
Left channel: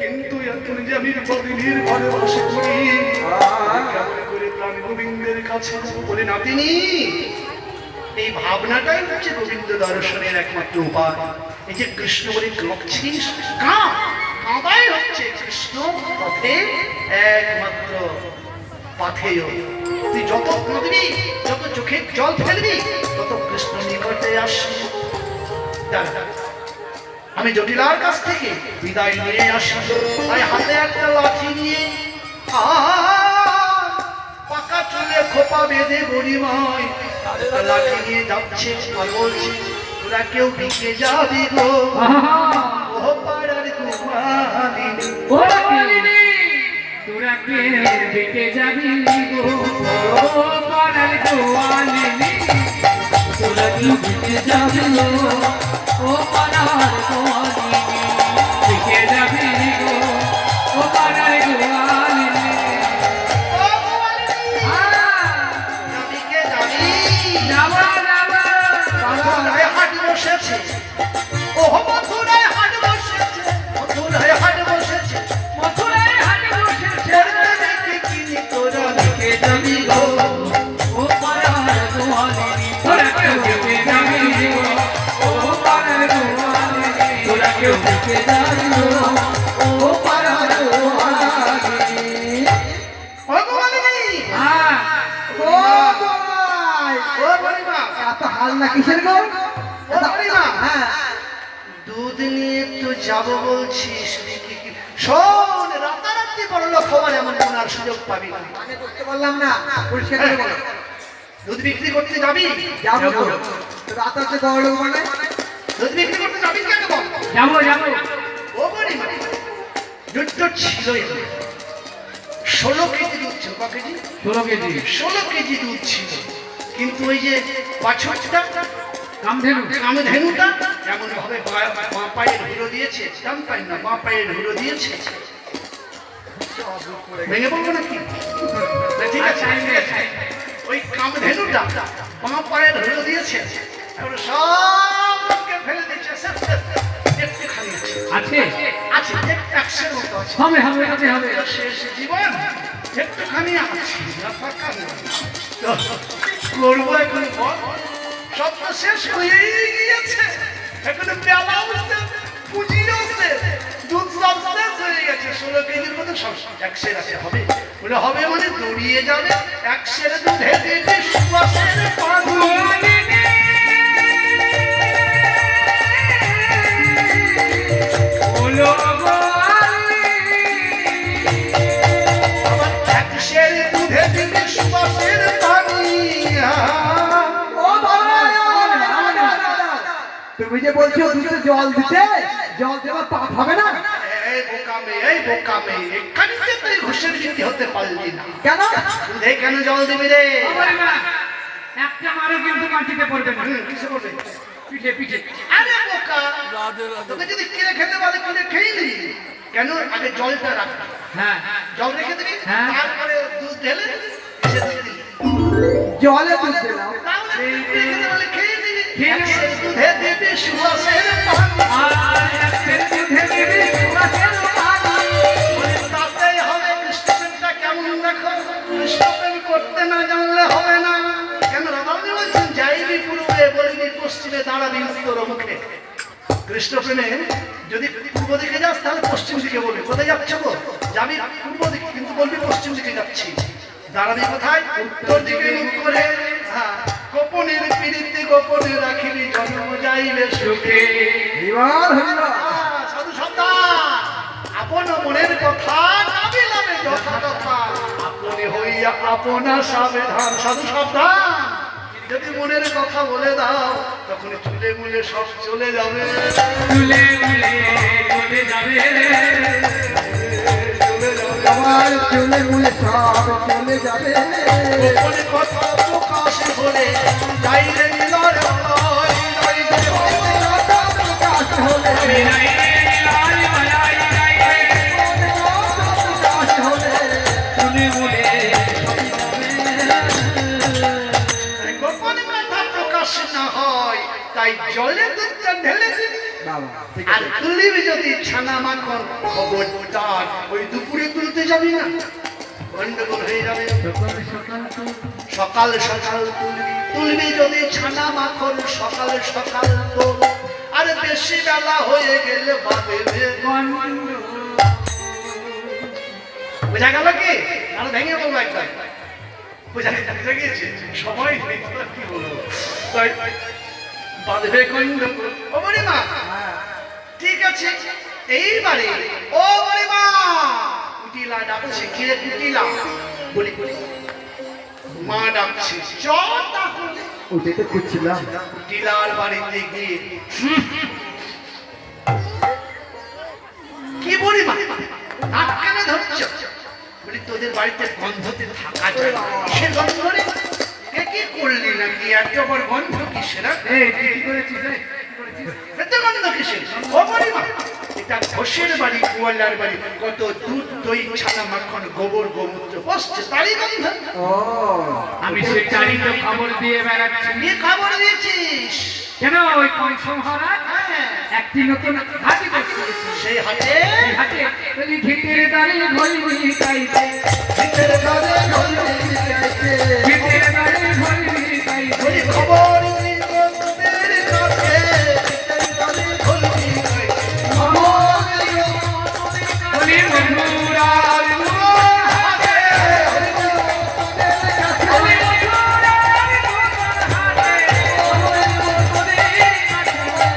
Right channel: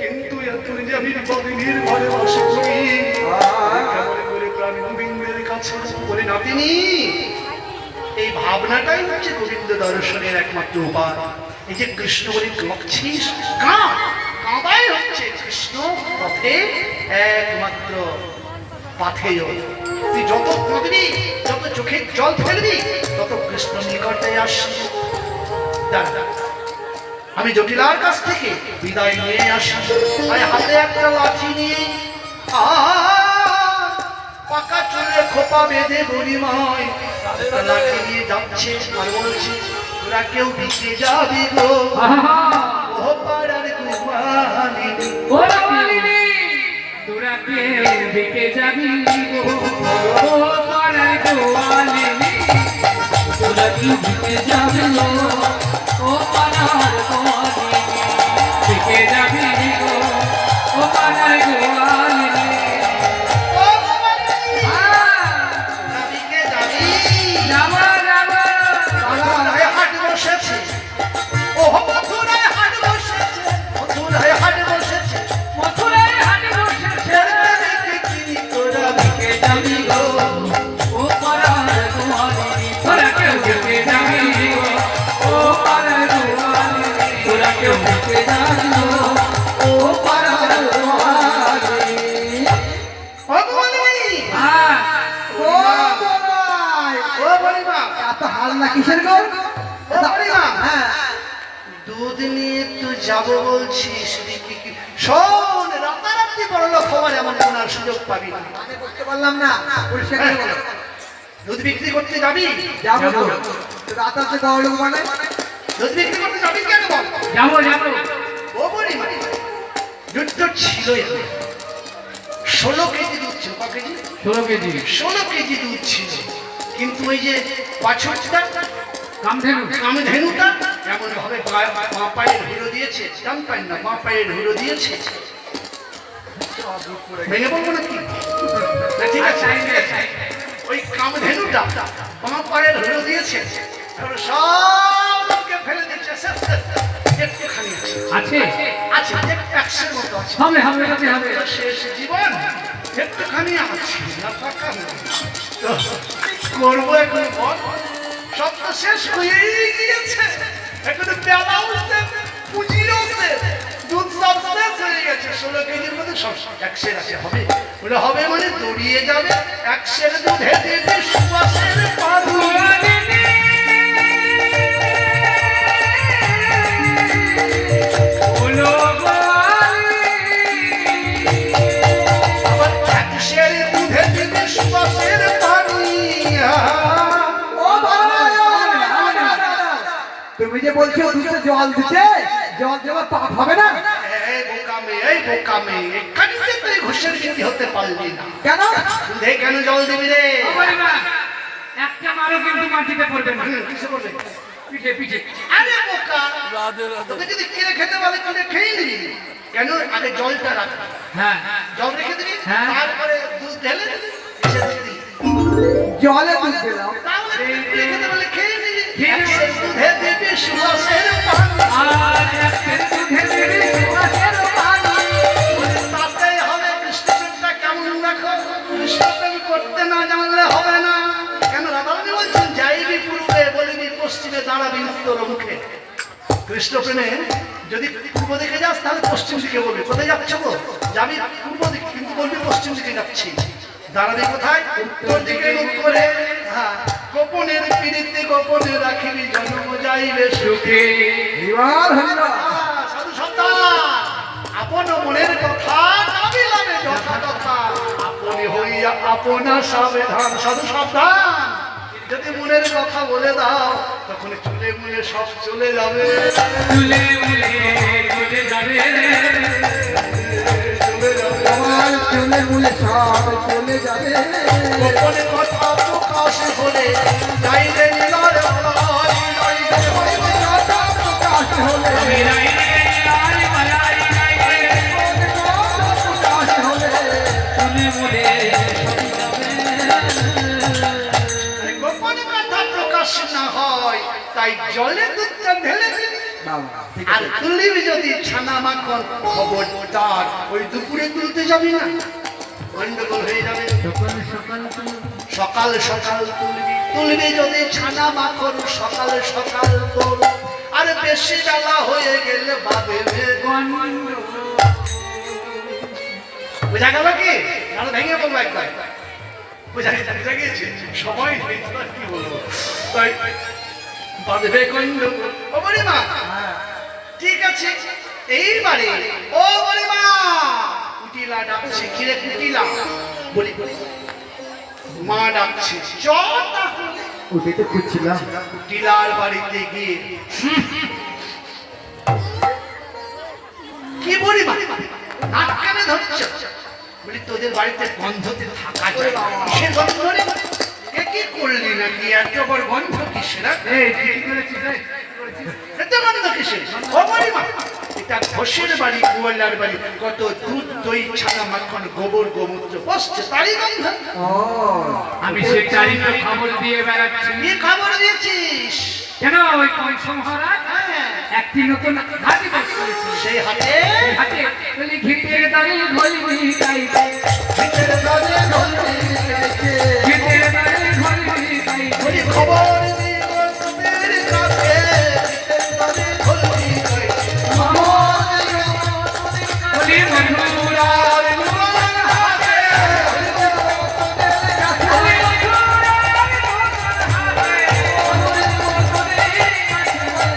কিন্তু এখন যে আমি প্রতিদিন ঘরে বাস করি, কেমন করে প্রাণ গোবিন্দের কাছে যাব? বলে নাতিনি, এই ভাবনাটাই হচ্ছে গোবিন্দ দর্শনের একমাত্র উপায়। এই যে কৃষ্ণ বলে কাঁপছিস, কাঁপাই হচ্ছে কৃষ্ণ পথে একমাত্র পাথেয়। তুই যত কাঁদবি, যত চোখে জল ফেলবি, তত কৃষ্ণ নিকটে আসবি। দাঁড়া, আমি জটিলার কাছ থেকে বিদায় নিয়ে আসি, আর হাতে একটা লাঠি নিয়ে পাকা চুলে খোপা বেঁধে বুড়িমায় লাঠি নিয়ে যাচ্ছে, আর বলছে তোরা কেউ দিতে যাবি গো, ও পাড়ার কুমারিনী, তোরা কেউ দিতে যাবি গো, ও পাড়ার কুমারিনী, তোরা কি দিতে যাবি গো, ও পাড়ার কুমারিনী, দিতে যাবি গো, ও পাড়ার কুমারিনী। ও কুমারিনী, যাবিকে যাবি? যাবো যাবো, মথুরায় হাট বসেছে, ও মথুরায় হাট বসেছে, মথুরায় হাট বসেছে, মথুরায় হাট বসেছে, কিনি তোরা দিকে যাবি গো, ও পাড়ার কুমারিনী, তোরা কেউ দিতে যাবি গো, ও পাড়ার কুমারিনী, তোরা কেউ দিতে যাবি গো, ও পাড়ার কুমারিনী। ও কুমারিনী, হ্যাঁ, ও জমাই, ও বুড়িমা, এত হাল্লা কিসের গো? ও বুড়িমা, হ্যাঁ, দুধ নিয়ে তো যাবো বলছিস, দেখি কি শোন, রাতারাতি বড় লোক হওয়ার এমন কোন আর সুযোগ পাবি না। মানে বুঝতে পারলাম না, পরিষ্কার করে বলো। দুধ বিক্রি করতে যাবি? যাবো তো, তো রাত আছে বড় লোক মানে? দুধ বিক্রি করতে যাবি কেন বল? যাবো যাবো, ও বুড়িমা, দুধ তো ছিলই না। 16 কেজি দুধ ছিল, ক কেজি? 16 কেজি 16 কেজি দুধ ছিল, কিন্তু ওই যে বাছুরটা কামধেনু, কামধেনুটা এমন ভাবে মা পায়ের হুড়ো দিয়েছে, ডান পায়ের না, মা পায়ের হুড়ো দিয়েছে। ভেঙে পড়বো নাকি? না ঠিক আছে, ওই কামধেনুটা মা পায়ের হুড়ো দিয়েছে, এখন সবকে ফেলে দিচ্ছে, একটুখানি আছে, আছে আছে 100-এর মতো আছে। হবে হবে হবে হবে, শেষ জীবন একটুখানি আছে, না ফাঁকা নেই। তো করবো এখন বল, সব তো শেষ হয়েই গিয়েছে, এখন বেলা উঠতে পুঁজিরও শেষ, দুধ সব শেষ হয়ে গেছে। 16 কেজির মধ্যে সব 100 আছে, হবে বলে হবে মানে দৌড়িয়ে যাবে 100 দুধে দিয়েছি সুবাসের পানি। আবার 100 দুধে দিয়েছি সুবাসের পানি। ও ভাই, তুমি যে বলছো দুধে জল দিতে, জল দেওয়া পাপ হবে না? এই বোকা মেয়ে, এখানে যে তুই ঘুষের গিন্নি হতে পারলি না, কেন? দুধে কেন জল দিবি রে? একটা মারো কিন্তু মাটিতে পড়বে না, কিসে বলবে? পিঠে পিঠে। আরে বোকা, রাধে রাধে তোকে যদি কিনে খেতে বলে কিনে খেয়ে নিবি, কেন? আগে জলটা রাখবি, হ্যাঁ জল রেখে দিবি, হ্যাঁ। তারপরে দুধ ঢেলে দিবি, এসে দিয়ে দিবি। জলে দুধ দিলাম, তাহলে কিনে খেতে বলে খেয়ে নিবি। এক সের দুধে দিবি সুবাসের পানি আর একের দুধে দিবি সুবাসের পানি। বলে তাতেই হবে কৃষ্ণপ্রেমটা কেমন দেখো, কৃষ্ণপ্রেম করতে না জানলে হবে না। কেন রাধারানী বলছেন যাইবি পূর্বে বলিবি পশ্চিমে দাঁড়াবি উত্তর মুখে। কৃষ্ণপ্রেমে যদি পূর্ব দিকে যাস তাহলে পশ্চিম দিকে বলবি কোথায় যাচ্ছ গো, যাবি পূর্ব দিকে কিন্তু বলবি পশ্চিম দিকে যাচ্ছি। দাঁড়াবি কোথায়, উত্তর দিকে মুখ করে। হ্যাঁ, গোপনের পিড়িতে গোপনে রাখিবি জন্ম যাইবে সুখে। হরিবল হরিবল। সাধু সাবধান, আপন মনের কথা নাবিলাবে যথা কথা, আপনি হইয়া আপনা সাবধান। সাধু সাবধান, যদি মনের কথা বলে দাও তখন চুলে মুলে সব চলে যাবে। চুলে মুলে চলে যাবে, চলে যাবে আমার চলে মুলে সব চলে যাবে। গোপনে কথা প্রকাশ হলে যাইলে নীলার আলোয়, নইলে হইবে রাধা প্রকাশ হলে। আমি নাই রে লাই মালাই নাই রে, প্রকাশ হলে চুলে মুলে সবই যাবে। গোপনে কথা প্রকাশ না হয় তাই জলে দুধটা ঢেলে দিবি। বাবা ঠিক আর আছে। তুলিবি যদি ছানা মাখন খবরদার ওই দুপুরে তুলতে যাবি না, গন্ডগোল হয়ে যাবে। সকাল সকাল সকাল সকাল তুলবি, তুলবি যদি ছানা মাখন সকাল সকাল তোল। আর বেশি বেলা হয়ে গেলে বাদে বোঝা গেল কি, আর ভেঙে বলবো একবার। বোঝা গিয়েছে সময় নেই, তো আর কি বলবো। তাই বাঁধবে গন্ডগোল। ও বলিমা, ঠিক আছে এইবারে ও বলিমা, কুটিলা ডাকছে, কিরে কুটিলা, বলি বলি মা ডাকছে, চল তাহলে। ওটাই তো খুঁজছিলাম। কুটিলার বাড়িতে গিয়ে কি বলি মা, নাক কানে ধরছ? বলি তোদের বাড়িতে গন্ধতে থাকা যায় না। কিসের গন্ধ রে? এ কি করলি নাকি, এত আবার গন্ধ কিসের? এই তুই কি করেছিস রে? এত গন্ধ কিসের? ও বলি মা, এটা ঘোষের বাড়ি, কুয়ালার বাড়ি, কত দুধ দই ছানা মাখন গোবর গোমূত্র বসছে, তারই গন্ধ। ও আমি সেটাই তো খবর দিয়ে বেড়াচ্ছি। কি খবর দিয়েছিস? কেন ওই কংস মহারাজ হ্যাঁ, একটি নতুন হাতি বের করেছে। সেই হাতে হাতে বলি ঘিতের দাঁড়ি ঘড়ি গাইতে, ভিতরে দরে ঘরে যাইতে। ঘিতের দাঁড়ি ঘড়ি গাইতে। বলি খবর দিব তোদের কাছে, ভিতরে দরে ঘরে যাইতে। খবর দিব বলি মধুরার হাতে, বলি মধুরার হাতে,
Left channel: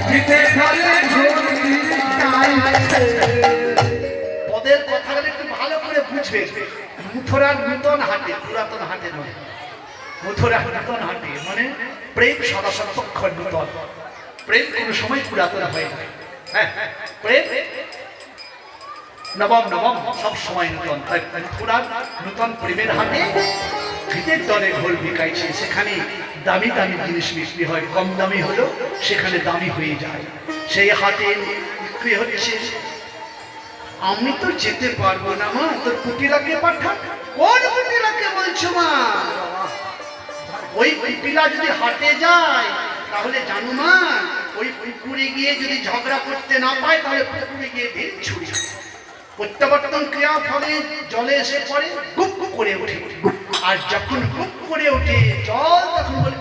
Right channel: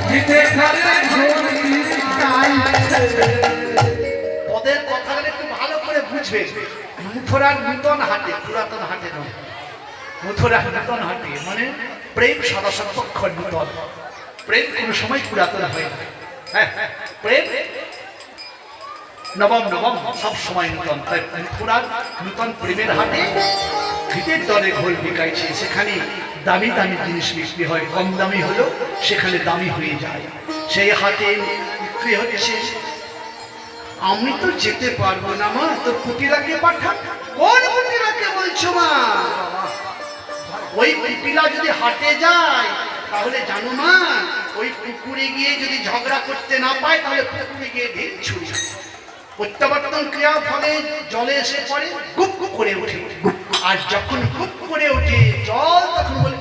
ঘিতের দাঁড়ি ঘড়ি গাইতে। ওদের কথাগুলো একটু ভালো করে বুঝবে। মথুরার নূতন হাটে, পুরাতন হাটে নয়। মথুরার নূতন হাটে মানে প্রেম সদাসত্পক্ষ নূতন। প্রেম কোনো সময় পুরাতন হয় না। হ্যাঁ, প্রেম নবম নবম সব সময় নূতন। তাই মথুরার নূতন প্রেমের হাটে ঘিতের দরে ঘোল বিকাইছে। সেখানে দামি দামি জিনিস বিক্রি হয়, কম দামি হলো সেখানে দামি হয়ে যায়। সেই হাটে বিক্রি হচ্ছে। আমি তো যেতে পারবো না মা, তোর কুটিলাকে পাঠা। কোন কুটিলাকে বলছো মা? ওই কুটিলা যদি হাটে যায় তাহলে জানো মা, ওই পুকুরে গিয়ে যদি ঝগড়া করতে না পায় তাহলে পুকুরে গিয়ে ভিড় ছুড়ি। প্রত্যাবর্তন ক্রিয়া ফলে জলে এসে পড়ে, গুপ গুপ করে ওঠে। আর যখন গুপ করে ওঠে জল, তখন বলে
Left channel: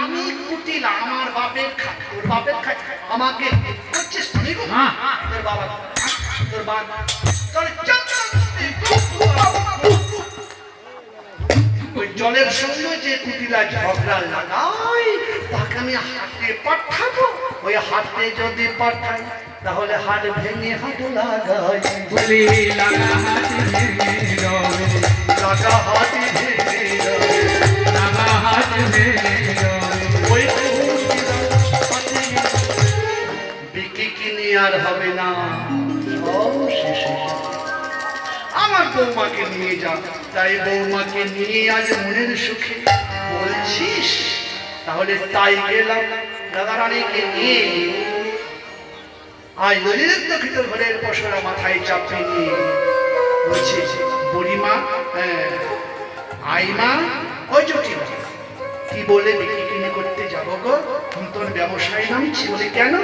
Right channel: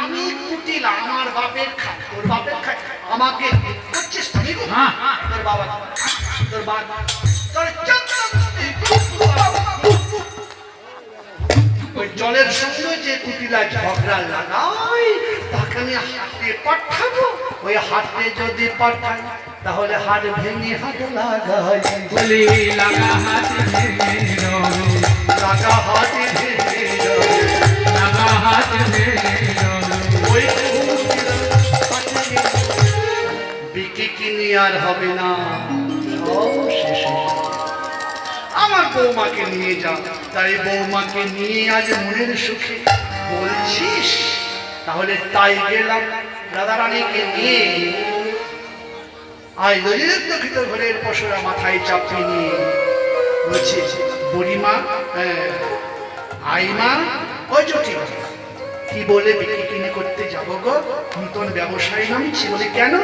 আমি কুটিলা, আমার বাপের খায়, তোর বাপের খায়, আমাকে করছিস তুমি গো? তোর বাবা, তোর বাবা, তোর চন্দ্রমুষ্টি, ওই জলের সঙ্গে যে কুটিলা ঝগড়া লাগাই তাকে আমি হাতে পাঠাবো। ওই হাতে যদি পাঠাই তাহলে হাত ভেঙে হাত লাগাই। বলি লাগা হাতি ভেঙে যাবে, লাগা হাত ভেঙে যাবে। লাগা হাত ভেঙে যাবে। ওই কুটিলা পাঠিয়ে বিক্রি কিনে আর হবে না, সব শেষে। আমার বৌমাকে নিয়ে যা। তাই বৌমাকে নিয়ে আজ মনের সুখে বলছিস, তাহলে তাই গেলাম রাধারানীকে নিয়ে। আজ দরিদ্র ঘরের পশুরা মাথায় চাপিয়ে নিয়ে বলছি বুড়িমা, আইমা, ওই জটিলা কি বলে বিক্রি কিনে করতে যাবো গো, নতুন ব্যবসায়ী নামছি বলে কেন?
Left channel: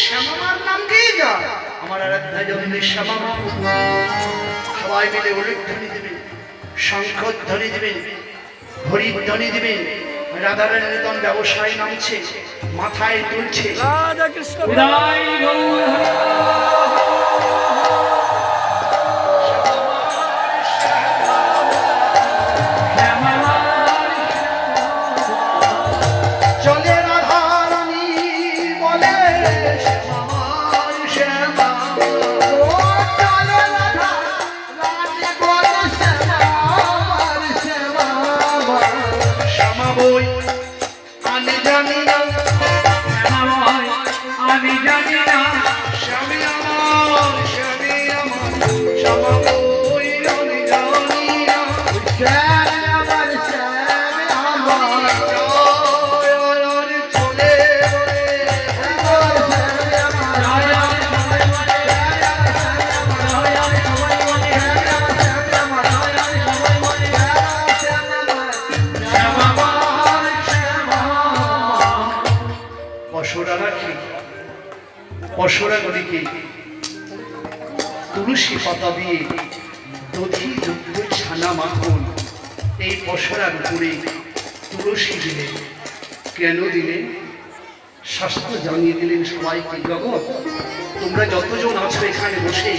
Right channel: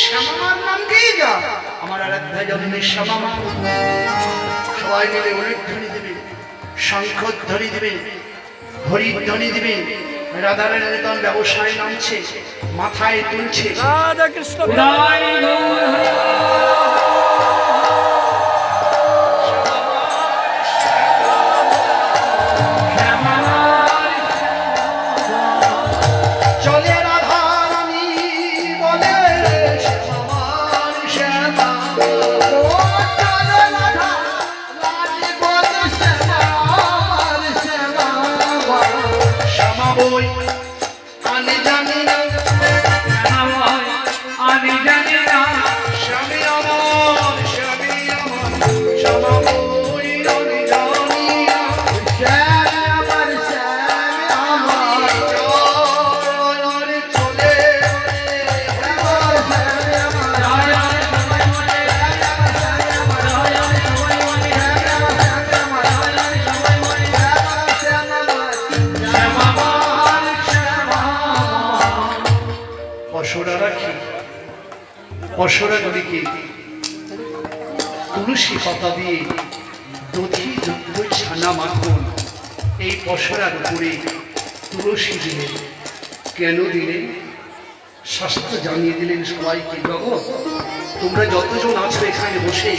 শ্যামামার নাম দিয়ে যা, আমার আরাধ্যা জননীর শ্যামামা। সবাই মিলে উলুধ্বনি দেবেন, শঙ্খধ্বনি দেবেন, হরিধ্বনি দেবেন। রাধারানী নতুন ব্যবসায়ী নামছে, মাথায় তুলছে। রাধা কৃষ্ণ জয় গৌর হরি। চলে রাধারানী বলে শ্যামামার শ্যামা, শ্যামা বই আনে জানি না, আমি জানি না স্বামী আমার শ্যামা বই আনে জানি না। চলে পশরা রাখি, পশরা নদীকে তুলসী পাতা দিয়ে দধি দুগ্ধ ছানা মাখন এই পশরার উপরে তুলসী দিলেন। কেন দিলেন? শাস্ত্র জানিয়ে দিলেন সবাইকে, জগৎ তোমরা যতজন আছো এখানে বসে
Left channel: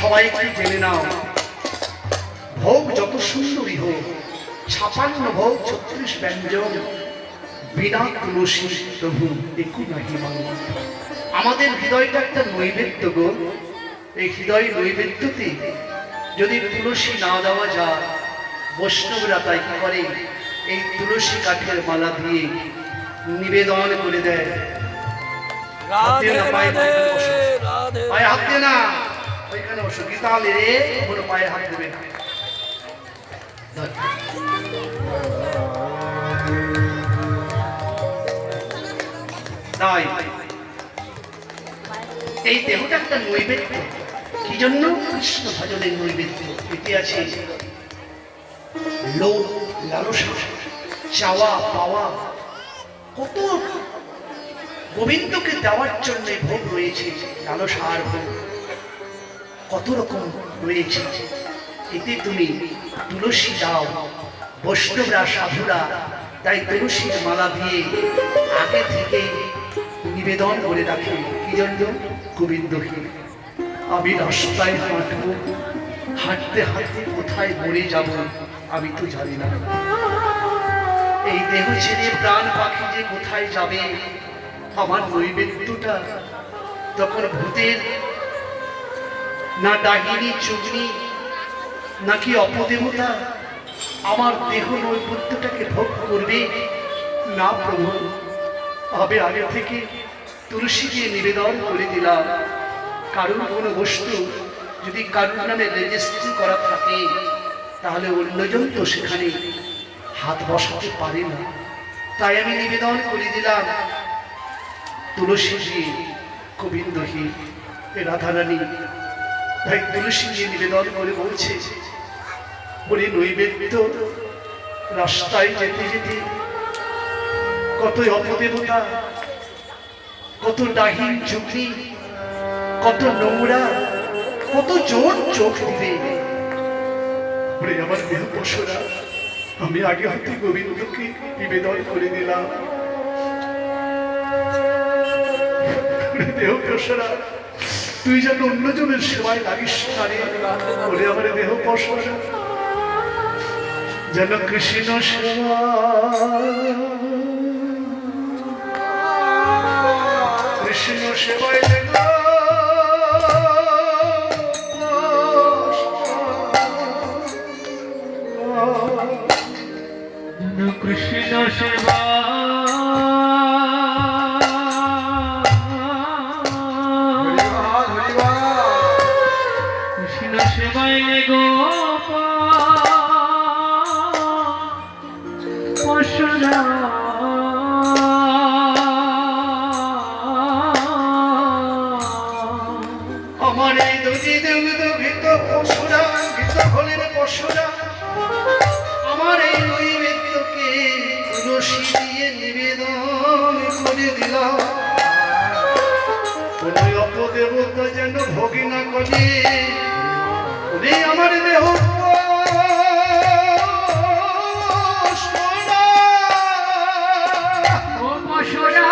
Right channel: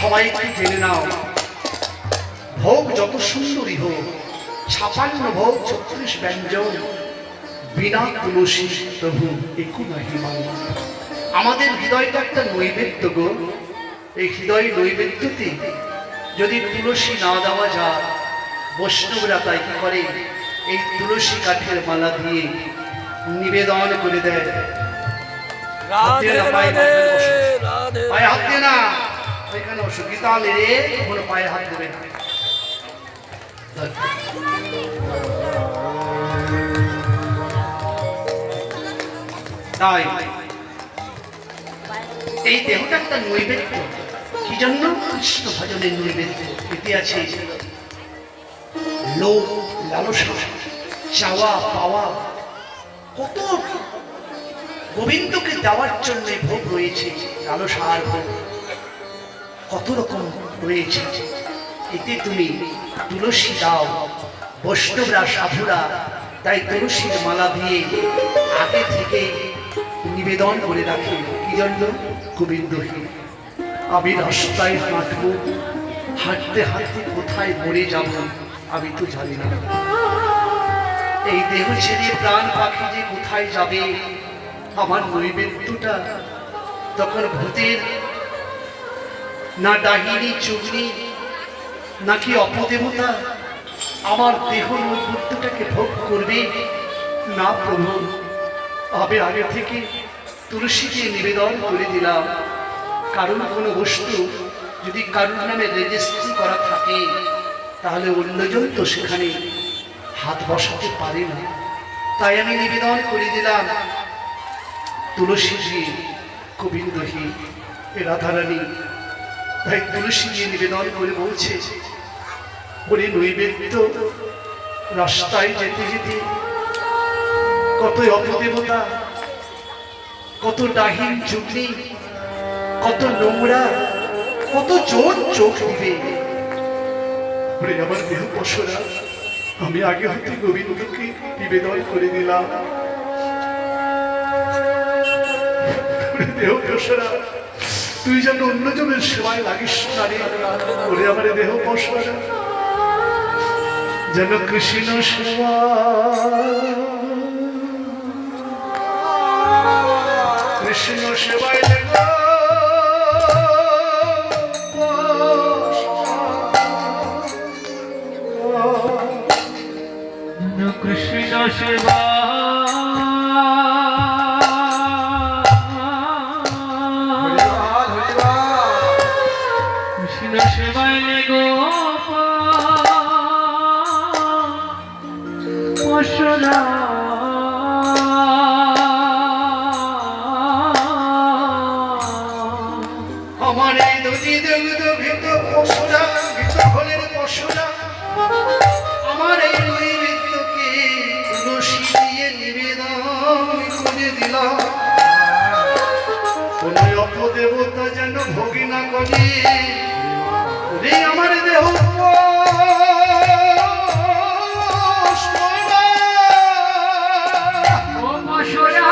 সবাইকে জেনে নাও, ভোগ যত সুন্দরী হোক, 56 ভোগ 36 ব্যঞ্জন, বিনা তুলসী প্রভু একু নাহি মান্য। আমাদের হৃদয়টা একটা নৈবেদ্য গো, এই হৃদয় নৈবেদ্যতে যদি তুলসী না দেওয়া যায়, বৈষ্ণবরা তাই কি করে, এই তুলসী কাঠের মালা দিয়ে নিবেদন করে দেয়। রাধে রাধে রাধে পায়ে হাত দিয়ে না, ওইখানে বসো, গীতা লেরে কোনো পায়ে হাত দেবে না। তাই এই দেহটা একটা নৈবেদ্য। কি জন্য? কৃষ্ণ ভজনের নৈবেদ্য। এতে আছে লোভ, লালসা, চাওয়া পাওয়া, কত গোবিন্দকে দেওয়ার জন্য ভোগ রয়েছে, লালসার ভোগ কত রকম রয়েছে। এতে তুমি তুলসী দাও, বৈষ্ণবরা সাধুরা তাই তুলসীর মালা দিয়ে আগে থেকে নিবেদন করে রাখে। কি জন্য? গোবিন্দকে। আমি রাস্তায় হাঁটবো, হাঁটতে হাঁটতে কোথায় মরে যাব আমি তো জানি না। এই দেহ ছেড়ে প্রাণ পাখি যে কোথায় যাবে, আমার নৈবেদ্যটা তখন ভূতের না ডাহিনী চুগনি নাকি অপদেবতা আমার দেহ নৈবেদ্যটাকে ভোগ করবে না প্রভু। আমি আগে থেকে তুলসী দিয়ে নিবেদন করে দিলাম। কারণ কোনো বস্তু যদি কারুর নামে রেজিস্ট্রি করা থাকে তাহলে অন্যজন তো সেখানে হাত বসাতে পারে না। তাই আমি নিবেদন করে দিলাম তুলসী দিয়ে, গোবিন্দহী রাধারানী। তাই তুলসী দিয়ে নিবেদন করে বলছে, বলে নৈবেদ্য রাস্তায় যেতে যেতে কত অপদেবতা, কত ডাহিন চুগনি, কত নোংরা, কত জোর চোখ দিবে। বলে আমার দেহ পশরা আমি আগে হতে গোবিন্দকে নিবেদন করে দিলাম। দেহ পশরা তুই যেন অন্যজনের সেবায় লাগিস না রে। বলে আমার দেহ পশরা যেন কৃষ্ণ সেবা, কৃষ্ণ সেবায় দেব কৃষ্ণ সেবা কৃষ্ণ সেবায় গো পশরা আমার এই নদী দেবিত ভীত পশুরা, ভীত হলের পশুরা আমার এই নৈবেদ্যকে তুলসী দিয়ে নিবেদন করে দিলাম কোন অপদেবতা যেন ভোগে না করে ওরে আমার দেহ ও মশরা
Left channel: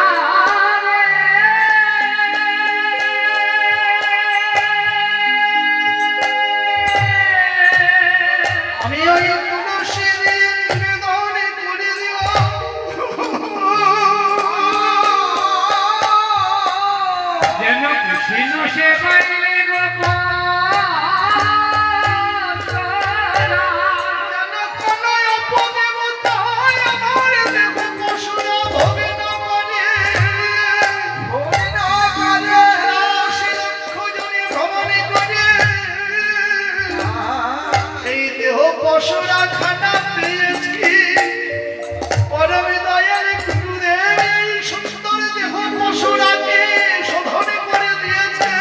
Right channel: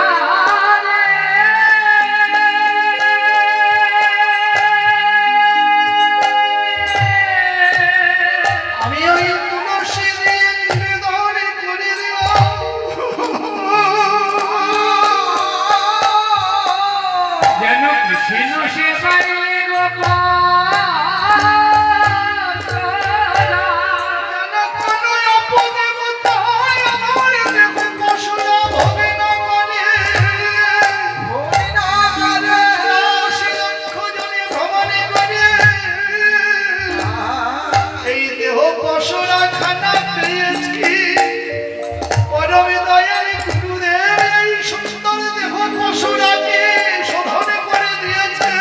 আমি ওই তুলসী দিয়ে নিবেদন করে দিলাম যেন কৃষ্ণ সেবায় যেন কোনো অপদেবতা আমার দেহ পশুরা ভোগে না করে তুলসী লক্ষ জনে ভ্রমণে করে এই দেহ পশুরা খানা পেয়েছি পরম দয়াল গুরুদেব এই সুন্দর দেহ পশুরাকে শোধন করে দিয়েছে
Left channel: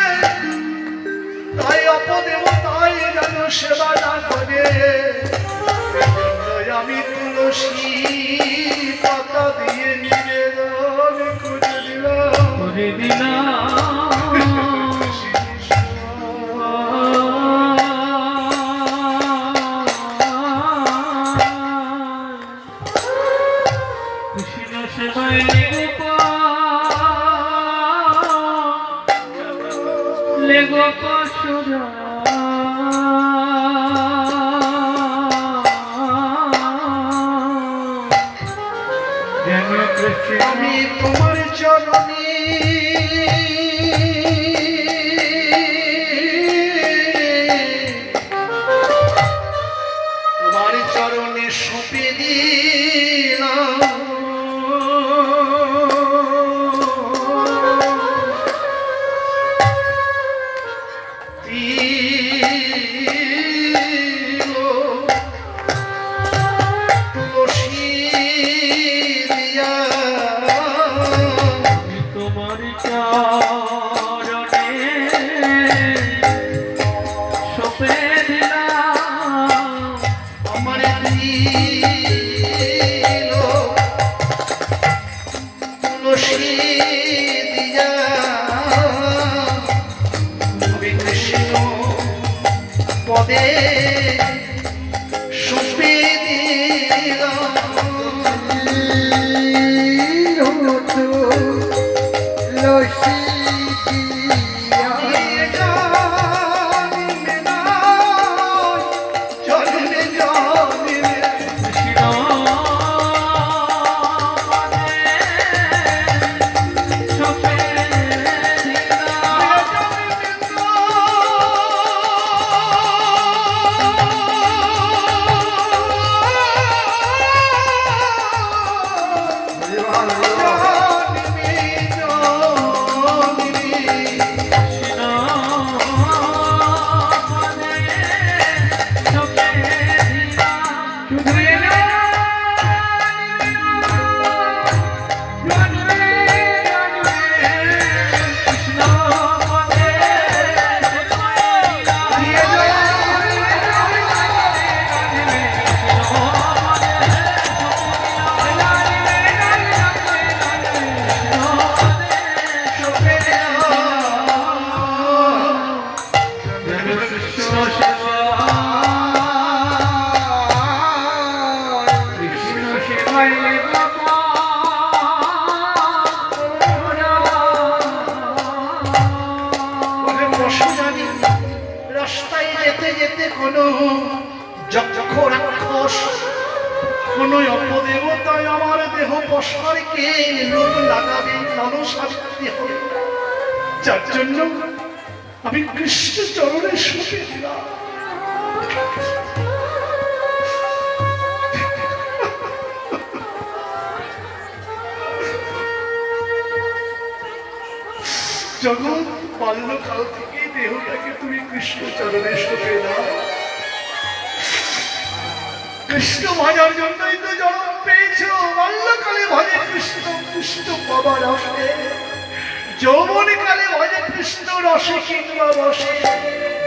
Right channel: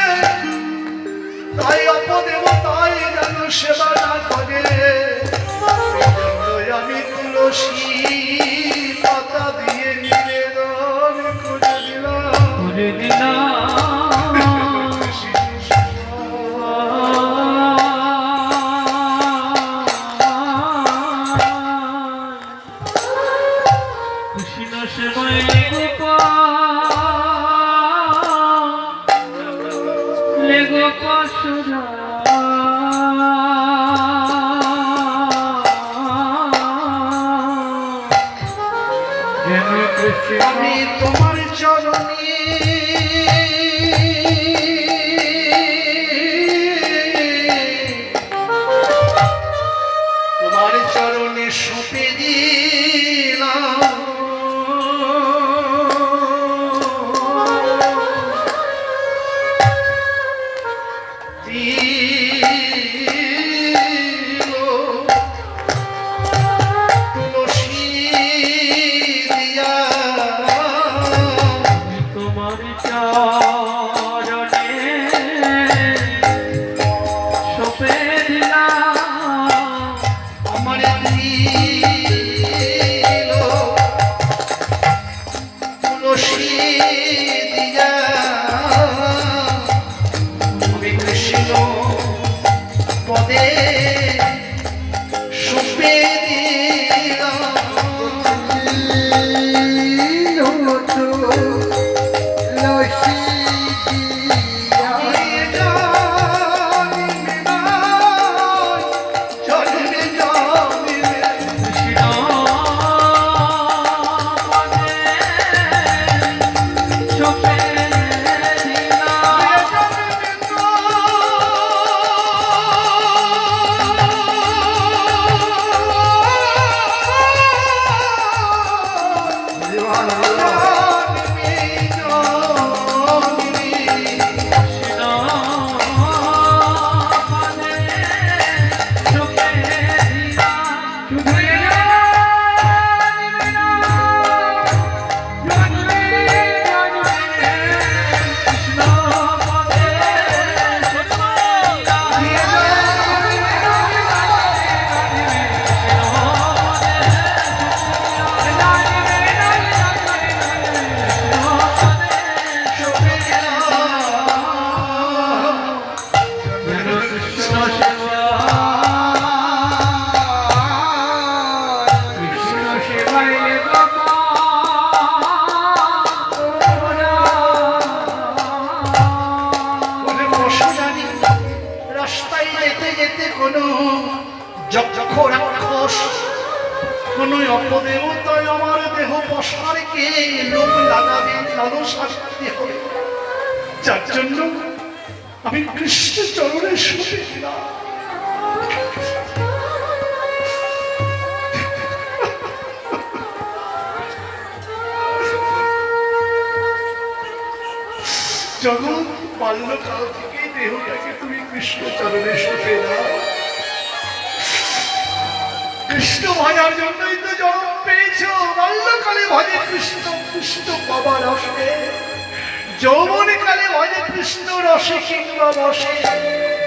তাই অপদেবতাই যেন সেবা না করে এজন্যই আমি তুলসী পাতা দিয়ে নিবেদন করে দিলাম করে দিলাম কৃষ্ণ সেবায় লেগো পশুরা যেন কৃষ্ণ আমি তোমার চরণে তোমার চরণে সঁপে দিলাম তুলসী দিয়া তোমার চরণে সপে দিলাম আমার দিল তুলসী দিয়া আমি কৃষ্ণ পদে সঁপে দিলাম জন্মে জন্মে কৃষ্ণ পদে সপে দিলাম রাস্তায় যেতে যেতে কোনো যক্ষ রাক্ষস কোনো অপদেবতায় আমার দেহ পশারকে লোক লাগাবে লালসা দিতে হবে যার জন্য আমি কৃষ্ণ চরণে শুনে দিলাম জগৎ বাল্যকাল থেকে দেহটাকে তুমি কৃষ্ণ চরণে শুনে দাও কৃষ্ণ ভাজার জন্যই তো জন্ম পেয়েছ বাল্যকালে ভজে কৃষ্ণ কৃষ্ণ বাবা রসে যৌবনকালে ভজে কৃষ্ণ রসে কিংবা বসে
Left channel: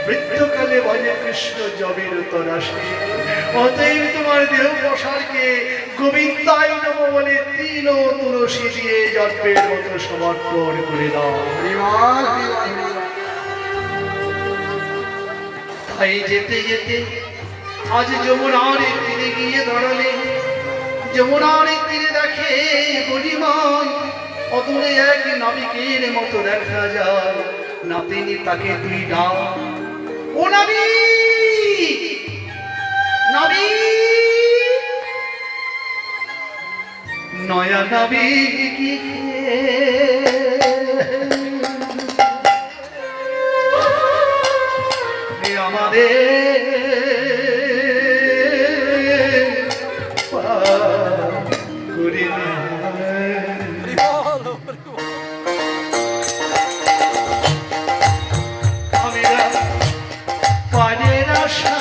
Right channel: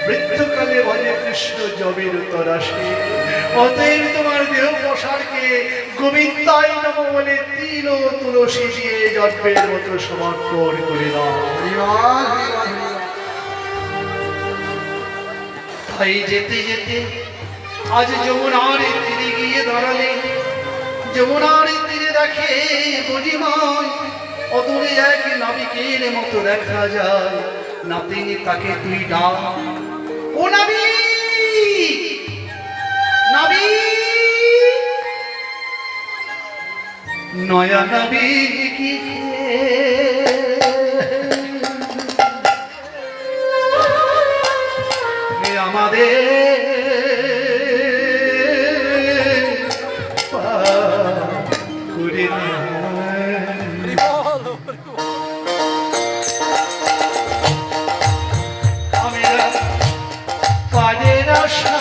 মৃত্যুকালে ভজে কৃষ্ণ জবের তরাসে। অতএব তোমার দেহ প্রসারকে গোবিন্দাই নম বলে তিল ও তুলসী দিয়ে জন্মের মতো সমর্পণ করে দাও। তাই যেতে যেতে আজ যমুনার তীরে গিয়ে দাঁড়ালে, যমুনার তীরে দেখে গরিমায় অদূরে এক নাবিকের মতো দেখা যায়। নাবিক তাকে তুই ডাক, ও নাবিক, নাবিক, নয়া নাবিক আমাদের করে না। হরি বল, হরি বল। আমরা পানের আশা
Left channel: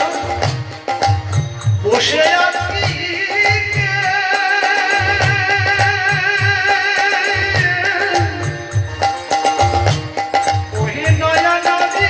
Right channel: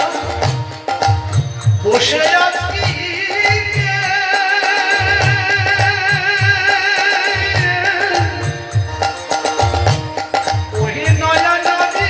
বসে আছি, ওহে নয়া নদী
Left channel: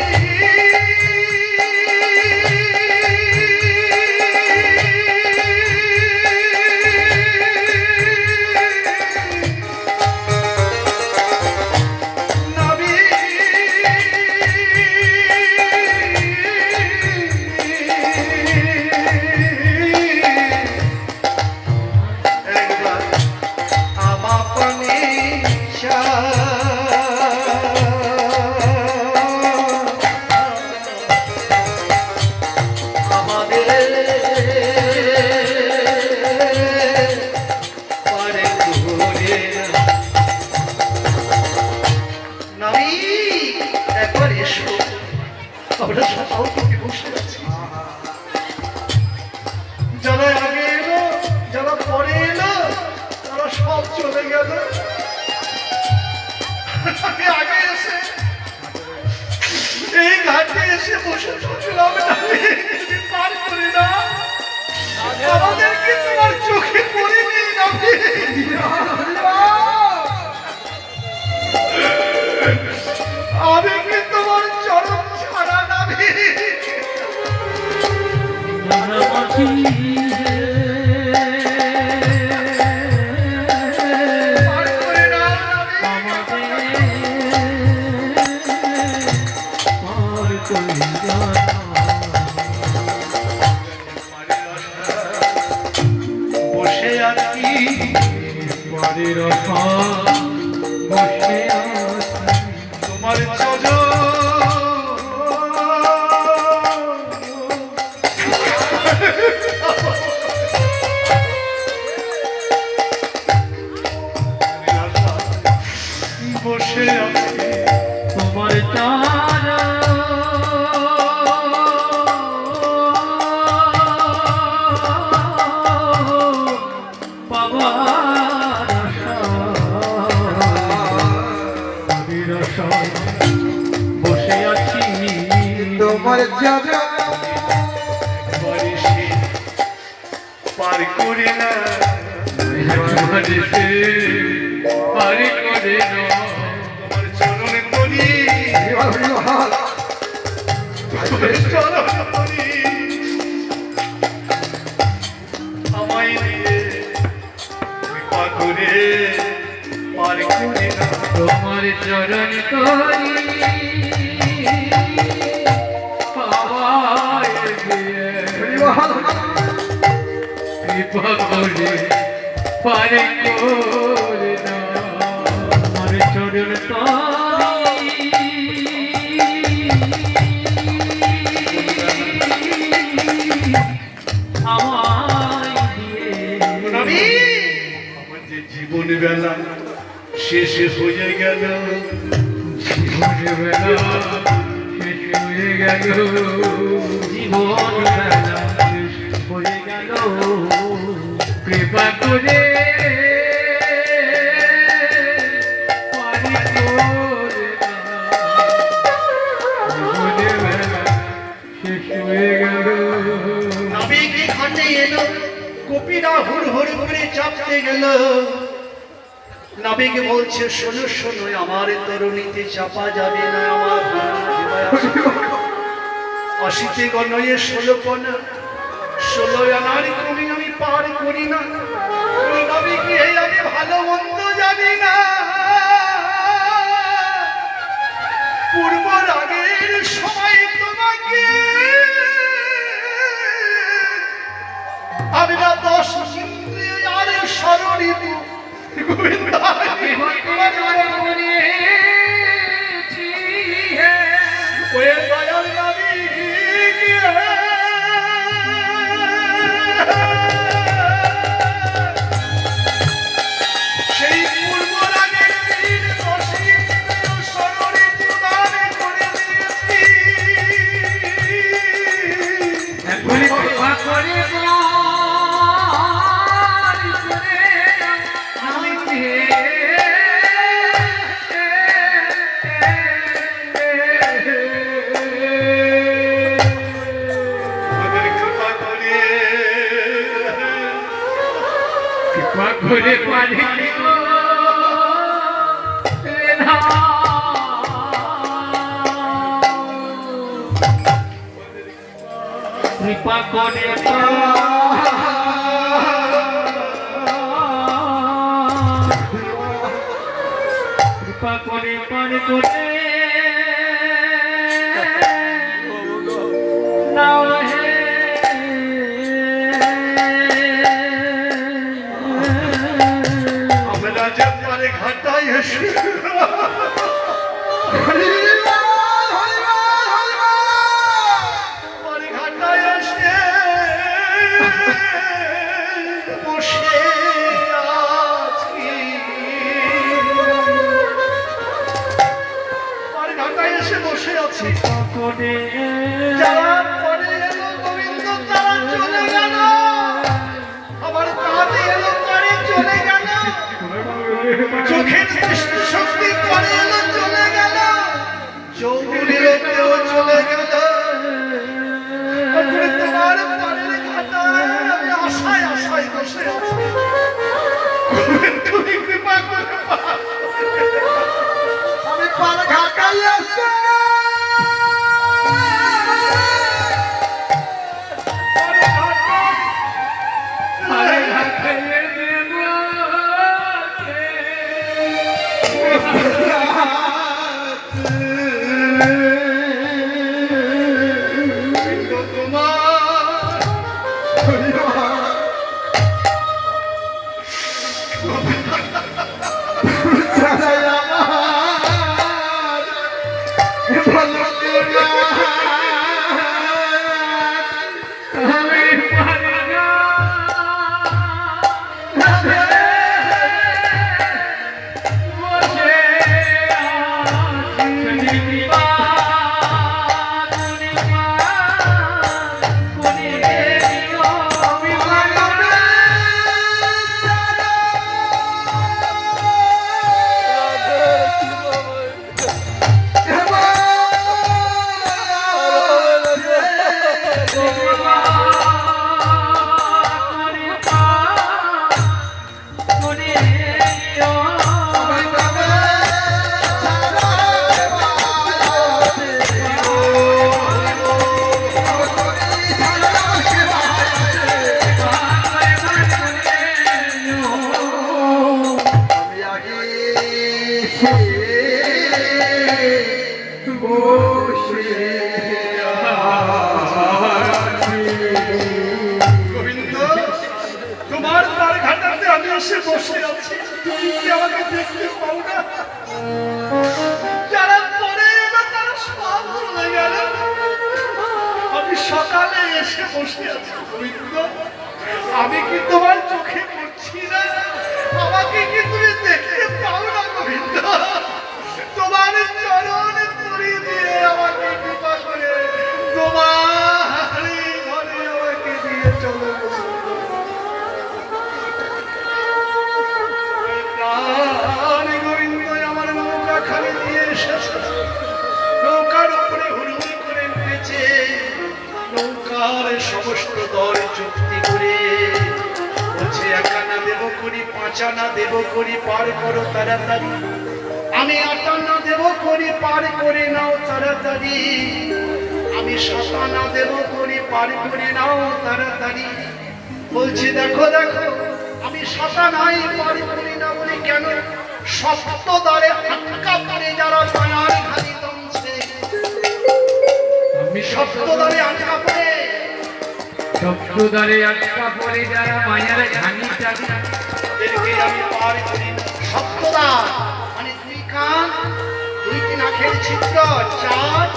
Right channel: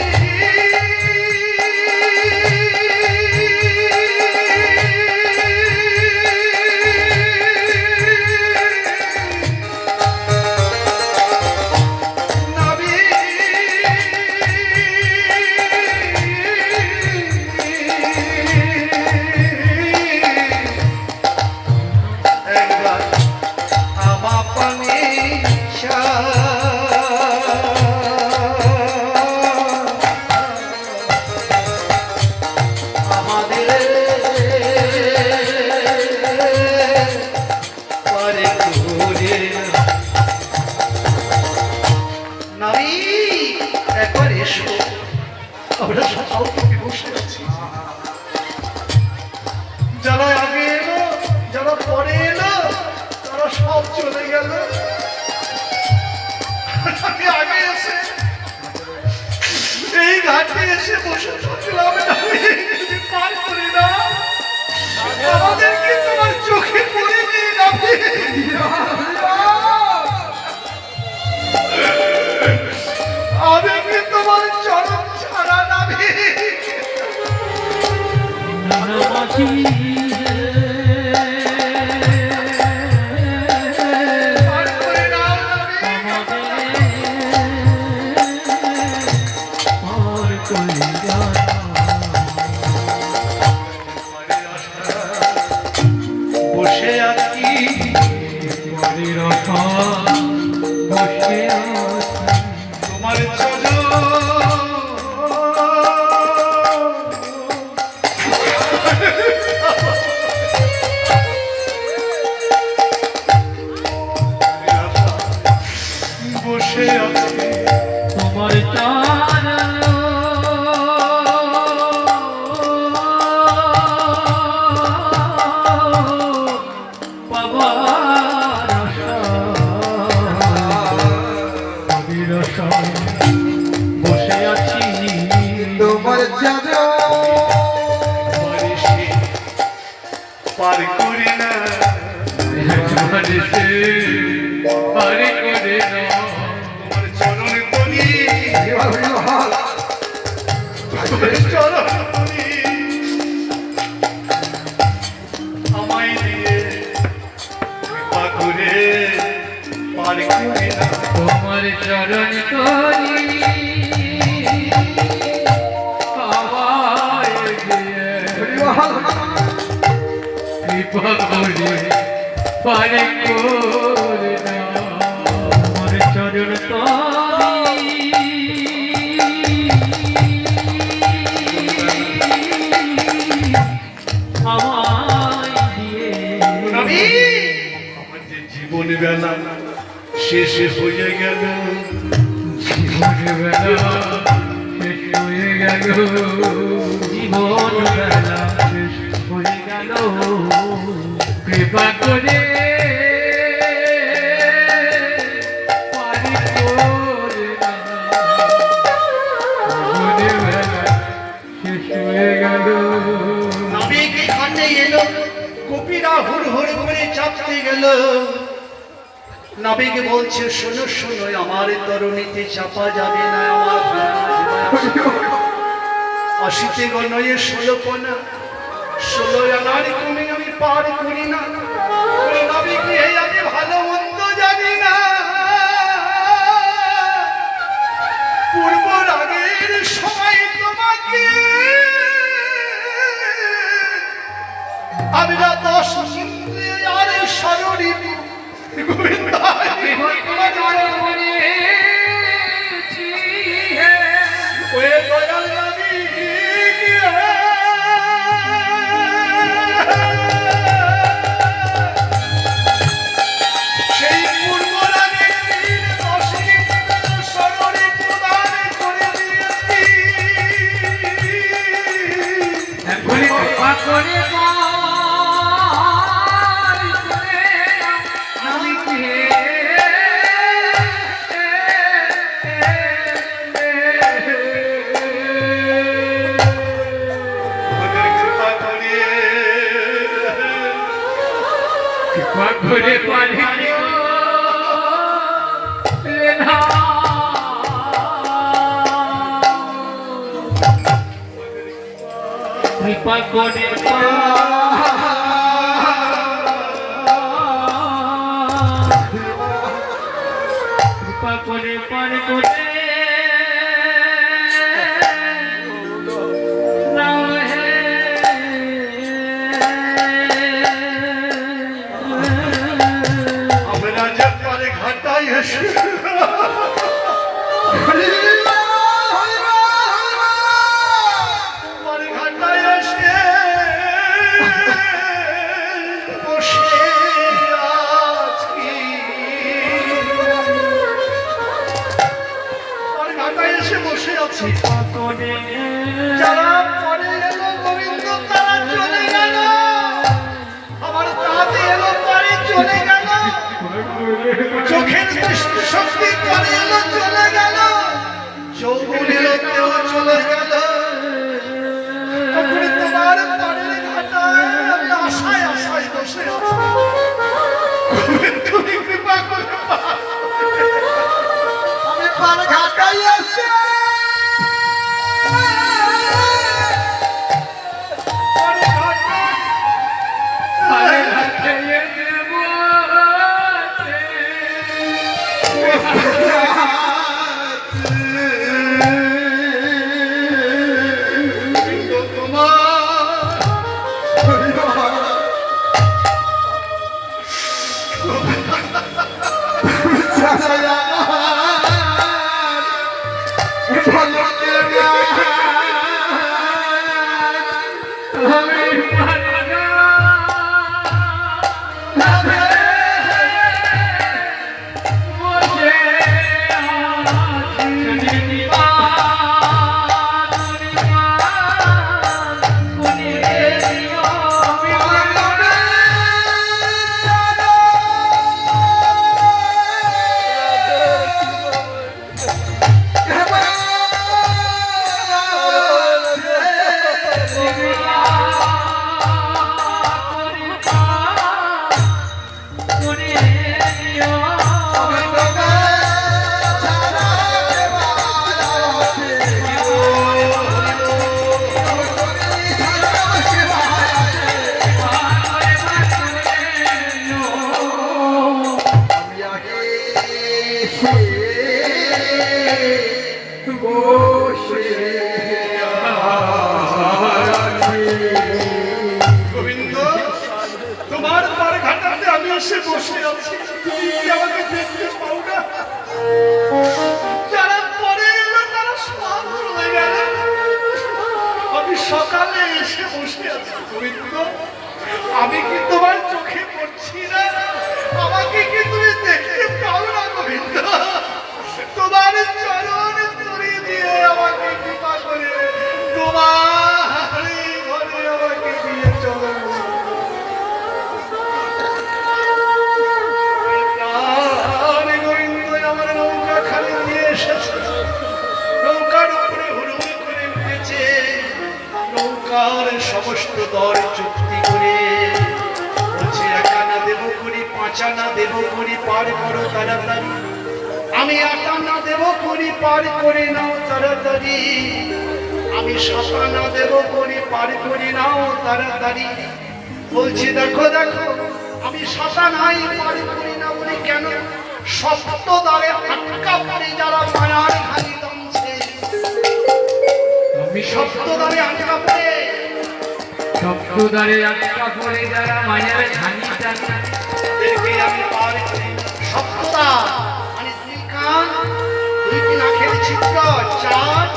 যারা আগে এলো, যারা পরে এলো, তারা সব চলে গেল। আমি আগে এসে এই ঘাটে এসে বসে থাকলাম, পার করি না আমাদেরকে তোমার চোখে পড়ে নিয়ে যাবে। আমি কি তোমার চরণ ছাড়া নাবি বসে আছি, বসে তোমার বসে আছি তোমার তারা পাবার বসে আছি তোমার যাবে বারিশে পার করে না, বারিশে পার করে না, তোমার চরণে বলি, চরণে বলি আমায় দিয়ে কৃপা করে পার করে না। তোমার চরণ করি পাওয়ায় গিয়ে কৃপা করে পারে করে না, আমার চরণ আমায় দিয়ে আমার যে জীবন বেলা শেষে হয়ে গেল, জীবন বেলা শেষ হয়ে গেল, জীবন বেলা শেষ হয়ে গেল, কৃপা করে পারি করে না, জীবন বেলা শেষ হয়ে গেল। নাবিক ঘাটে এলো, গোপীরা হুড় হুড় করে চাপতে গেল। নাবিক বলছে, শোনো শোনো, আমার তরুণীতে চাপা যাবে না, আমার প্রাণ অশীতে গণয়ে 16 পনা 16 আনার ক্রমে আমি পার করি না ওই নবী গৃহে আমি ভালো মন্দ জানি না পূর্ব রাগের সময় তোমাকে আমি না 10 ইন্দ্রিয় আর শরীর গোবিন্দ ওই দয়াল নবী সেই পূর্ব রাগের দিন 10 ইন্দ্রিয় শরীর প্রদান করে দিয়েছি এখনই কৃপা করে আমি আমাদের কৃপা করে কৃপা করে পারি কৃপা করে কৃপা করে পার করে নাও হে আমরা যে পারে ঘাটাই এসে পারে ঘাটাই এসে বসে আছি পারে ঘাটাই এসে বসে আছি করে যারা পরে এলো গোবিন্দ তারা চলে গেল আমার তাতে এলো পরে চলে গেল চোখের দৃষ্টি শক্তি পরে এলো চলে গেল চৌগুলির কেউ চলে গেল তখন তোমার পরের ঘাটায় আমি আশায় আশায় বসে আছি তুমি কৃপা করে আমি পার ঘাটাই আসছি পরে ঘাটায় আরে হাতে দেব গোবিন্দ তোমার পার ঘাটাতে আমি এসে বসে আছি তুমি কি আমাকে দেখতে পাও না যারা পরে এলো তারা সব চলে গেল আমি সকালে এসে বসে আছি গোবিন্দ আমি কি তোমার চোখে পড়ছি না আমাকে কি তুমি দেখতে পাও না গোবিন্দ তোমার চরণ পরিয়ে দিয়ে আমাকে কৃপা করে তোমার ঘরে আমাকে দিয়ে চলো গোবিন্দ আমার নৌকা খালি দিয়ে এসেছে নৌকার উপরে হুড়ুড়ি করে উঠেছে নৌকার সমস্ত দল চুক্তি করে বলছে 1 আনা দেব করি 5 আনা দেব করি পার করো তাড়াতাড়ি আমি 8 আনা দেব করি পার করে নাও তাড়াতাড়ি আমি আমি সাতানা দেব করে পার করে নাও তাড়াতাড়ি। বলছি দেখো দেখো আমি সাতানাই পার করি না বলে কেন? সপ্ত দ্বারে আটকা পড়ে যারা মায়ার ঘানি দমছে, আমি সপ্ত দ্বারে আটকা পড়ে শব্দদ্বারে আটকা পড়ে যারা মায়ের ঘানি টানে, তাদেরকে আমি পার করি। সপ্তদ্বার মানে দুই কান, দুইটি নাকের ছিদ্র 4,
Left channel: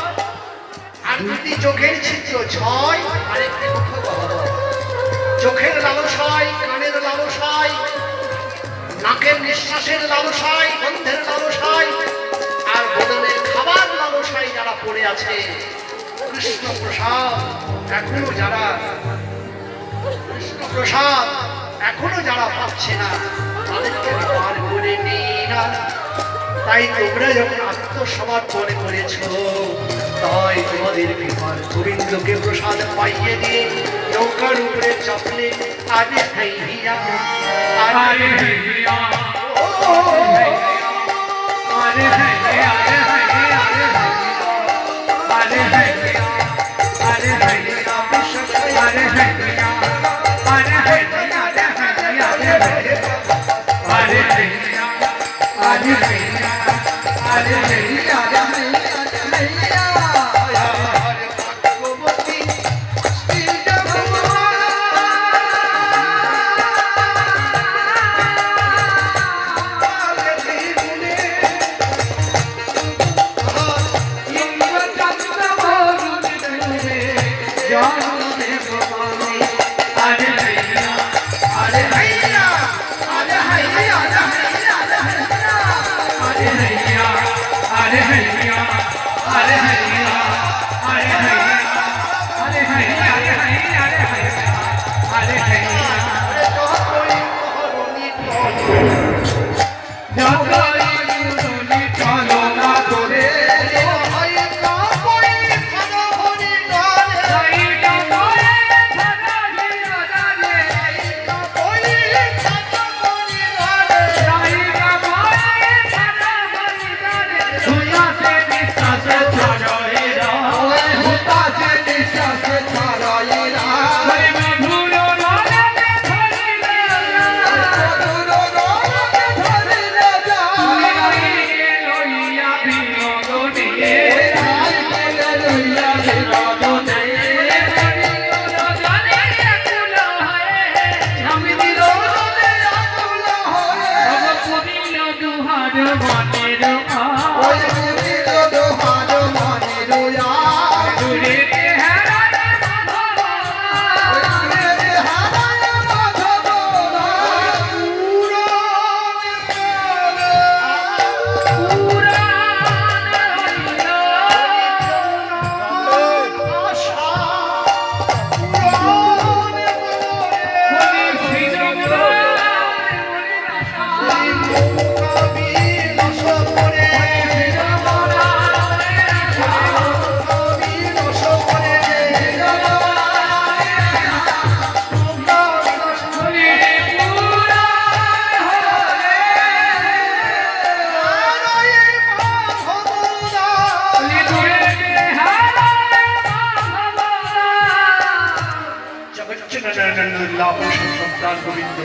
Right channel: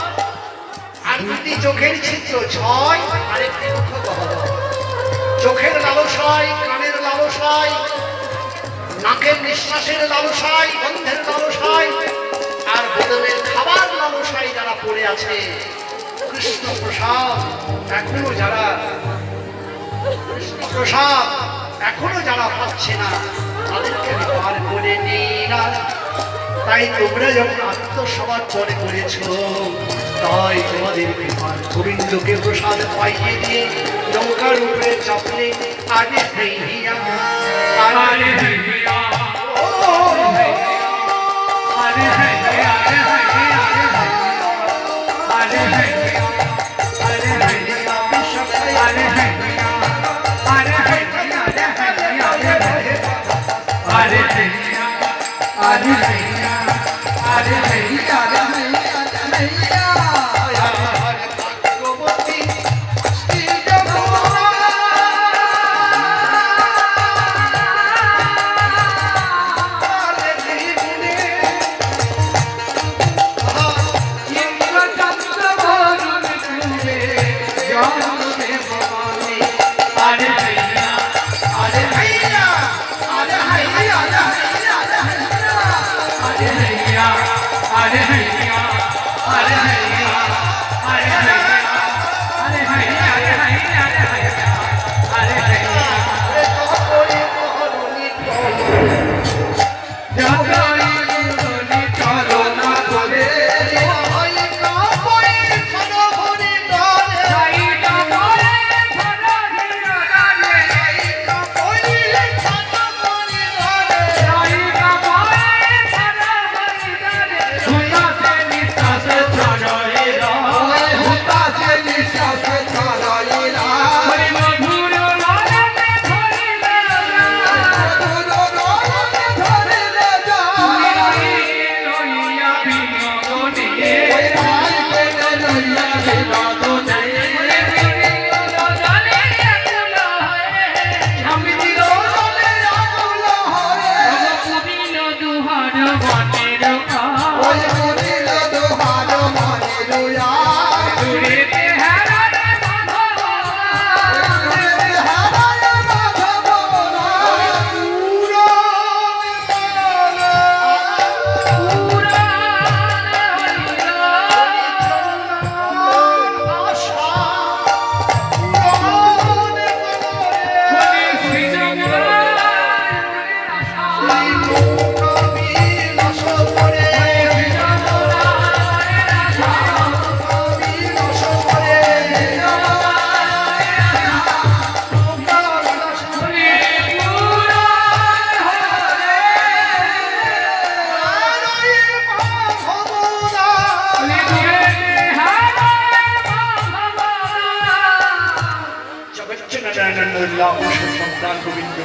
আর দুটি চোখের ছিদ্র 6, আর একটি মুখ গহ্বর। চোখের লালসায়, কানের লালসায়, নাকের নিঃশ্বাসের লালসায়, গন্ধের লালসায়, আর বদলের খাবার লালসায় যারা পড়ে আছে, কৃষ্ণ প্রসাদ এখনো যারা কৃষ্ণ প্রসাদ এখনো যারা পাচ্ছে না, তাদেরকে পার করে নিই না। তাই তোমরা যখন আত্মসমর্পণ করেছ, তাই তোমাদেরকে পার গোবিন্দকে প্রসাদ পাইয়ে দিয়ে নৌকার উপরে চাপলে আগে হইয়া আরে হইয়া, ও আরে হইয়া, আরে হইয়া, আরে হইয়া, আরে হইয়া, আরে হইয়া, আরে হইয়া, আরে হইয়া, আরে হইয়া, আরে হইয়া, ভাগ্যবতী শ্রী যমুনা ইন্দ্রচন্দ্র বরুণ ডুবে জল দেব বনে। আরে হইয়া, আরে হইয়া, আরে হইয়া, আরে হইয়া, আরে হইয়া, আরে হইয়া, আরে হইয়া, আরে হইয়া, আরে হইয়া, আরে হইয়া, আরে হইয়া, যতই দুরলি চলো না করে সাইটা করে ধরহিয়া জানে, সাইটা করে ধরহিয়া জানে, হুতাসে নিঃশ্বাসে ছড়াইরা, হুতাসে নিঃশ্বাসে ছড়াইরা, ওই মধুর লালনে ধরিলে লইয়া বিনোদনে, বিনোদনে, বিনোদনে আকুল হয়ে স্বামীর ভগবতীর দুহার মনের দূরেতে হারায় মাধব, সন্তান গোবিন্দ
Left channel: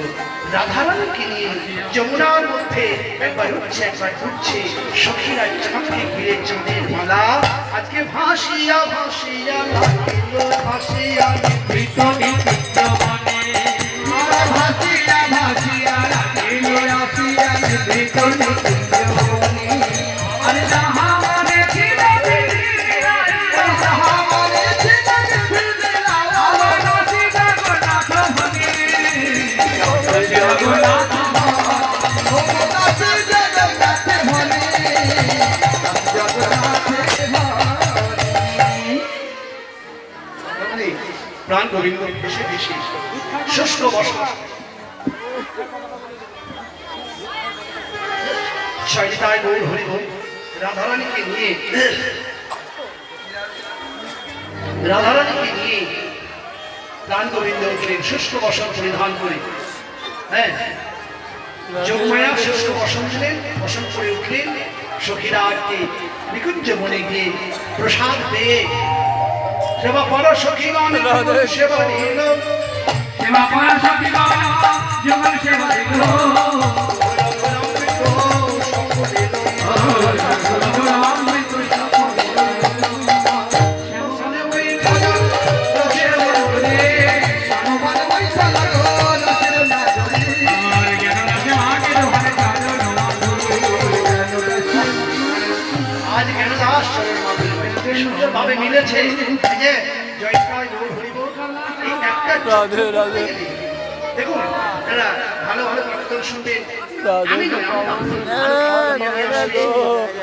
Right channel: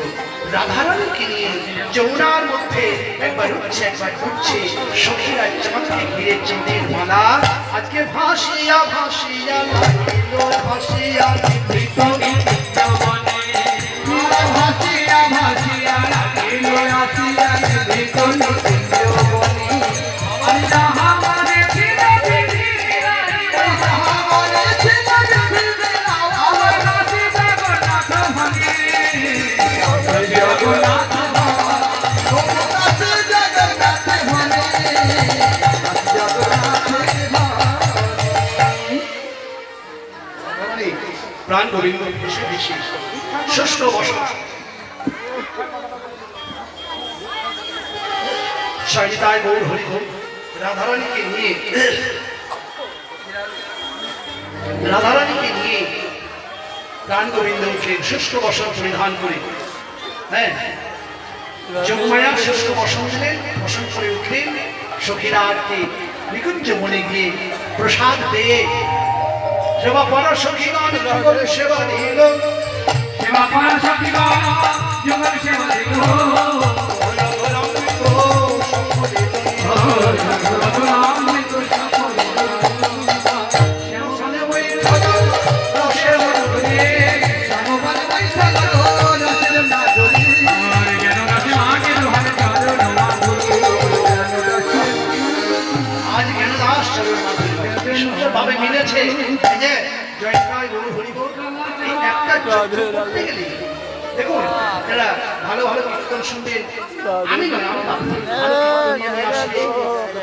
রাধারানীকে নিয়ে যমুনার মধ্যে একবার উঠছে একবার উঠছে, সখীরা চাঁদকে ঘিরে চাঁদের মালা আজকে ভাসিয়া ভাসিয়া লাগিল, ভাসিয়া নিভৃত নিভৃত বনে, ভাসিয়া ভাসিয়া লাগিল আসিয়া নিভৃত নিভৃত বনে, আর যাহা মনে ছিল বিধিবিধান, যাহা মনে ছিল বিধিবিধান, আমার নাসি জগন্নাথ ভনে, জগন্নাথ প্রাণ গোবিন্দ বেশি বেশি শুষ্ক বসন সারিতায় গৌর হরি হরি রাধারানীকে নিয়ে প্রাণ গোবিন্দ উঠলেন শুষ্ক বসন পরিধান করে। হ্যাঁ, যোগমায়া শুষ্ক বসন দিলেন, বসন করে উঠলেন। সখীরা আজকে নিকুঞ্জ মনে গিয়ে প্রসাদ পেয়ে সেবা পারা সখীগণ যুগল সেবা দিল সেবা পারা সখীগণ যুগল সেবা দিল আজ কেন দাস ভাবে মিলেছে এই যে জয়কায় গৌর হরিবোল এই একটা করতে গেলে দেখুন এরা ভালো ভালো কীর্তন শুনবেন আমি নয় আমি ভালো কীর্তন নিয়ে আসবে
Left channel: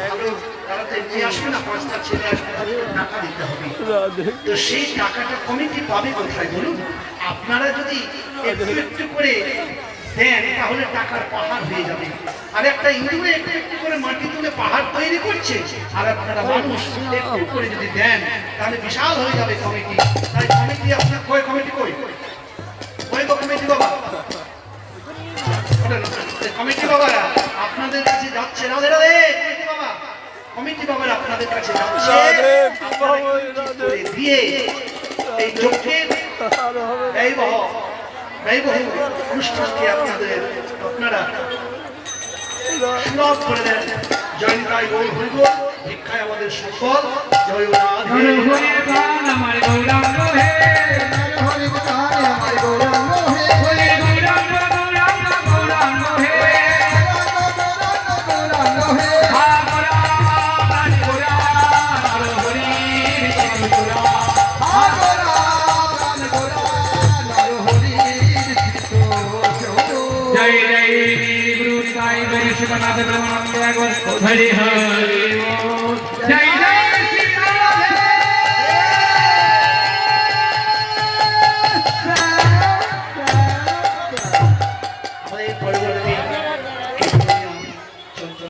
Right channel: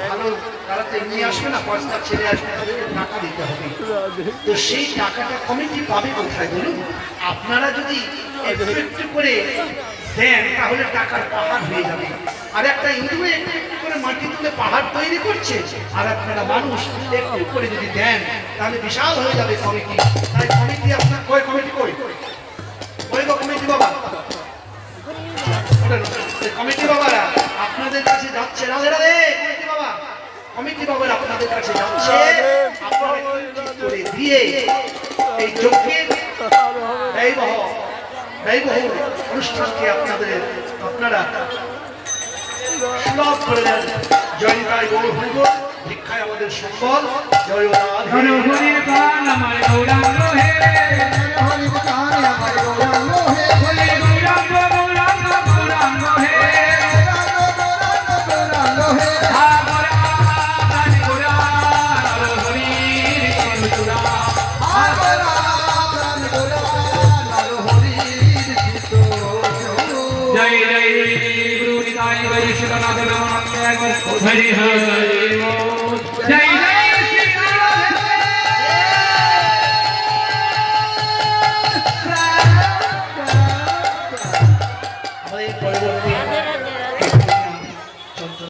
ভালো তারা তো এমনি আসবে না পাঁচটা ছেলে আসবে তাদেরকে টাকা দিতে হবে তো সেই টাকাটা কমিটি পাবে কোথায় বলুন আপনারা যদি একটু একটু করে দেন তাহলে টাকার পাহাড় হয়ে যাবে আর একটা ইন্দুরে একটু একটু করে মাটি তুলে পাহাড় তৈরি করছে আর আপনারা মানুষ একটু করে যদি দেন তাহলে বিশাল হয়ে যাবে কমিটি তাই কমিটি আপনার কই কমিটি কই কই গো কমিটি বাবা কমিটি বাবারা আপনাদের কাছে যাচ্ছে রাধে রাধে কমিটি বাবা কমিটি বাবারা আপনাদের কাছে যাচ্ছে আপনারা একটু করে দিয়ে এই যজ্ঞের ব্যয়বহুল অনুষ্ঠানকে আপনারা সুলভ করে দেন জয়নিতাই গৌর হরিবোল দীক্ষায় আমাদের সফল জয় রাধে হরির গান আমার গৌরাঙ্গ হে হরির গান আমার গৌরাঙ্গ হে হরি গৌরাঙ্গ গৌরাঙ্গ গৌরাঙ্গ হে গৌরাঙ্গ হে হাবরা গান গোরা নর হরির গৌরা হাবরা গান গোরা নর হরির চিতো জয় জয় গুরু নিতাই বৈষ্ণবনাথ নমঃ হরি হরি